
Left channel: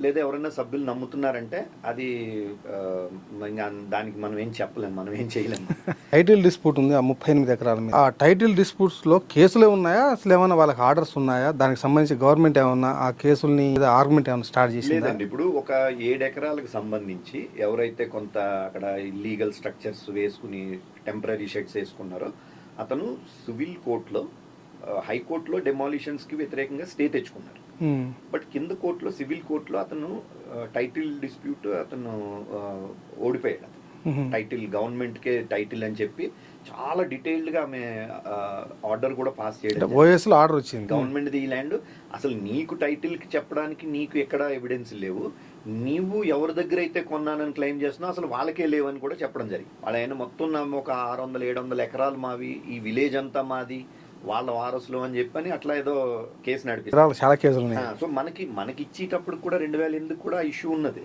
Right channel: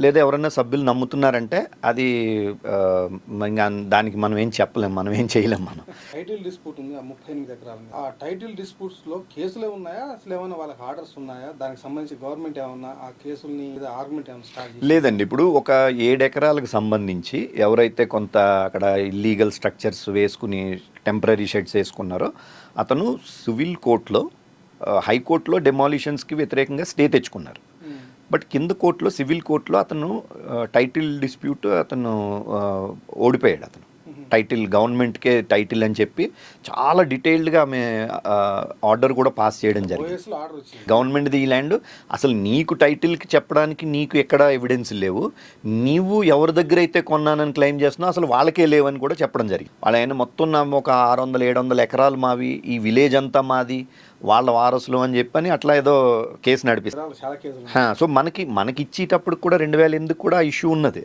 లేదా ఎవరైనా సభ్యులు నమ్ముతున్నారంటే అది దానికి మనం ఏం చెప్పలేము, మనం ఏం చేయలేము. మనం టైటిల్ డిస్ప్యూట్ ఉంది ఆ 38 ఎకరాల మీద. ఆ టైటిల్ డిస్ప్యూట్స్లో కేసులే ఉన్నాయా, అసలు ఏమైనా వాళ్ళకి ఆర్డర్స్ ఉన్నాయా? దానికి సంబంధించి గవర్నమెంట్ ఏమన్నా ఆ కేసుల్ని ఆర్గ్యుమెంట్ ఏమైనా స్టార్ట్ చేసి? లేదండి. ఇప్పుడు ఒక 7 ఎకరాలకు సంబంధించి ఎవరైతే కొంత అక్కడ ఇల్లీగల్ స్ట్రక్చర్స్ వేసుకుని టెంపరీ షెడ్స్ వేసుకున్నారో అతను సివిల్ కోర్టులో, హైకోర్టులో డెమాలిషన్స్కి వ్యతిరేకంగా స్టే తెచ్చుకున్నారు. బట్ కింద కోర్టులో, సివిల్ కోర్టులో అతను టైటిల్ డిస్ప్యూట్ అతను ఓడిపోయాడు. అతను టైటిల్ గవర్నమెంట్కే టైటిల్ అని చెప్పి చాలా డీటెయిల్డ్గా ఆమె ఆర్డర్ కూడా పాస్ చేయడం జరిగింది. ఆర్డర్ వచ్చింది, గవర్నమెంట్ది ఈ ల్యాండ్, అసలు నీకు టైటిల్కి చెప్పడానికి నీకు ఎక్కడ ఎవిడెన్స్ లేవు, నీవు ఎవరి దగ్గర అయితే కొన్నానని క్లెయిమ్ చేస్తున్నావు అసలు వాళ్ళకే లేవని కూడా చెప్పడం జరిగింది. వాళ్ళ ఆయన మొత్తం ఒక 600-700 ఎకరాలు మావి, ఈ విలేజ్ అంతా మాది, వాళ్ళ వారసులు అని చెప్పని అట్లా ఏదో కేసు నడిపిస్తారు. చాలా కేసులు. సో మనకి ఇచ్చేటప్పుడు కూడా 2008 కూడా ఆ ఇష్యూ ఉన్నది.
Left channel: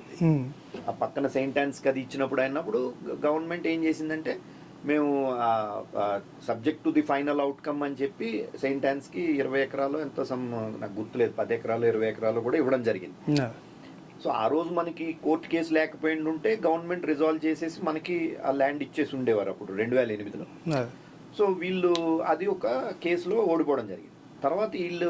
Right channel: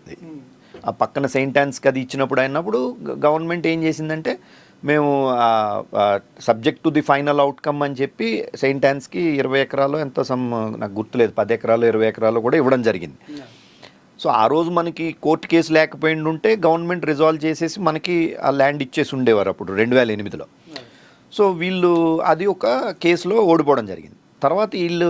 ఆ పక్కన సెయింట్ ఆన్స్కి అది ఇచ్చినప్పుడు అయినప్పుడు గవర్నమెంట్ ఏం చేసిందంటే మేము subject to the final outcome అని చెప్పి సెయింట్ యాన్స్కి 20 ఎకరాలు ఎంతో నాకు గుర్తులేదు, 10 ఎకరాలు 20 ఎకరాలు కూడా ఇవ్వడం జరిగింది. సో ఆ రోజు మనకి కోర్టు కేసు లేకపోయింది ఉంటే గవర్నమెంట్ రిజాల్వ్ చేసేసి మనకి ఆ ల్యాండ్ ఇచ్చేసి ఉండేవారు అప్పుడు 2008లో. సో వీళ్ళు అది ఒక కేసులో ఓడిపోవడం జరిగింది. తర్వాత వీళ్ళు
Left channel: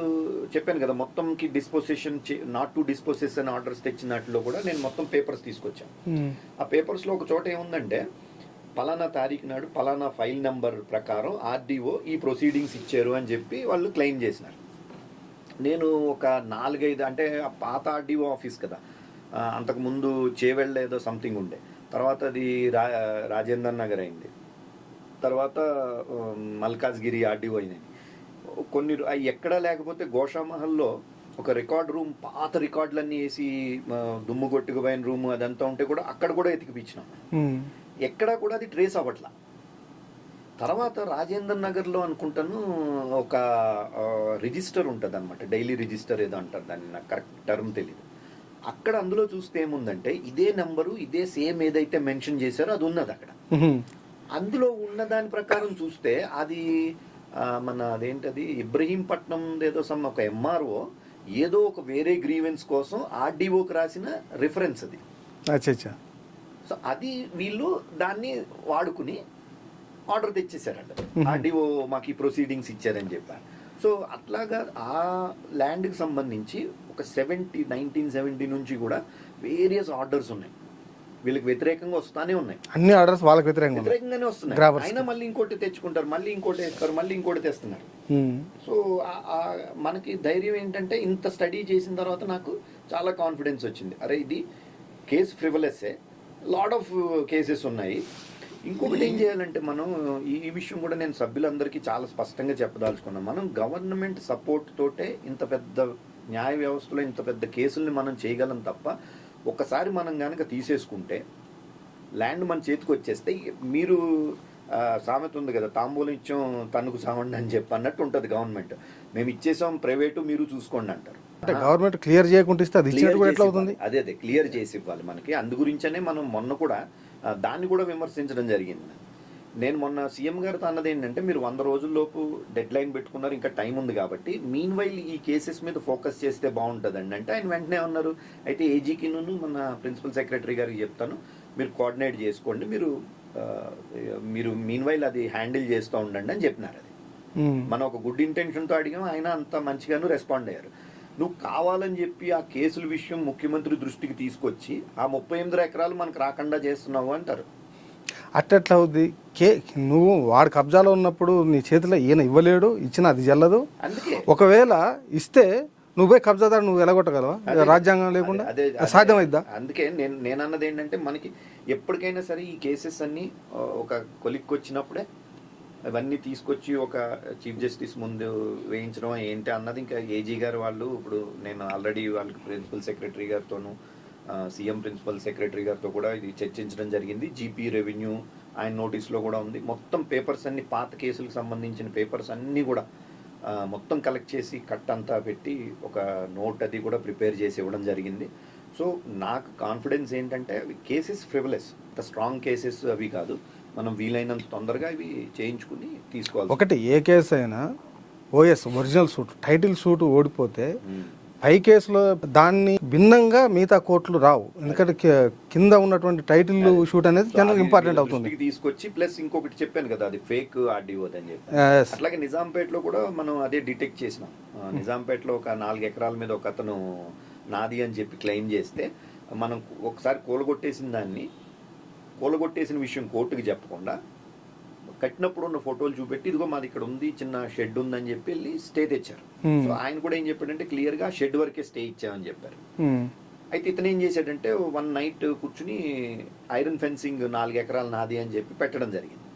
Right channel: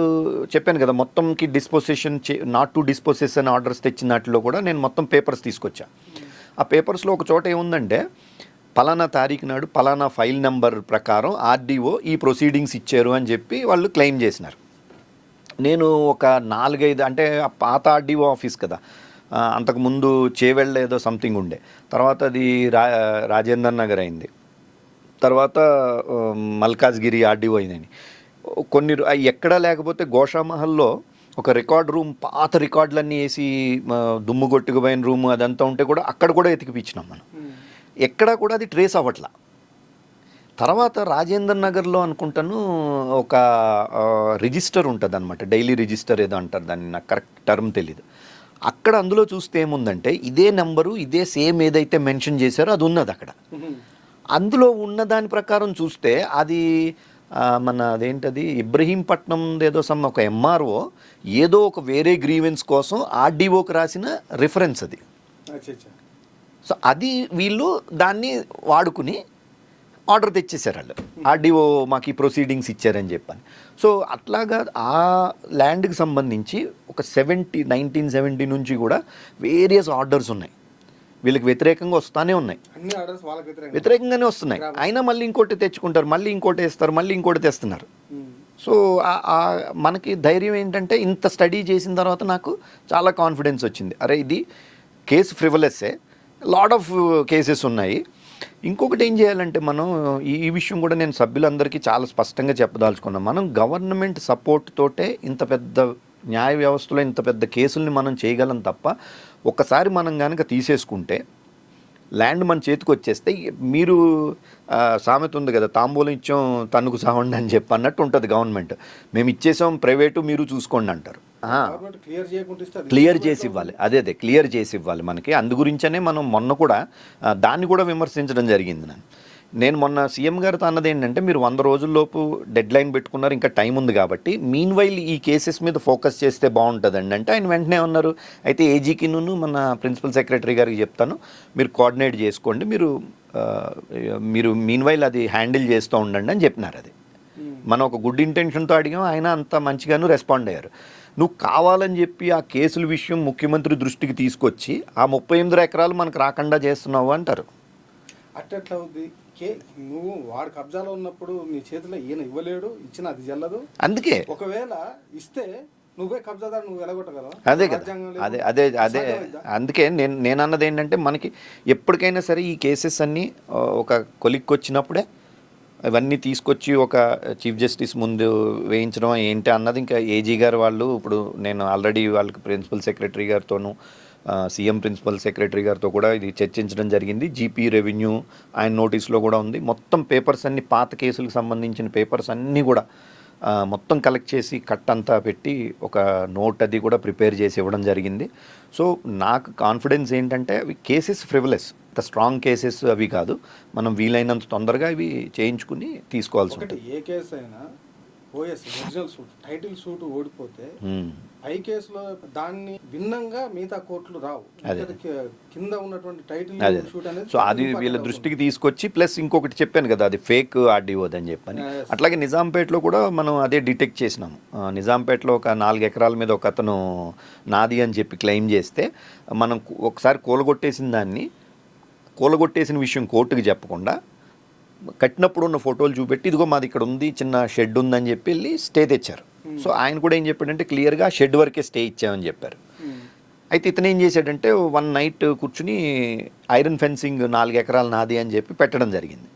చెప్పాను కదా మొత్తంకి disposition not to disposition orders తెచ్చిన వాటిలో కూడా నేను మొత్తం పేపర్స్ తీసుకొచ్చాను. ఆ పేపర్స్లో ఒక చోట ఏముందంటే పలానా తారీఖు నాడు పలానా ఫైల్ నెంబర్ ప్రకారం ఆర్డీఓ ఈ ప్రొసీడింగ్స్ ఇచ్చారు అని చెప్పి వాళ్ళు క్లెయిమ్ చేసినారు. నేను ఒక 4-5 అంటే ఆ పాత ఆర్డీఓ ఆఫీస్ కదా, అంతకుముందు చేవెళ్ళ ఏదో సంథింగ్ ఉండే, తర్వాత అది రాజేందర్ నగర్ అయింది, తర్వాత మల్కాజ్గిరి ఆర్డీఓ అయిందని కొన్ని ఎక్కడా లేకపోతే గోషామహల్లో ఒక రికార్డ్ రూమ్ పాత రికార్డులన్నీ వేసి దుమ్ము కొట్టుకుపోయిన రూమ్ అదంతా ఉంటే కూడా అక్కడ కూడా ఎతికిపించినాం మనం. ఎక్కడా కూడా అది ట్రేస్ అవ్వట్లా. తర్వాత రాజేందర్ నగర్లో అనుకుంటాను ఒక రిజిస్టర్ ఉంటుంది అనమాట, డైలీ రిజిస్టర్ ఏదో అంటారు దాన్ని, నాకు కరెక్ట్ టర్మ్ తెలీదు. అక్కడ అందులో చూస్తే ఏముందంటే ఇదే నెంబరు ఇదే సేమ్ ఏదైతే మెన్షన్ చేశారో అది ఉన్నది అక్కడ. అందులో ఉన్న దాని ప్రకారం చూస్తే అది మన అదేంటది ఇబ్రహీంపట్నం ఏదో ఒక ఎంఆర్ఓ ఏదో ఒక వేరే గ్రీవెన్స్ కోసం ఆర్డీఓకి రాసిన రిఫరెన్స్ అది. సో అది వీళ్ళు దాన్ని వాడుకుని ఆర్డర్ తెచ్చేసారు వాళ్ళు, ఆర్డీఓ మాకు ఈ ప్రొసీడింగ్స్ ఇచ్చారని చెప్పారు. సో అట్లాగా ఆ ల్యాండ్కి సంబంధించి ఒక 1970 నుంచి కూడా వేరియస్ ఆర్డర్స్ ఉన్నాయి, వీళ్ళకి వ్యతిరేకంగా వస్తానే ఉన్నాయి. అన్ని ఆర్డర్స్ వాళ్ళకి వ్యతిరేకంగానే వస్తున్నాయి. అయినా మళ్ళీ ఇంకోటి తెచ్చుకుంటారు, మళ్ళీ ఇంకోటి వేస్తారు, మళ్ళీ ఇంకోటి తెస్తున్నారు. సో మనకి ధైర్యం ఏంటంటే ఇంత స్టడీ చేసిన తర్వాత నాకు చాలా కాన్ఫిడెన్స్ వచ్చింది, అరే ఇది కేసు ఫ్రివలెస్సే, లాట్ ఆఫ్ కేసెస్ ఉన్నాయి. ఇంకొకటి ఏం చేయాలంటే మనం ఈ విషయం కూడా నేను సభ్యులందరికీ చాలా స్పష్టంగా చెప్పదలుచుకున్నాం. మనం గవర్నమెంట్ సపోర్ట్ తోటే ఇంత పెద్ద న్యాయ వ్యవస్థలో ఇంత పెద్ద కేసుల్ని మనం చేయగలం తప్ప ఒక్కసారి మనం కనుక తీసేసుకుంటే ల్యాండ్ మన చేతికి వచ్చేస్తే మీరు సామెత ఉంది కదా, తాంబూలం ఇచ్చాం తన్నుకు సావండి అని చెప్పి అన్నట్టు ఉంటుంది గవర్నమెంట్. మేము ఇచ్చేసాం ప్రైవేటు మీరు చూసుకోండి అంటారు. గవర్నమెంట్ క్లియర్ చేయకుంటే క్లియర్ చేసి ఇవ్వాలి, అదే క్లియర్ చేసి ఇవ్వాలి మనకి. అందు గురించనే మనం మొన్న కూడా దాన్ని కూడా విమర్శించడం జరిగింది. నేను మొన్న సీఎం గారితో అన్నది ఏంటంటే మీరు 100 రోజుల్లోపు డెడ్ లైన్ పెట్టుకున్నారు, ఇంకా టైం ఉంది కాబట్టి మీన్ వైల్ ఈ కేసెస్ మీద ఫోకస్ చేస్తే బాగుంటుందండి అంటే ఆయన వెంటనే ఉన్నారు, అయితే ఏజీకి మన ప్రిన్సిపల్ సెక్రటరీ గారికి చెప్తాను మీరు కోఆర్డినేట్ చేసుకోండి, మీరు మీన్ వైల్ అది హ్యాండిల్ చేస్తూ ఉండండి అని చెప్పినారు. అది మనం ఒక గుడ్ ఇంటెన్షన్తో అడిగాం, ఆయన అంత మంచిగాను రెస్పాండ్ అయ్యారు. నువ్వు కావాలని చెప్పి ఆ కేసుల విషయం ముఖ్యమంత్రి దృష్టికి తీసుకొచ్చి ఆ 38 ఎకరాలు మనకు రాకుండా చేస్తున్నావు అంటారు. అట్టెట్లా అవుద్ది? నువ్వు వాడి కబ్జాలో ఉన్నప్పుడు నీ చేతిలో ఈయన ఇవ్వలేడు, ఇచ్చిన అది చెల్లదు. అందుకే ఒకవేళ ఇస్తే నువ్వే కబ్జాదారు నువ్వు ఎలాగొట్టగలవా? రాజ్యాంగం లేదు, సాధ్యమైద్దా? అందుకే నేను అన్నది ఏంటంటే మనకి ఎప్పటికైనా సరే ఈ కేసెస్ అన్నీ ఒక కొలిక్కి వచ్చినప్పుడే ఇవన్నీ తీసుకొచ్చి ఒక చీఫ్ జస్టిస్ ముందు వేయించడం ఏంటి అన్నది ఇంకా ఏజీ గారు వాళ్ళు, ఇప్పుడు నేను ఆల్రెడీ వాళ్ళకి ప్రిన్సిపల్ సెక్రటరీ గారితోనూ సీఎం ప్రిన్సిపల్ సెక్రటరీ గారితో కూడా ఇది చర్చించడం జరిగింది. జీపీ రెవెన్యూ ఆయన నోటీస్లో కూడా ఉంది. మొత్తం పేపర్స్ అన్ని పాత కేసులకు సంబంధించిన పేపర్స్ అన్నీ కూడా మొత్తం కలెక్ట్ చేసి కట్ అంతా పెట్టి ఒక నోట్ అది కూడా ప్రిపేర్ చేసి ఇవ్వడం జరిగింది. సో నాకు కాన్ఫిడెన్స్ ఏంటంటే అవి కేసెస్ ఫ్రివలెస్, స్ట్రాంగ్ కేసెస్ అవి కాదు, మనం వీలైనంత తొందరగా ఇవి చేయించుకుని తీసుకోవాలి. ఒకటి ఏ కేసు అయినా OS original suit title suit ఓడిపోతే పై కేసులో దాన్ని భిన్నంగా మిగతా కోర్టులు రావు, ఎందుకంటే కింద ఉన్నటువంటి టైటిల్ షూట్ అనేది ఇంపార్టెంట్ దృష్టికి తీసుకొచ్చి, ప్లస్ ఇంకొకటి చెప్పాను కదా అది ఫేక్ ఆర్డీఓ అని చెప్పాను. అట్లాగే నిజాంపేటలో కూడా మనం అదే డిటెక్ట్ చేసినాము. నిజాంపేటలో ఒక 4 ఎకరాల మీద ఒక అతను నాది అని చెప్పి క్లెయిమ్ చేస్తే మనం ఒకసారి కూలగొట్టేసిన విషయం కోర్టుకి చెప్పకుండా కట్టినప్పుడు ఉన్న ఫోటోలు చూపెట్టి ఇదిగో మాది ఇక్కడ ఉంది చిన్న షెడ్ ఉందని చెప్పి వెళ్ళి స్టే తెచ్చారు. సో ఆయన కూడా ఏం చెప్పాడంటే క్లియర్గా షెడ్ వరకే స్టే ఇచ్చామని చెప్పారు. అయితే ఇతను ఏం చేశాడంటే 1 నైట్ కూర్చుని ఐరన్ ఫెన్సింగ్ 4 ఎకరాలు నాది అని చెప్పి పెట్టడం జరిగింది.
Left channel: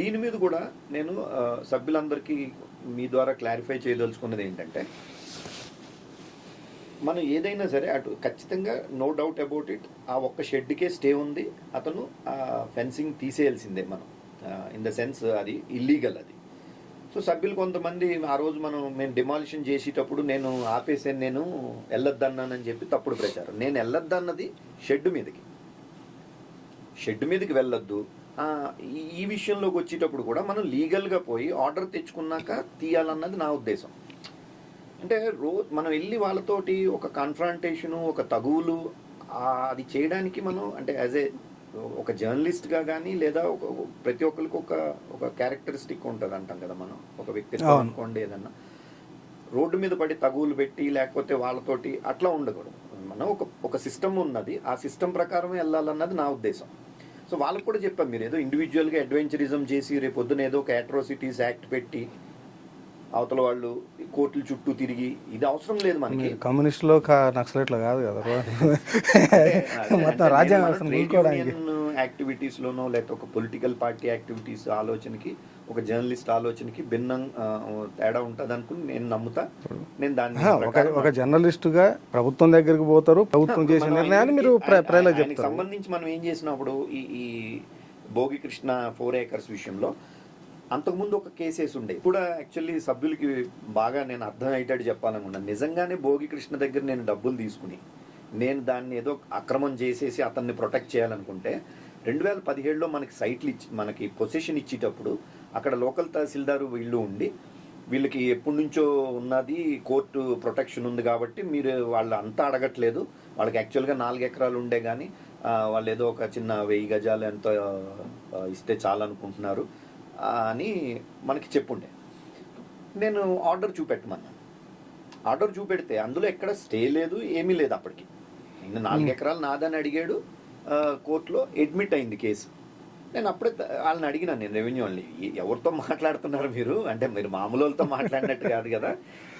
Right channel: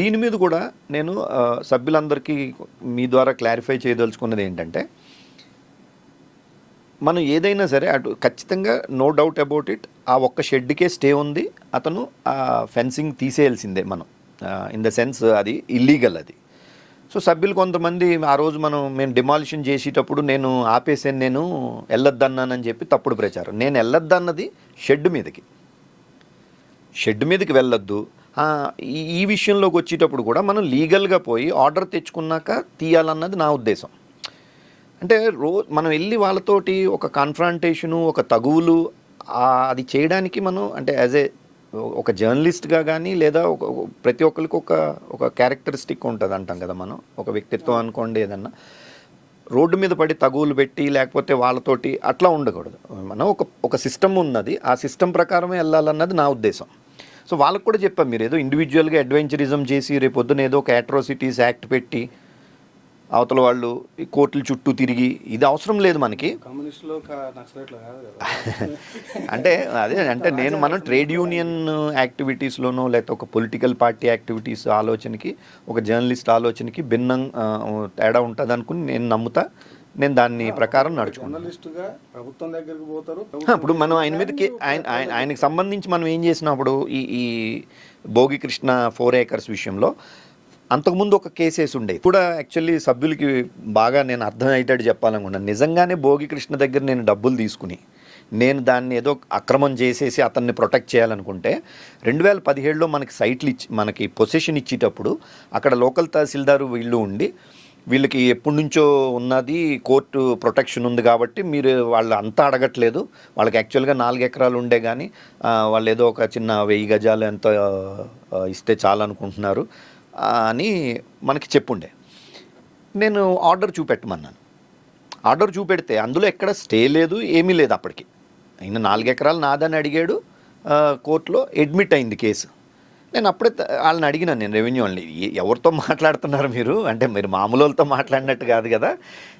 దీని మీద కూడా నేను సభ్యులందరికీ మీ ద్వారా క్లారిఫై చేయదలుచుకున్నది ఏంటంటే మనం ఏదైనా సరే అటు ఖచ్చితంగా నో డౌట్ అబౌట్ ఇట్ ఆ ఒక్క షెడ్కే స్టే ఉంది, అతను ఆ ఫెన్సింగ్ తీసేయాల్సిందే మనం, ఇన్ ద సెన్స్ అది ఇల్లీగల్ అది. సో సభ్యులు కొంతమంది ఆ రోజు మేము డిమాలిషన్ చేసేటప్పుడు నేను ఆపేసాను, నేను వెళ్ళొద్దన్నానని చెప్పి తప్పుడు ప్రచారం. నేను వెళ్ళొద్దన్నది షెడ్ మీదకి వెళ్ళొద్దు, ఈ విషయంలోకి వచ్చేటప్పుడు కూడా మనం లీగల్గా పోయి ఆర్డర్ తెచ్చుకున్నాక తీయాలన్నది నా ఉద్దేశం. అంటే మనం వెళ్ళి వాళ్ళతోటి ఒక కాన్ఫ్రాంటేషను, ఒక తగువులు అది చేయడానికి మనం అంటే యాజ్ ఏ ఒక జర్నలిస్ట్గా కానీ లేదా ప్రతి ఒక్కరికి ఒక క్యారెక్టరిస్టిక్ ఉంటుంది అంటాం కదా మనం, ఒక వ్యక్తిత్వం అనుకోండి. ఏదన్నా రోడ్డు మీద పడి తగువులు పెట్టి లేకపోతే వాళ్ళతోటి అట్లా ఉండకూడదు. మనం ఒక సిస్టమ్ ఉన్నది, ఆ సిస్టమ్ ప్రకారమే వెళ్ళాలన్నది నా ఉద్దేశం. సో వాళ్ళకు కూడా చెప్పాం, మీరు ఏదో ఇండివిజువల్గా అడ్వెంచరిజం చేసి రేపొద్దున ఏదో ఒక అట్రాసిటీస్ యాక్ట్ పెట్టి అవతల వాళ్ళు ఈ కోర్టుల చుట్టూ తిరిగి ఇది అవసరం లేదు మనకి. కమ్యూనిస్టులో నక్సలైట్లో కాదు కదా. అంటే అదే అంటే నేను మనం ట్రేడ్ యూనియన్ యాక్టివిటీస్లోనో లేకపోతే ఒక పొలిటికల్ పార్టీ యాక్టివిటీస్ ఆలోచనకి ఒక జర్నలిస్ట్ ఆలోచనకి భిన్నం తేడా ఉంటుంది అనుకుని నేను నమ్ముతా. నేను దాన్ని ప్రకారం జర్నలిస్టుగా ప్రభుత్వం దగ్గరికి పోతారు. ఇప్పుడు మనం ఆయనకి సంబంధించి మనం ఏం చేసినప్పుడు ఈ భోగి కృష్ణ 4 acres విషయంలో అంతకుముందు ఒక కేసేసి ఉండే కూడా యాక్చువల్లీ సభ్యులకి బాగా నేను అర్థమయ్యేటట్టు చెప్పాలనుకున్నాను. నిజంగానే భోగి కృష్ణ దగ్గర నేను డబ్బులు తీసుకుని నేను దాన్ని ఏదో అక్రమం చేసేసి అతన్ని ప్రొటెక్ట్ చేయాలనుకుంటే 2017లో మనకి సైట్లు మనకి పొసెషన్ ఇచ్చేటప్పుడు అక్కడ లోకల్ తహసీల్దారు వీళ్ళు ఉండి వీళ్ళకి ఎప్పటి నుంచో ఉన్నది కోర్టు ప్రొటెక్షన్ ఉంది కాబట్టి మీరు వాళ్ళు అంతా అడగట్లేదు, వాళ్ళకి యాక్చువల్గా 4 ఎకరాలు ఉండే కానీ వాళ్ళు ఏదో ఒక చిన్న 1000 గజాలు ఎంత ఇస్తే చాలనుకుంటున్నారు అని మనకి చెప్పుండే. నేను ఆర్డర్ చూపెట్టమన్నాను. ఆర్డర్ చూపెడితే అందులో ఎక్కడ స్టే లేదు, ఏమీ లేదు. అప్పటికి ఆయన 4 ఎకరాలు నాదని అడిగాడు, కోర్టులో అడ్మిట్ అయింది కేసు. నేను అప్పుడే వాళ్ళని అడిగినాను, నేను రెవెన్యూ వాళ్ళని, ఎవరితో మాట్లాడుతున్నారు మీరు అంటే మీరు మామూలు వాళ్ళతో మాట్లాడినట్టు కాదు కదా,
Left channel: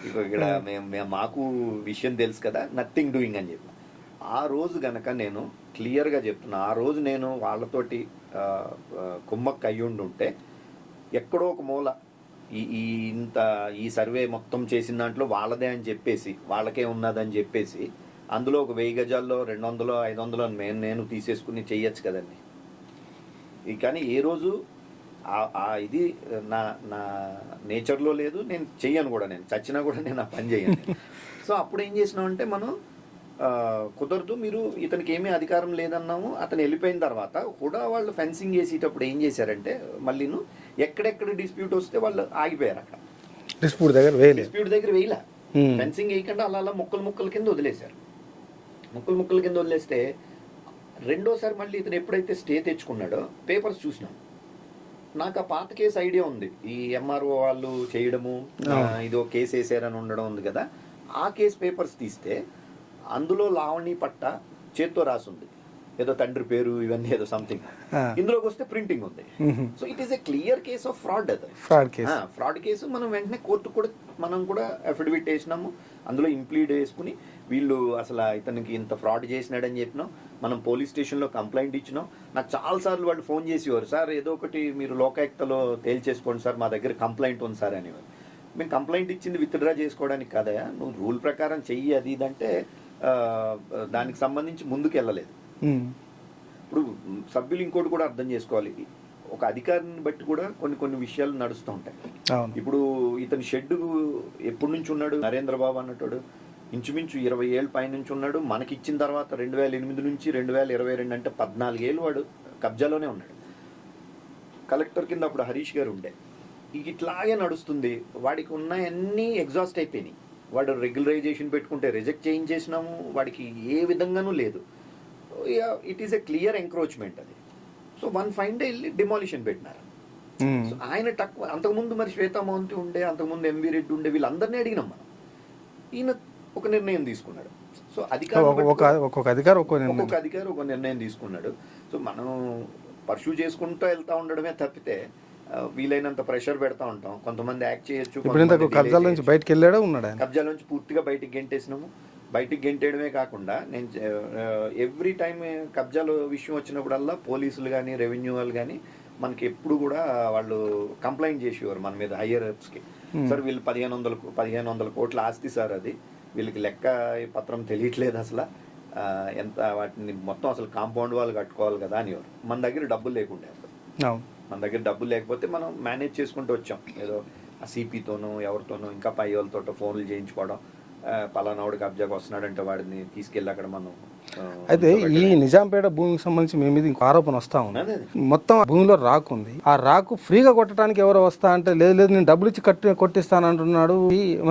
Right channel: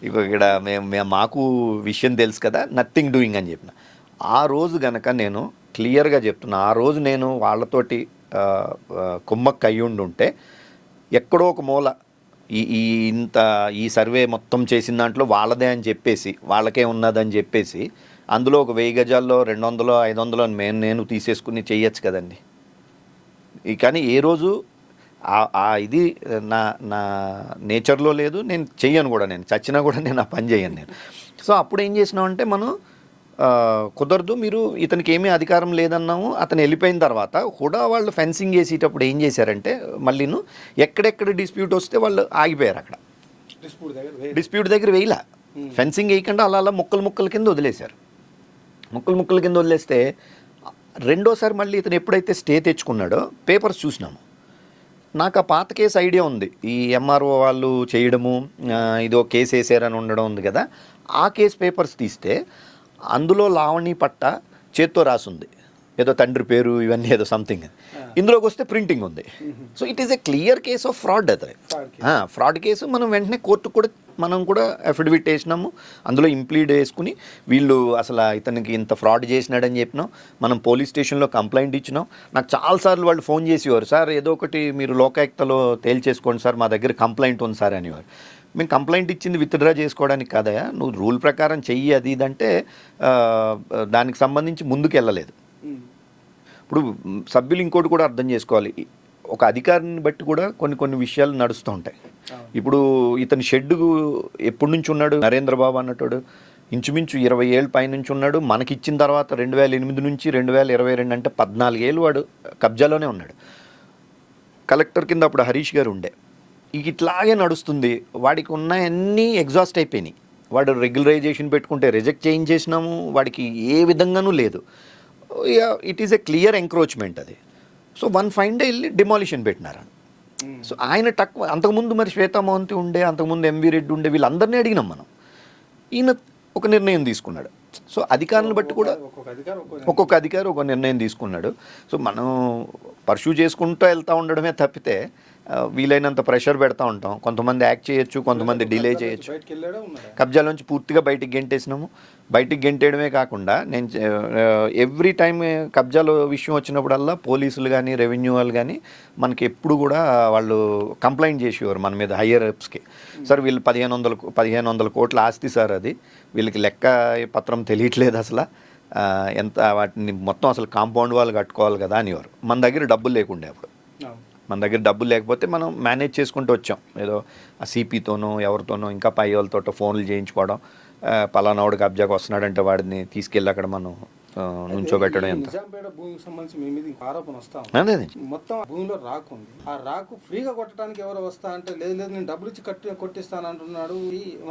ఇక్కడ మేము మాకు విషయం తెలుసు కదా, నథింగ్ డూయింగ్ అని చెప్పిన. ఆ రోజు గనక నేను క్లియర్గా చెప్తున్నా, ఆ రోజు నేను వాళ్ళతోటి కుమ్మక్క అయ్యుండి ఉంటే ఎక్కడో ఒక మూల ఈ సర్వే మొత్తం చేసిన దాంట్లో వాళ్ళదే అని చెప్పేసి వాళ్ళకే ఉన్నదని చెప్పేసి అందులో ఒక 1000 గజాల్లో 200 500 నేను తీసేసుకుని చెయ్యొచ్చు కదండి. కానీ ఏ రోజు ఇది నా నేచర్లో లేదు, నేను చెయ్యను కూడా, నేను చచ్చినా కూడా నేను ఆ పని చేయను నేను. సో అప్పుడు ఏం చేసినామంటే మనం కుదరదు, మీరు ఇతనికి ఏమీ అధికారం లేదన్నాము. అతను వెళ్ళిపోయిన తర్వాత కూడా వాళ్ళు ఫెన్సింగ్ వేసేటప్పుడు ఏం చేశారంటే మళ్ళీను ఎక్కడెక్కడ డిస్ప్యూట్ వస్తే వాళ్ళు ఆగిపోయారు. అక్కడ డిస్ప్యూట్ దగ్గర వేయలా, ఫెన్సింగ్ వేయకుండా అలా ముక్కల కింద వదిలేశారు. ముక్కల కింద వదిలేస్తే రెండోసారి మళ్ళీ ఇతను ఎప్పుడైతే స్టే తెచ్చుకున్నాడో పేపర్స్ చూసినాము. నాకు ఆ పాత కేసు ఐడియా ఉంది, ఈ ఎంఆర్ఓ వాళ్ళు చేయడము ఇదో కేసు వేసారని ఉండడం ఉంది కదా. ఆ కేసు పేపర్స్ తీస్తే అందులో లావణి పట్ట చేత్తో రాసుంది, ఏదో తండ్రి పేరు ఇవన్నీ ఏదో సంథింగ్. ఇందులోకి వస్తే ప్రింటింగ్ ఉంది. So it is a clear case of fraud. అది ఫ్రాడ్ కేసు. మనం వెంటనే కోర్టు కూడా మనం కూడా అఫిడవిట్ వేసినాము, అందులో ఇంప్లీడ్ వేసుకుని వీళ్ళు అసలు ఇతనికి ఇంత ఫ్రాడ్ చేసినాడని చెప్పినాం. మనం పోలీస్ స్టేషన్లో కంప్లైంట్ ఇచ్చినాం. నాకు చాలాసార్లు వాళ్ళు ఫోన్ చేసేవారు, సార్ ఏదో ఒకటి మీరు లోకాయుక్తలో తేల్చేసుకోండి సార్, మా దగ్గర కంప్లైంట్ ఉంది సార్ అనేవారు. మేము కంప్లైంట్ ఇచ్చింది విత్డ్రా చేసుకోవడానికి కాదయా, నువ్వు రూల్ ప్రకారం చెయ్యి అది ఇదంటే దానికి సంబంధించి ముందుకు వెళ్ళలేదు. ఇప్పుడు సభ్యులు ఇంకోటి కూడా అర్థం చేసుకోవాలి, ఒక అధికారిని బట్టి కూడా కొన్ని విషయాలు నడుస్తూ ఉంటాయి. ఇప్పుడు ఇతని షెడ్ ఎప్పటి నుంచి ఉన్నాడు, నరేంద్రబాబు అన్నట్టు ఇంచుమించు 20 ఏళ్ళ పైనుంచి ఉన్నాడు. మనకి ఇచ్చిన తర్వాత 2008 నుంచి 2022 అంటే 14 ఏళ్ళు వాడు కబ్జాలోనే ఉన్నాడు. కలెక్టర్ కింద అప్పుడు హరీష్ గారు ఉండే. ఇట్లాగే నడుస్తుంది. వాడికి ఉన్నాయన్నీ ఎగ్జాస్ట్ అయిపోయినాయి. వాడు రెగ్యులరైజేషన్ పెట్టుకుంటే రిజెక్ట్ చేయించేసినాము, వాడికి ఏ విధంగానూ లేదు. It is a clear encroachment అది. సో 1 ఫైన్ డే వెళ్ళి డిమాలిషన్ పెట్టినారు. సో ఆయన అంతకుముందు మరి శ్వేతా మోహంతి ఉండే, అంతకుముందు ఎంవి రెడ్డి ఉండే, వీళ్ళందరినీ అడిగినాం మనం. ఈయన ఒక నిర్ణయం తీసుకున్నాడు. సో అధికారులను బట్టి ఒక్కొక్క అధికారి ఒక నిర్ణయం తీసుకున్నాడు. సో మనం పర్సూ చేసుకుంటూ వెళ్తూ ఉండడమే తప్పితే వీలైనంత ప్రెషర్ పెడతా ఉంటాం. కొంతమంది యాక్ట్ చేయొచ్చు, కొంతమంది డిలే చేయొచ్చు. కబ్జాల నుంచి పూర్తిగా బయటికి గెంటేసినాము. బయటికి గెంటేయడమే కాకుండా నేను ఎవ్రీ టైం కబ్జాల విషయం వచ్చినప్పుడల్లా పోలీసులు కానీ రెవెన్యూ వాళ్ళు కానీ మనకి ఎప్పుడు కూడా వాళ్ళు కంప్లైంట్ చేసేవారు మన మీద, హయ్యర్ అప్స్కి. సార్ వీళ్ళు 1500 కోట్ల ఆస్తి సార్, అది వీళ్ళకి లెక్క పత్రం తెలియట్లేదు అసలు, ఎంత వాటిని మొత్తం అసలు కాంపౌండ్ వాళ్ళు కట్టుకోవాలి కదా అనేవారు. మన దగ్గర డబ్బులు లేకుండే అప్పుడు. మన దగ్గర డబ్బులు లేకపోతే మనం మేనేజ్ చేసుకుంటూ వచ్చాం. ఏదో ఆ సిపితోనో ఎవరితోనో ఇంకా పై వాళ్ళతో ఫోన్లు చేయించుకోవడం, పలానావాడు కబ్జాకు వస్తున్నాడంటే వాడిని తీసుకెళ్ళి అక్కడ మనం అయితే ఈ నుంచోబెట్టడం. నిజాంపేట భూమికి సంబంధించి మీ మీద ఇంకో ఆరోపణ వస్తా ఉంది. అదే మొత్తం భూమిలో రాకు ఉంది. ఆ రాకు ఫ్రీగా కొట్టడానికి ఎవరో వస్తా అంటే లేదు నేను డబ్బులు ఇచ్చి కొట్టిస్తాను అంటున్నాడు.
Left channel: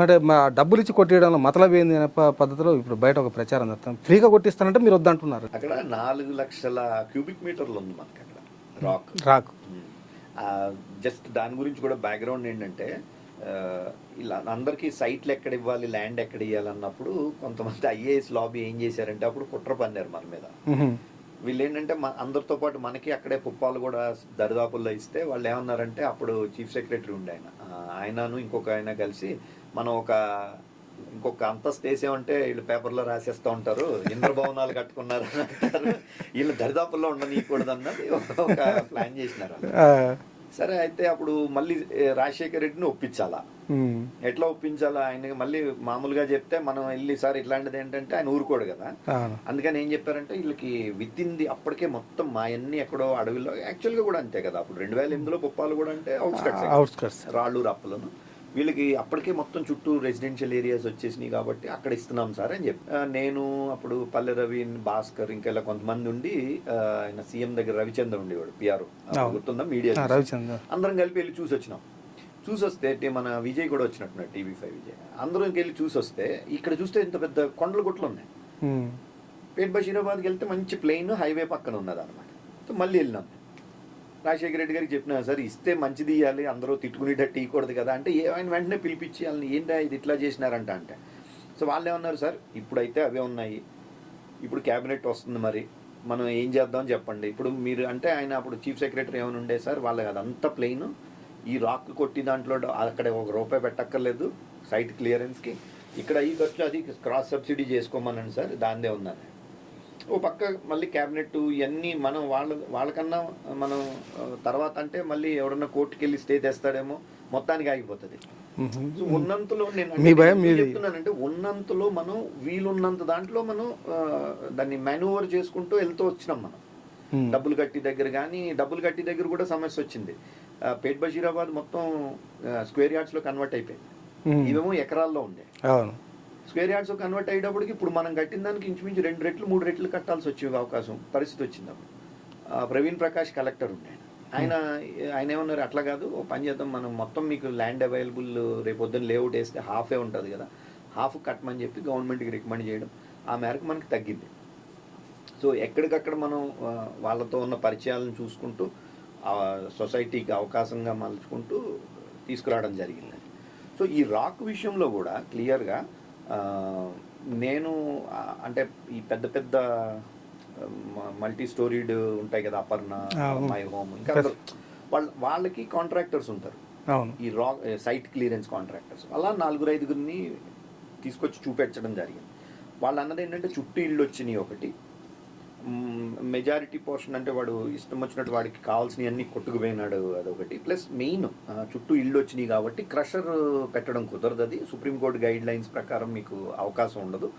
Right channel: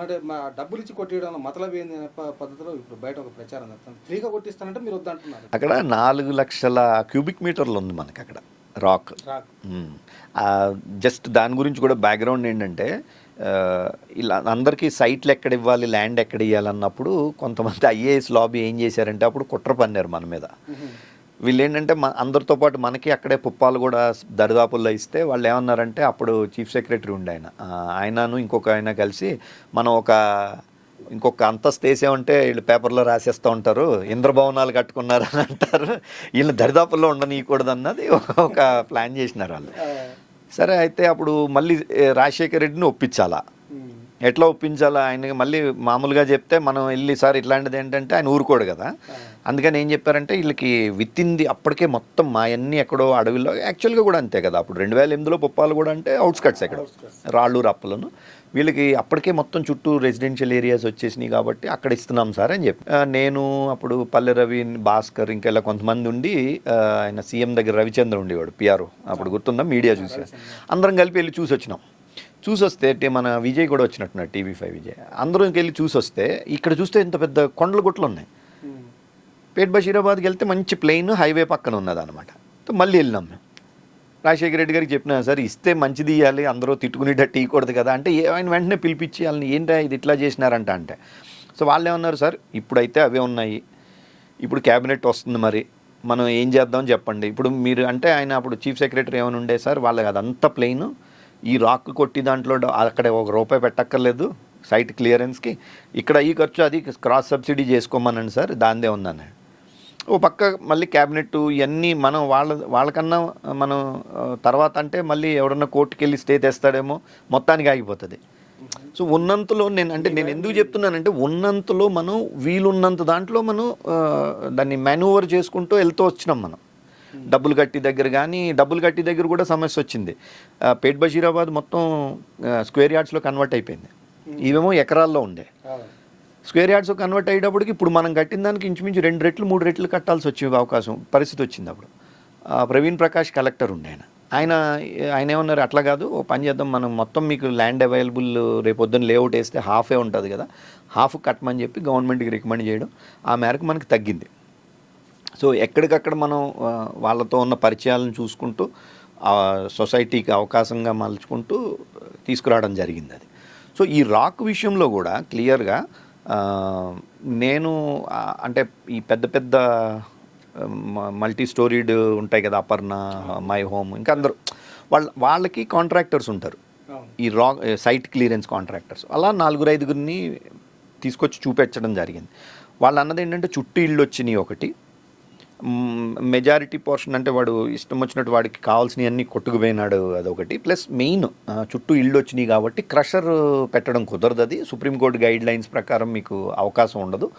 అంటే డబ్బులు ఇచ్చి కొట్టేయడంలో మతలబ్ ఏంది అనే పద్ధతిలో ఇప్పుడు బయట ఒక ప్రచారం జరుగుతాం. ఫ్రీగా కొట్టిస్తానంటే మీరు వద్దంటున్నారు. అక్కడ 4 లక్షల క్యూబిక్ మీటర్లు ఉంది మనకి అక్కడ రాక్. జస్ట్ దాని గురించి కూడా బ్యాక్గ్రౌండ్ ఏంటంటే ఇలా అందరికీ సైట్లు ఎక్కడ ఇవ్వాలి, ల్యాండ్ ఎక్కడ ఇవ్వాలన్నప్పుడు కొంతమంది ఐఏఎస్ లాబీ ఏం చేశారంటే అప్పుడు కుట్ర పన్నారు మన మీద. వీళ్ళు ఏంటంటే అందరితో పాటు మనకి అక్కడే పుప్పాలు కూడా దరిదాపుల్లో ఇస్తే వాళ్ళు ఏమన్నారంటే అప్పుడు చీఫ్ సెక్రటరీ ఉండే ఆయనను ఇంకొక ఆయన కలిసి మనం ఇంకొక అంతస్తు వేసామంటే వీళ్ళు పేపర్లో రాసేస్తూ ఉంటారు, ఇంద్రభవనాలు కట్టుకున్నారు అని అంటారు, వీళ్ళు దరిదాపుల్లో ఉండనీయకూడదు అన్నది ఒక ప్లాన్ చేసినారు వాళ్ళు. సరే అయితే అప్పుడు మళ్ళీ రాజశేఖర రెడ్డిని ఒప్పించాలా, ఎట్లా ఒప్పించాలా, ఆయనకి మళ్ళీ మామూలుగా చెప్తే మనం వెళ్ళి సార్ ఇట్లాంటిది ఏంటంటే ఆయన ఊరుకోడు కదా. అందుకని ఏం చెప్పారంటే వీళ్ళకి విత్తింది అప్పటికే మొత్తం మా అన్ని ఎక్కడో అడవిలో, యాక్చువల్గా కూడా అంతే కదా అప్పుడు 2008లో పుప్పాలు కూడా అంటే అవుట్స్కట్స్ రాళ్ళు రప్పలను, వీళ్ళకి అప్పటికే మొత్తం చుట్టూ రెసిడెన్షియల్ ఏరియాస్ వచ్చేసినాయి కాబట్టి అక్కడ ఇస్తున్నాం సార్ అని చెప్పి నేను అప్పుడు పల్లె రవి, భాస్కర్ ఇంకా ఇలా కొంతమంది ఉండి ఆయన సీఎం దగ్గర రవిచంద్ర ఉండేవాడు పిఆర్ఓ అప్పుడు గుర్తుందా, మీడియా అందరం కలిపి వెళ్ళి చూసి వచ్చినాం. చూసొస్తే మన విజయ్ కూడా వచ్చినట్టున్నాడు, TV5 విజయ్, అందరం వెళ్ళి చూసొస్తే ఇక్కడ చూస్తే ఇంత పెద్ద కొండల గుట్లు ఉన్నాయి. పేట్ బషీరాబాద్కి వెళ్తే మంచి ప్లెయిన్ హైవే పక్కన ఉన్నది అనమాట. మళ్ళీ వెళ్ళినాం మేము. రాజశేఖర రెడ్డి గారికి చెప్పినా సార్ ఇస్తే మంచిది ఇవ్వాలి, అందరూ తిట్టుకునేటట్టు ఇవ్వకూడదు కదా అంటే ఆయన వెంటనే పిలిపించి వాళ్ళని ఏంటో ఇది ఇట్లా చేసినారంట అంటే. సో వాళ్ళు ఏమన్నారు సార్ ఇప్పుడైతే అవే ఉన్నాయి, ఇప్పుడు క్యాబినెట్ వస్తుంది, మరి మనం ఏం చేద్దామని చెప్పండి. ఇప్పుడు మీరు అంటే ఆయన అప్పుడు చీఫ్ సెక్రటరీ ఏమైనా ఉండే సార్ వాళ్ళకి అదంతా ప్లెయిన్, ఈ రాక్ కొట్టి దాంట్లో అక్కడ ₹1 పెట్టక్కర్లేదు సైట్ క్లియరెన్స్కి, ఇక్కడ ఈ ఖర్చు అది క్రాస్ సబ్సిడీ చేసుకోమనండి సార్ దాందే ఉందన్నాడు. ఓ పక్క మళ్ళీ క్యాబినెట్ ఇవన్నీ మనం వాళ్ళకన్నా మనం తర్వాత అంటే మళ్ళీ ఎవరన్నా కోర్టుకి వెళ్ళి స్టే తెస్తాడేమో, మొత్తానికి ఆగిపోతుంది. సో ఉన్నంతలో నేను అంటే ఎందుకు చెప్తున్నానంటే ఉన్నంతలో మనం వీలున్నంత దాంట్లో మనం దాన్ని మాన్యూవర్ చేసుకుంటూ వెళ్తూ వచ్చినాం మనం. డబ్బులు కట్టి దగ్గర కానీ డబ్బులు కట్టి దగ్గర కూడా సమస్య వచ్చింది. పేట్ బషీరాబాద్ మొత్తం స్క్వేర్ యార్డ్స్లో కన్వర్ట్ అయిపోయింది, ఇవేమో ఎకరాల్లో ఉండే. స్క్వేర్ యార్డ్స్ కన్వర్ట్ అయ్యేటప్పటికి ఇప్పుడు మనం కట్టిన దానికి ఇంచుమించు 2 రెట్లు 3 రెట్లు కట్టాల్సి వచ్చే పరిస్థితి వచ్చింది. అప్పుడు ప్రవీణ్ ప్రకాష్ కలెక్టర్ ఉండే ఆయన ఏమన్నారు అట్లా కాదు, ఓ పని చేద్దాం మనం మొత్తం మీకు ల్యాండ్ అవైలబుల్ రేపు పొద్దున్న లేఅవుట్ వేస్తే హాఫే ఉంటుంది కదా, హాఫ్ కట్టమని చెప్పి గవర్నమెంట్కి రికమెండ్ చేయడం, ఆ మేరకు మనకి తగ్గింది. సో ఎక్కడికక్కడ మనం వాళ్ళతో ఉన్న పరిచయాలను చూసుకుంటూ సొసైటీకి అవకాశంగా మలుచుకుంటూ తీసుకురావడం జరిగింది అది. సో ఈ రాక్ విషయంలో కూడా క్లియర్గా నేను అంటే ఈ పెద్ద పెద్ద మల్టీ స్టోరీడ్ ఉంటాయి కదా, అపర్ణ, మై హోమ్, ఇంకా అందరూ వాళ్ళకి కాంట్రాక్టర్స్ ఉంటారు, ఈ సైట్ క్లియరెన్స్ కాంట్రాక్టర్స్. అలా 4-5 తీసుకొచ్చి చూపించడం జరిగింది. వాళ్ళు అన్నది ఏంటంటే చుట్టూ ఇళ్ళు వచ్చినాయి ఒకటి, మెజారిటీ పోర్షన్ అంటే వాడు ఇష్టం వచ్చినట్టు వాడికి కావాల్సినవన్నీ కొట్టుకుపోయినాడు అదొకటి, ప్లస్ మెయిన్ చుట్టూ ఇళ్ళు వచ్చినాయి కాబట్టి క్రషర్ పెట్టడం కుదరదు, అది సుప్రీంకోర్టు గైడ్ లైన్స్ ప్రకారం మీకు అవకాశం ఉండదు.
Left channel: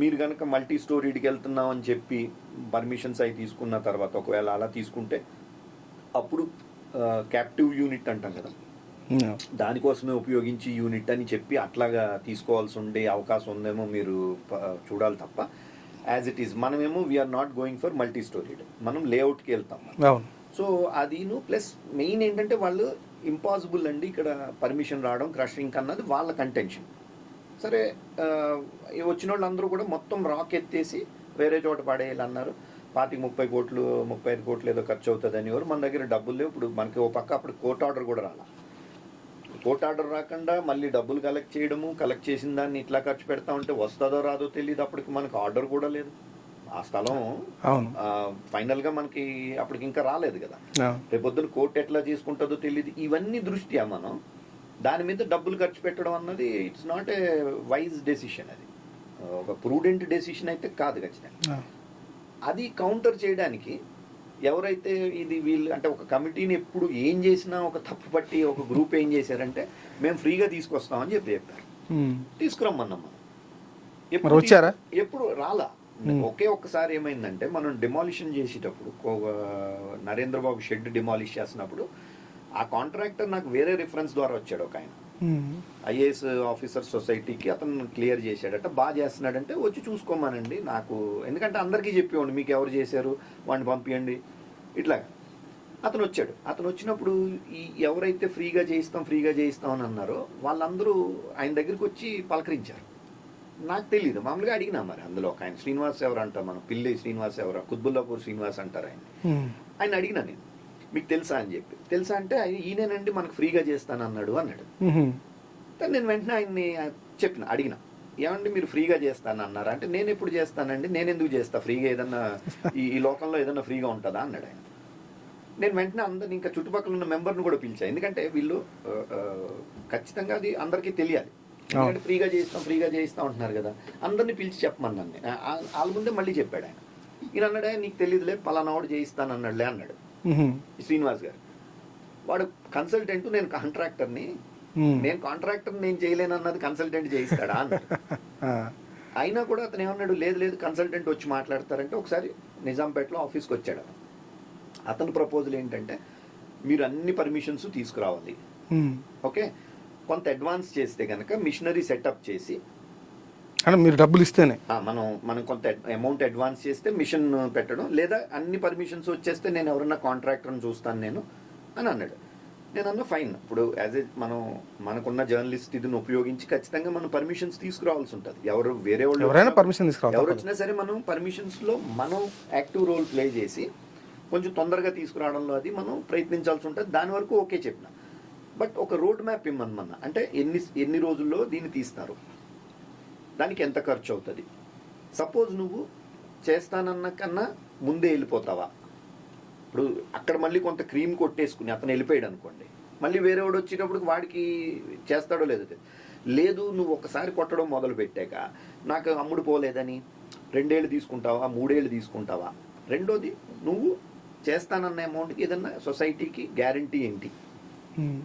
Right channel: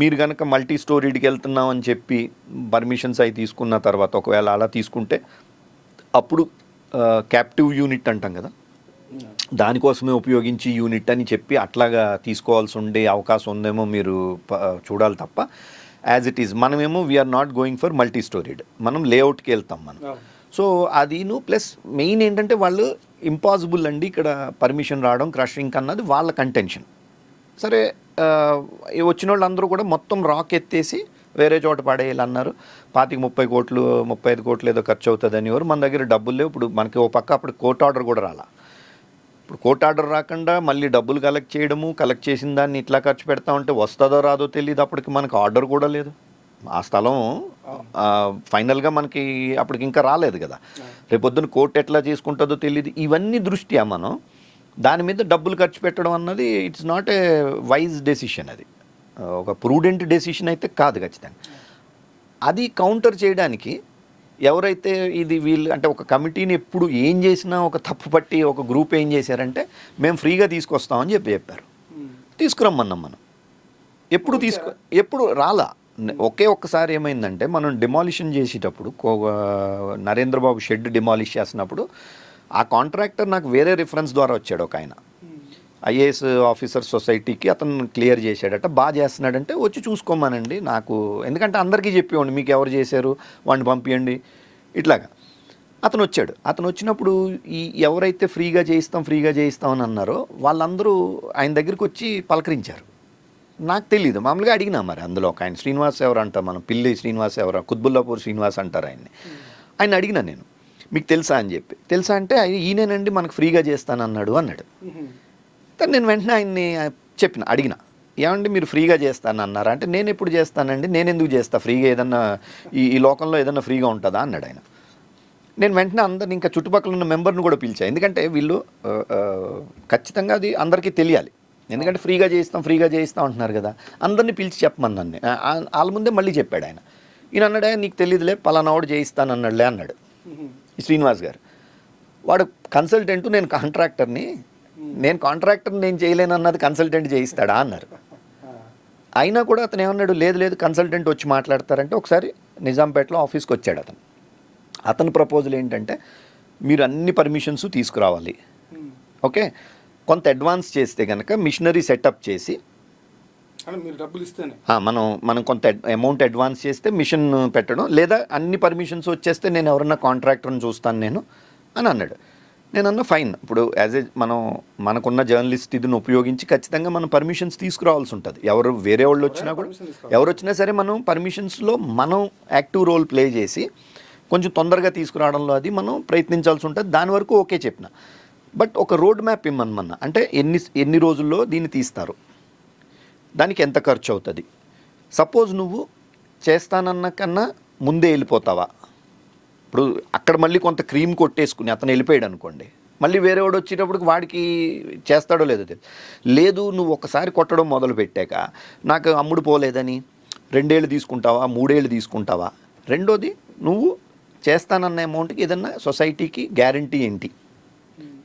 మీరు కనుక మల్టీ స్టోరీడ్కి వెళ్తున్నాం అని చెప్పి పర్మిషన్స్ అవి తీసుకున్న తర్వాత ఒకవేళ అలా తీసుకుంటే అప్పుడు క్యాప్టివ్ యూనిట్ అంటాం కదా, దానికోసమే ఉపయోగించి యూనిట్ అని చెప్పి అట్లాగా తీసుకోవాల్సి ఉండే అవకాశం ఉందేమో మీరు చూడాలి తప్ప యాజ్ ఇట్ ఈజ్ మనమేమో we are not going for multi storeyed, మనం లేఅవుట్కి వెళ్తాం మనం. సో అదిను ప్లస్ మెయిన్ ఏంటంటే వాళ్ళు ఇంపాసిబుల్ అండి ఇక్కడ పర్మిషన్ రావడం క్రషింగ్ అన్నది వాళ్ళ కంటెన్షన్. సరే వచ్చిన వాళ్ళు అందరూ కూడా మొత్తం రాక్ ఎత్తేసి వేరే చోట పడేయాలి అన్నారు. 25-30 కోట్లు 35 కోట్లు ఏదో ఖర్చు అవుతుంది అని ఎవరు, మన దగ్గర డబ్బులు లేవు. ఇప్పుడు మనకి ఓ పక్క అప్పుడు కోర్ట్ ఆర్డర్ కూడా రాలా, ఇప్పుడు కోర్ట్ ఆర్డర్ రాకుండా మళ్ళీ డబ్బులు కలెక్ట్ చేయడము, కలెక్ట్ చేసిన దాన్ని ఇట్లా ఖర్చు పెడతా ఉంటే వస్తుందో రాదో తెలియదు. అప్పటికి మనకు ఆర్డర్ కూడా లేదు, ఆ స్థలం ఫైనల్గా మనకి అప్పటికి ఇంకా రాలేదు కదా, రేపొద్దున కోర్టు ఎట్లా చేసుకుంటుందో తెలియదు. ఇవన్నీ దృష్ట్యా మనం దాని మీద డబ్బులు ఖర్చు పెట్టడం అన్నది it's not a wise decision, అది ఒక ప్రూడెంట్ డెసిషన్ అయితే కాదు ఖచ్చితంగా. అది కౌంటర్ చేయడానికి ఎవరైతే ఇది వీళ్ళు అంటే ఒక కమిటీని ఎప్పుడు ఏం చేసినా ఒక తప్పు పట్టి ఒక గ్రూప్ ఏం చేశారంటే మేము ఫ్రీగా తీసుకొస్తామని చెప్పారు. తీసుకురమ్మన్నాం మనం, ఎప్పుడు రాలా. ఒక్కసారి ఏమైందంటే మనం డిమాలిషన్ చేసేటప్పుడు నరేంద్రబాబు షెడ్ డిమాలిష్ చేసినప్పుడు ఆ కాంట్రాక్టర్ నాకు వేరే రిఫరెన్స్ ద్వారా వచ్చాడు ఒక ఆయన, ఐఏఎస్ ఆఫీసర్ సొసైటీకి అతను క్లియర్ చేశాడట, బాగా చేస్తున్నాడంటే వచ్చి చూసుకోమానండి నాకు, ఎందుకంటే అందరికీ చెప్పేవాడిని మీకు ఎవరు చేశారు వాడిని పంపించండి ఇట్లాగా. అతను వచ్చాడు. అతను వచ్చినప్పుడు ఈ ఎవరైతే ఫ్రీగా చేయిస్తాం అని అన్నారో వాళ్ళందరూ ఆయన దగ్గరికి వచ్చి పలకరించారు. నాకు తెలియదు, మామూలుగా అడిగినా మరి అందులో ఒక ఆయన శ్రీనివాస్ ఎవరు అంటారు, మనం పిల్లి శ్రీనివాస్ ఎవరు, కుత్బుల్లాపూర్ శ్రీనివాస్ అంటారు ఆయన్ని. ఆయన అడిగినా నేను, మీకు తెలుసా అని చెప్పి. తెలుసా అంటే ఈయనేనండి మనకు ఫ్రీగా చేస్తానన్నాడు అన్నాడు. కానీ నేను వెంటనే ఆయన్ని చెప్పిన, అడిగిన, ఏమండి మీరు ఫ్రీగా చేస్తానన్నారా అంటే, నేను ఎప్పుడు చేస్తానండి, నేను ఎందుకు చేస్తా ఫ్రీగా, ఏదన్నా ఈ లోకంలో ఏదన్నా ఫ్రీగా ఉంటుందా అన్నాడు ఆయన. నేను వెంటనే అందరిని ఇంకా చుట్టుపక్కల ఉన్న మెంబర్ని కూడా పిలిచాను, ఎందుకంటే వీళ్ళు ఖచ్చితంగా అది అందరికీ తెలియాలి, ఎందుకంటే ఫ్రీగా చేయిస్తాం అంటున్నారు కదా, అందరినీ పిలిచి చెప్పమన్నాను. వాళ్ళ ముందే మళ్ళీ చెప్పాడు ఆయన. ఈయన అన్నాడు, నీకు తెలియదులే పలానావాడు చేయిస్తానన్నాడులే అన్నాడు శ్రీనివాస్ గారు. వాడు కన్సల్టెంట్, నేను కాంట్రాక్టర్ని, నేను కాంట్రాక్టర్ని నేను చేయలేను అన్నది కన్సల్టెంట్ చేయిస్తాడా అన్నారు. అయినా కూడా అతను ఏమన్నాడు, లేదు కన్సల్టెంట్ వచ్చి మాట్లాడతారంటే ఒకసారి నిజాంపేటలో ఆఫీస్కి వచ్చాడు అతను. అతని ప్రపోజల్ ఏంటంటే, మీరు అన్ని పర్మిషన్స్ తీసుకురావాలి, ఓకే, కొంత అడ్వాన్స్ చేస్తే కనుక మిషనరీ సెటప్ చేసి, అంటే మీరు డబ్బులు ఇస్తేనే మనం కొంత అమౌంట్ అడ్వాన్స్ చేస్తే మిషన్ పెట్టడం, లేదా అన్ని పర్మిషన్స్ వచ్చేస్తే నేను ఎవరన్నా కాంట్రాక్టర్ని చూస్తాను నేను అని అన్నాడు. నేను అన్నా ఫైన్, ఇప్పుడు యాజ్ ఏ మనకున్న జర్నలిస్ట్ ఇదిని ఉపయోగించి ఖచ్చితంగా మనం పర్మిషన్స్ తీసుకురావాల్సి ఉంటుంది. ఎవరు వేరే వాళ్ళు ఎవరు వచ్చినా సరే మనం పర్మిషన్స్లో మనం యాక్టివ్ రోల్ ప్లే చేసి కొంచెం తొందరగా తీసుకురావడంలో అది మనం ప్రయత్నించాల్సి ఉంటుంది. దాని వరకు ఓకే చెప్పిన. బట్ ఒక రోడ్ మ్యాప్ ఇమ్మన్నా, అంటే ఎన్ని రోజుల్లో దీన్ని తీస్తారు, దానికి ఎంత ఖర్చు అవుతుంది, సపోజ్ నువ్వు చేస్తానన్న కన్నా ముందే వెళ్ళిపోతావా, ఇప్పుడు అక్కడ మళ్ళీ కొంత క్రీమ్ కొట్టేసుకుని అతను వెళ్ళిపోయాడు అనుకోండి, మళ్ళీ వేరే వాడు వచ్చేటప్పటికి వాడికి చేస్తాడో లేదో లేదు, నువ్వు ఒకసారి కొట్టడం మొదలు పెట్టాక నాకు అమ్ముడు పోలేదని 2 ఏళ్ళు తీసుకుంటావా 3 ఏళ్ళు తీసుకుంటావా, రెండోది నువ్వు చేస్తానన్న అమౌంట్కి ఏదన్నా సొసైటీకి గ్యారంటీ ఏంటి,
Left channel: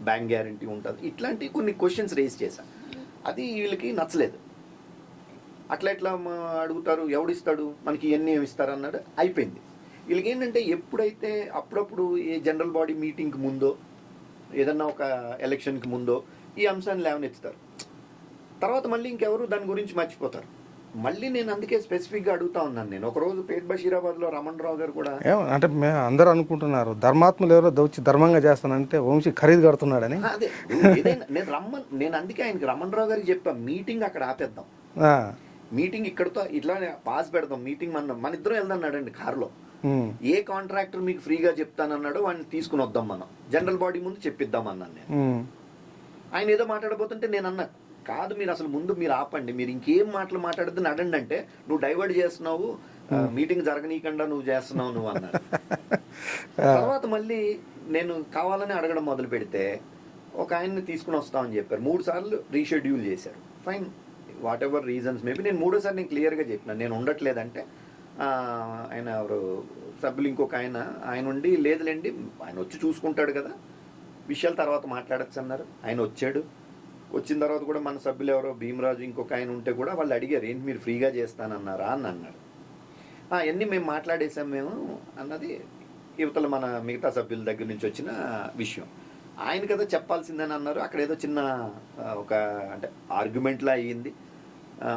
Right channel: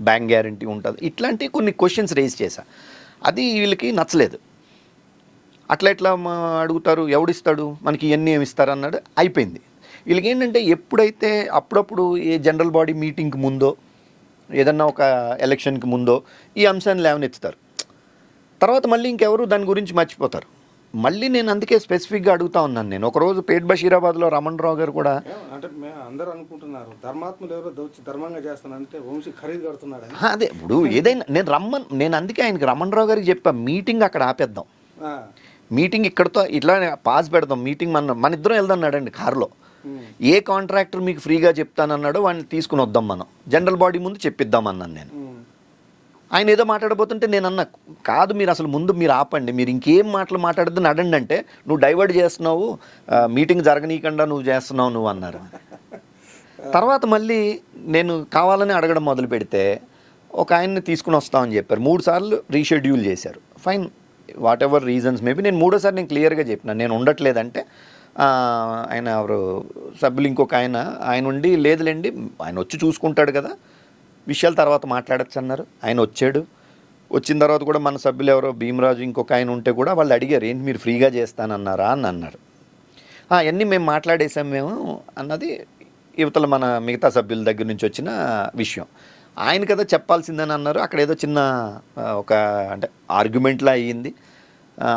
బ్యాంక్ గ్యారంటీ ఉంటుంది, ఇట్లాంటి కొన్ని క్వశ్చన్స్ రేజ్ చేశా. అది వీళ్ళకి నచ్చలేదు. అట్లా ఎట్లా అడుగుతారు, ఎవడిస్తాడు మనకి ఇవన్నీ ఏమి ఇస్తారన్నాడు, అయిపోయింది. వీళ్ళకి ఏంటంటే ఎప్పుడైతే అప్పుడప్పుడు ఏ జనరల్ బాడీ మీటింగ్కి ముందో ఏదన్నా ఒక ఎలక్షన్కి ముందో ఈ అంశాన్ని లేవనెత్తుతారు, తర్వాత మళ్ళీ ఇంకెవరు దాని గురించి మర్చిపోతారు. మళ్ళీ నేను అందుకే స్పెసిఫిక్గా అడుగుతా ఉన్నాను. నేను ఒకరోజు పేట్ బషీరాబాద్లో రమణ్ రావు గారు కూడా, అంటే అందరూ అనుకుంటున్నారు ధర్మాత్ములు ఎవరో దోచి ధర్మంగా చేస్తానంటే వంశీ ఖరీదు కడుతున్నాడని. అదే ఇప్పుడు ఏదైనా నేను అందుకే ఆయనకి రమణ్ రావు గారికి చెప్పా, మీటింగ్ అక్కడ ఆపేద్దాం, మీటింగ్ ఇక్కడతో ఇట్లా పాస్ పెడదాం, మీటింగ్ మన ఇద్దరం వెళ్దాన్నాడండి కారులో. ఏ కాంట్రాక్టర్ మీకు ఫ్రీగా చెప్తానన్నాడో వాడిని తీసుకుని వద్దాం, మనం జనరల్ బాడీ ముందు చెప్పిద్దాం అన్నాను నేను. ఆయన ఏదో మాట్లాడబోతుంటే నేను అన్నా, కాదు మీరు అసలు ముందు మీరు ఆపండి, మీరు ఇంకేం మాట్లాడద్దు నడండి అంటే, నువ్వు డైవర్ట్ చేస్తున్నావు, మీటింగ్ జరగనీయకుండా నువ్వు చేస్తున్నావు నువ్వు అన్నారు. తర్వాత మళ్ళీ నేను కావాలని అడగడం మొదలు పెడితే ఒక ఆయన్ని తీసుకుని వస్తామని చెప్పారు. 3 సార్లు రీషెడ్యూల్ చేశారు. Fine, what ever reasons maybe. నేను 3వ సారి నేను క్లియర్గా చెప్పిన, నేను ఉండట్లేదంటే ఆయన ఎవరు సభ్యులు ఇంకొక ఆయన ఉండి, లేదులేండి ఆయన వచ్చి చూసుకుంటాడు కదా, విషయాలు తర్వాత మాట్లాడచ్చు అన్నారు. ఆయన వచ్చాడు. వచ్చిన తర్వాత కూడా మన సభ్యులు ఎవరో భీమరాజు ఇంకొక ఆయన ఉంటే కూడా వాళ్ళు అడిగారు, ఏంటి మీరు ఫ్రీగా చేస్తానన్నారా అని అన్నారు. అవన్నీ మేము మాట్లాడేసాం మేము అన్నది యువతల మన మిగతా సభ్యుల దగ్గర నుంచి వచ్చిన విషయం. ఆయన కదా చెప్పాల్సిందని అన్నారు. అక్కడ ఏదో చిన్న ఒక అంటే ఆర్గ్యుమెంట్లా అయ్యింది.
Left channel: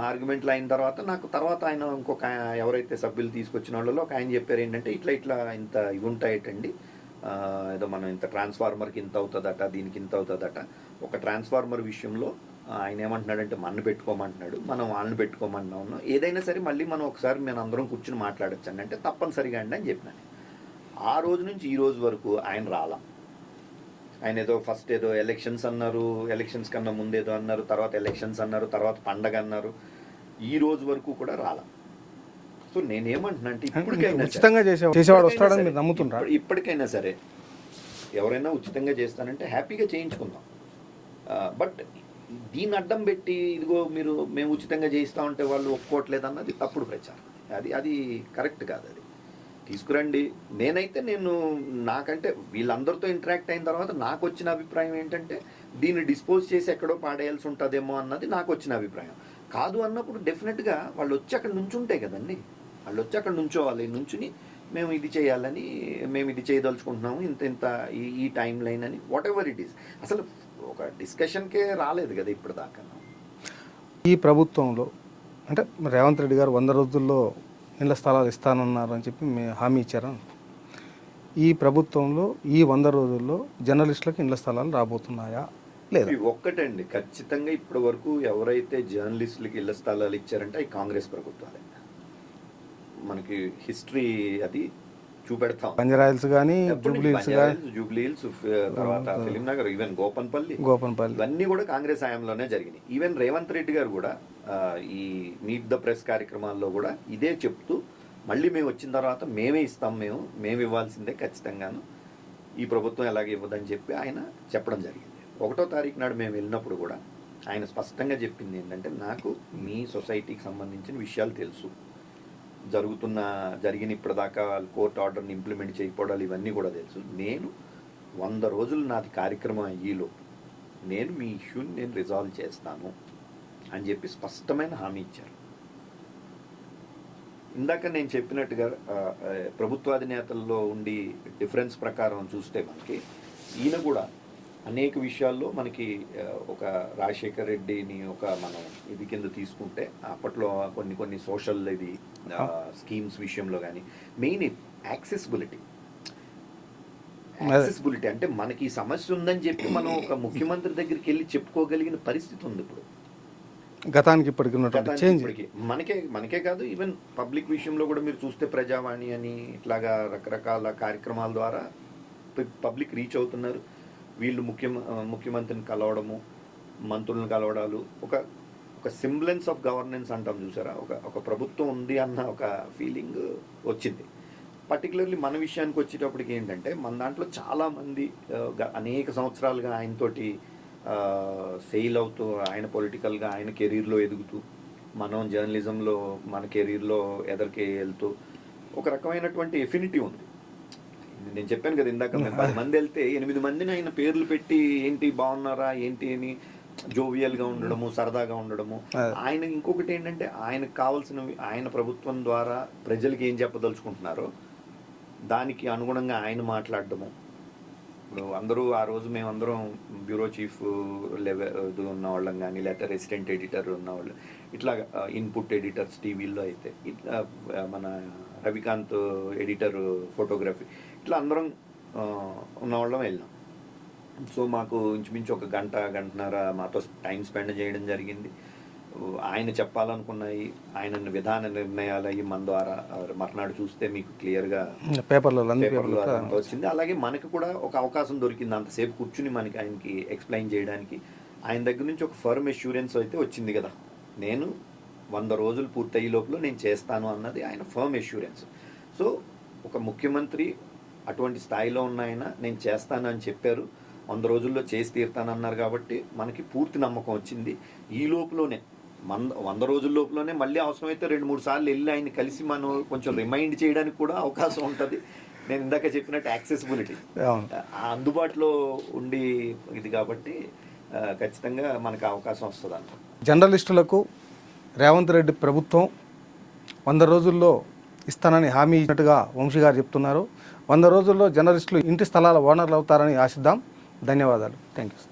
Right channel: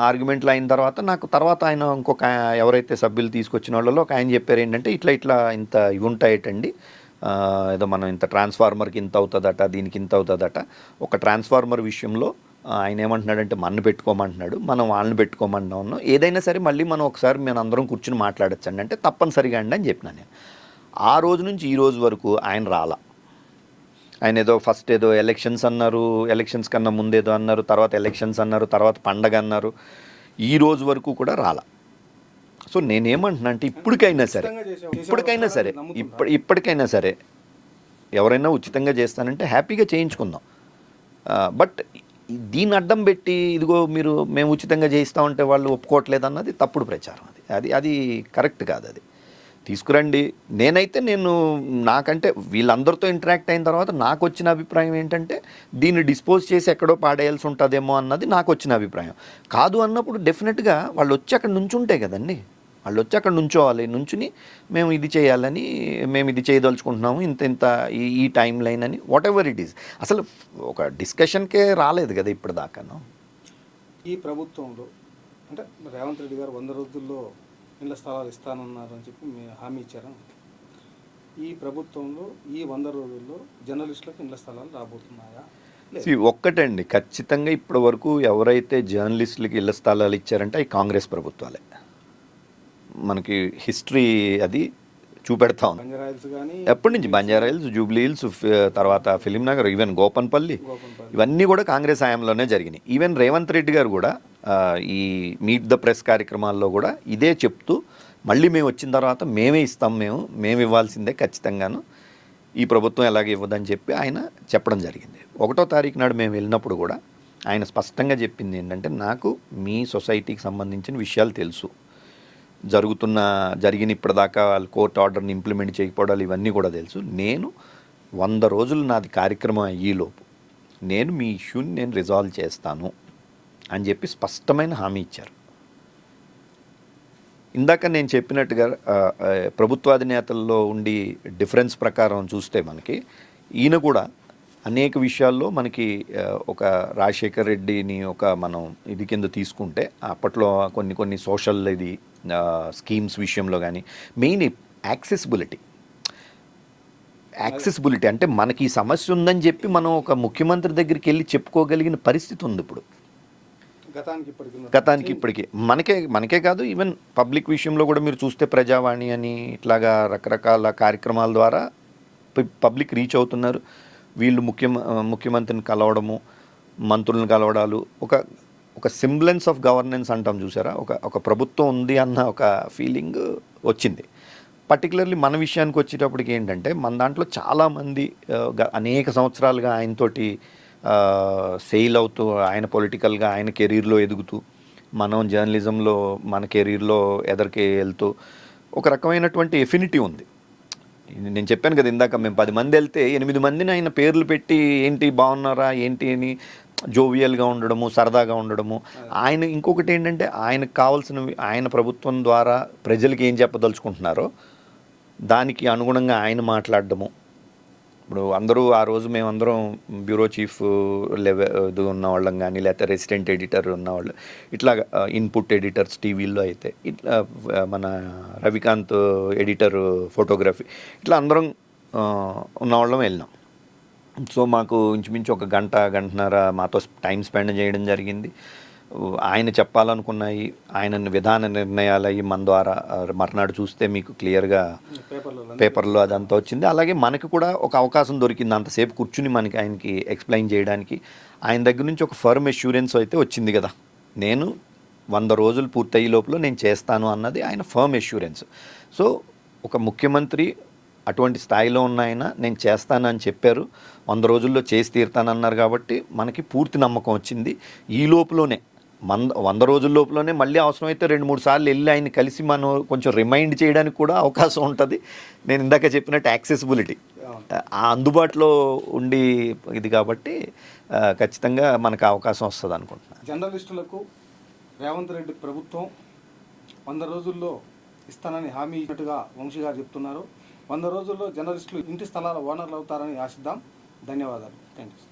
ఆర్గ్యుమెంట్లు అయిన తర్వాత నాకు తర్వాత ఆయన ఇంకొక ఎవరైతే సభ్యులు తీసుకొచ్చిన వాళ్ళలో ఒక ఆయన చెప్పారు, ఏంటంటే ఇట్లా ఇంత ఇవి ఉంటాయటండి, ఏదో మనం ఇంత ట్రాన్స్ఫార్మర్కి ఇంత అవుతుందట, దీనికి ఇంత అవుతుందట. ఒక ట్రాన్స్ఫార్మర్ విషయంలో ఆయన ఏమంటున్నాడంటే మన పెట్టుకోమంటున్నాడు, మనం వాళ్ళని పెట్టుకోమంటున్నాం, ఏదైనా సరే మళ్ళీ మనం ఒకసారి మేము అందరం కూర్చుని మాట్లాడచ్చండి అంటే తప్పనిసరిగా అండి అని చెప్పినా నేను. ఆ రోజు నుంచి ఈ రోజు వరకు ఆయన రాలా. ఆయన ఏదో ఫస్ట్ ఏదో ఎలక్షన్స్ అన్నారు, ఎలక్షన్స్ కన్నా ముందేదో అన్నారు, తర్వాత ఎలక్షన్స్ అన్నారు, తర్వాత పండగ అన్నారు, ఈ రోజు వరకు కూడా రాలా. సో నేనేమంటున్నా అంటే ఇప్పటికైనా సరే ఎవరైనా ఉచితంగా చేస్తానంటే హ్యాపీగా చేయించుకుందాం. బట్ దీన్ని అడ్డం పెట్టి ఇదిగో మేము ఉచితంగా చేయిస్తామంటే వాళ్ళు ఒప్పుకోవట్లేదు అన్నది తప్పుడు ప్రచారం. అది కరెక్ట్ కాదు. అది తీసుకురండి. నేను నాకంటే వీళ్ళందరితో ఇంటరాక్ట్ అయిన తర్వాత నాకు వచ్చిన అభిప్రాయం ఏంటంటే దీన్ని డిస్పోజ్ చేసి ఎక్కడో పాడేయాల్సి ఉంటుందేమో అన్నది నాకు వచ్చిన అభిప్రాయం. కాదు అన్నప్పుడు డెఫినెట్గా వాళ్ళు వచ్చి అక్కడ నుంచుంటే కదండి, వాళ్ళు వచ్చి అక్కడ నుంచోవాలి, నుంచుని మేము ఇది చేయాలని, మేము ఇది చేయదలుచుకుంటున్నాము, ఇంత ఇంత ఈ టైం లైన్ అని వాట్ ఎవర్ ఇట్ ఈస్. అసలు ఒక డిస్కషన్కే రాలేదు కదా ఇప్పుడు దాకాను. ఈ ప్రభుత్వంలో అంటే రేవంత్ రెడ్డి గారు 100 రోజుల్లో ఇళ్ల స్థలాలు ఇస్తానన్నారని చెప్పి హామీ ఇచ్చారు. ఈ ప్రభుత్వంలో ఈ 100 రోజుల్లో జర్నలిస్టులకు ఇళ్ల స్థలాలు రాబోతున్నాయా? లేదు. ఒక్కటండి, ఖచ్చితంగా ఇప్పటి వరకు ఎవరైతే జర్నలిస్టులకి ఇళ్ల స్థలాలు ఇచ్చారంటే అవి కాంగ్రెస్ ప్రభుత్వాలే. మనకి హిస్టరీ అది చూపెడతా ఉంది. బంజారాహిల్స్ కానీ ఎప్పటి నుంచి బంజారాహిల్స్, జూబ్లీ హిల్స్, తర్వాత ఫిలిం నగర్, ఈవెన్ గోపన్పల్లి ఇవన్నీ కూడా కాంగ్రెస్ హయాంలోనే జరిగినాయి. ఈవెన్ రేవంత్ రెడ్డి గారు కూడా ఈ మీట్ ద ప్రెస్ కార్యక్రమాల్లో కూడా ఇదే చెప్తూ మళ్ళీ మేము వచ్చిన తర్వాత మేమే ఇస్తాం, మేము ఇవ్వాల్సిందే ఖచ్చితంగాను, ఈ ప్రభుత్వం ఎలాగ ఇవ్వదని చెప్పి ఆయన చెప్పడం జరిగింది. 1వ తారీఖు నాడు మేము వెళ్ళినప్పుడు కూడా ఆయన స్పష్టంగా చెప్పింది ఏంటంటే, నాకు మీ సొసైటీకి సంబంధించిన విషయాలు తెలుసు, జరిగిన ఇప్పటిదాకా వాళ్ళు కోర్టు ఆర్డర్ని ఇంప్లిమెంట్ చేయకపోవడాలు ఇవన్నీ కూడా తెలుసు, నేను 100 రోజులు నాది కార్యక్రమం అయ్యేలోపు నేను మీ ఇష్యూని నేను రిజాల్వ్ చేస్తాను అని చెప్పి స్పష్టమైన హామీ ఇచ్చారు. ఇందాక నేను చెప్పినట్టుగా ప్రభుత్వాధినేతల్లో ఉండి డిఫరెన్స్ ప్రకారం చూస్తే మనకి ఈయన కూడా అనేక విషయాల్లో మనకి ఒక రాజశేఖర్ రెడ్డిని ఒక మనం ఇది కింద తీసుకుంటే అప్పట్లో కొన్ని సోషల్ ఇది స్కీమ్స్ విషయంలో కానీ మెయిన్ యాక్సెసిబిలిటీ అంటే మనకి ఈ సమస్య ఉందని చెప్పి మనం ఒక ముఖ్యమంత్రి దగ్గరికి వెళ్ళి చెప్పుకోగలిగిన పరిస్థితి ఉంది ఇప్పుడు. గతానికి ఇప్పటికి మనకే కాదు, ఈవెన్ పబ్లిక్ విషయంలో కూడా మీరు చూస్తే ప్రజావాణి అని ఇట్లాగా రకరకాల కార్యక్రమాల ద్వారా పబ్లిక్ రీచ్ అవుతున్నారు. వీళ్ళు ముఖ్యమంత్రిని కలవడము, మంత్రులను కలవడాలు, ఒక సింబ్లెన్స్ ఆఫ్ గవర్నెన్స్ అంటాం చూసారా, ఒక ప్రభుత్వం ఉంది అన్న ఒక ఫీలింగ్ వచ్చింది. పర్టికులర్లీ మన విషయానికి వచ్చేటప్పటికి ఏంటంటే, మన దాంట్లో చాలామంది అనేక సంవత్సరాలుగా ఆయనతోటి ఫెయిల్ అవుతూ, ఆయన పొలిటికల్గా ఆయన కెరీర్లో ఎదుగుతూ, మనం జర్నలిజంలో మన కెరీర్లో ఎదరికి వెళ్తూ ఒక రకమైనటువంటి ఎఫినిటీ ఉంది. నేను చెప్పాను కదా ఇందాక, మేము 10 మంది వెళ్తే 8 మందిని ఆయన పేర్లు పెట్టి ఏంటి బాగున్నారా ఏంటి అని జోవియల్గా ఉండడము, సరదాగా ఉండడము. ఆయన ఇంకొకటి ఏంటంటే, ఆయనకు కావాల్సినవి ఆయన ప్రభుత్వం ద్వారా ప్రజలకి ఏం చెప్పదలుచుకుంటున్నారో దానికి అనుగుణంగా ఆయన మాట్లాడడము. ఇప్పుడు అందరూ ఆ రోజు మేమందరం బ్యూరో చీఫ్ ఇది ఉన్నవాళ్ళం కానీ, లేకపోతే రెసిడెంట్ ఎడిటర్ ఉన్నవాళ్ళు, ఇట్లా ఇన్పుట్ ఎడిటర్స్ టీవీల్లో అయితే, ఇట్లా మన రవికాంత్ ఎడిటర్ ఫోటోగ్రఫీ, ఇట్లా అందరం ఉన్నవాళ్ళం వెళ్ళినాం. సో మాకు ఇంచుమించు ఒక గంటన్నర మాతో టైం స్పెండ్ చేయడం జరిగింది. ఆయన చెప్పాలనుకున్నాయి, ఆయన విధాన నిర్ణయాలు అయ్యి మన ద్వారా మర్నాడు చూస్తే మీకు క్లియర్గా పేపర్లో అదంతా వచ్చింది. అలాగే మనకి కూడా ఒక అవకాశం దొరికింది అంతసేపు కూర్చుని మనకి ఆయనకి ఎక్స్ప్లెయిన్ చేయడానికి. ఆయన దగ్గర నుంచి ఒక ఫర్మ్ అష్యూరెన్స్ అయితే వచ్చింది కదా, నేను 100 రోజులు పూర్తయ్యే లోపల నేను చేస్తాను అన్నది ఆయన ఫర్మ్ అష్యూరెన్స్. సో ఒక ముఖ్యమంత్రి అటువంటి స్థాయిలో ఉన్న ఆయన నేను చేస్తానని చెప్పారు, 100 రోజుల్లో చేసి తీరుతానన్నారు. కాబట్టి మనకి పూర్తి నమ్మకం వచ్చింది. ఈ లోపలనే 100 రోజుల లోపలనే మళ్ళీ అవసరమైతే 2-3 సార్లు వెళ్ళి ఆయన కలిసి మనం కొంచెం రిమైండ్ చేయడానికి కూడా అవకాశం ఉంటుంది. నేను ఇందాక చెప్పినట్టు యాక్సెసిబిలిటీ అందుబాటులో ఉండి ఇది కాబట్టి ఖచ్చితంగా మనకు అవకాశం వస్తుంది అనుకుంటున్నాను. జర్నలిస్టులకు రేవంత్ రెడ్డి ప్రభుత్వం 100 రోజుల్లో ఇస్తానని హామీ ఇచ్చినట్టుగా వంశీ గారు చెప్తున్నారు. 100 రోజుల్లో జర్నలిస్టులు ఇంటి స్థలాల ఓనర్లు అవుతారని ఆశిద్దాం. ధన్యవాదాలు. Thank you.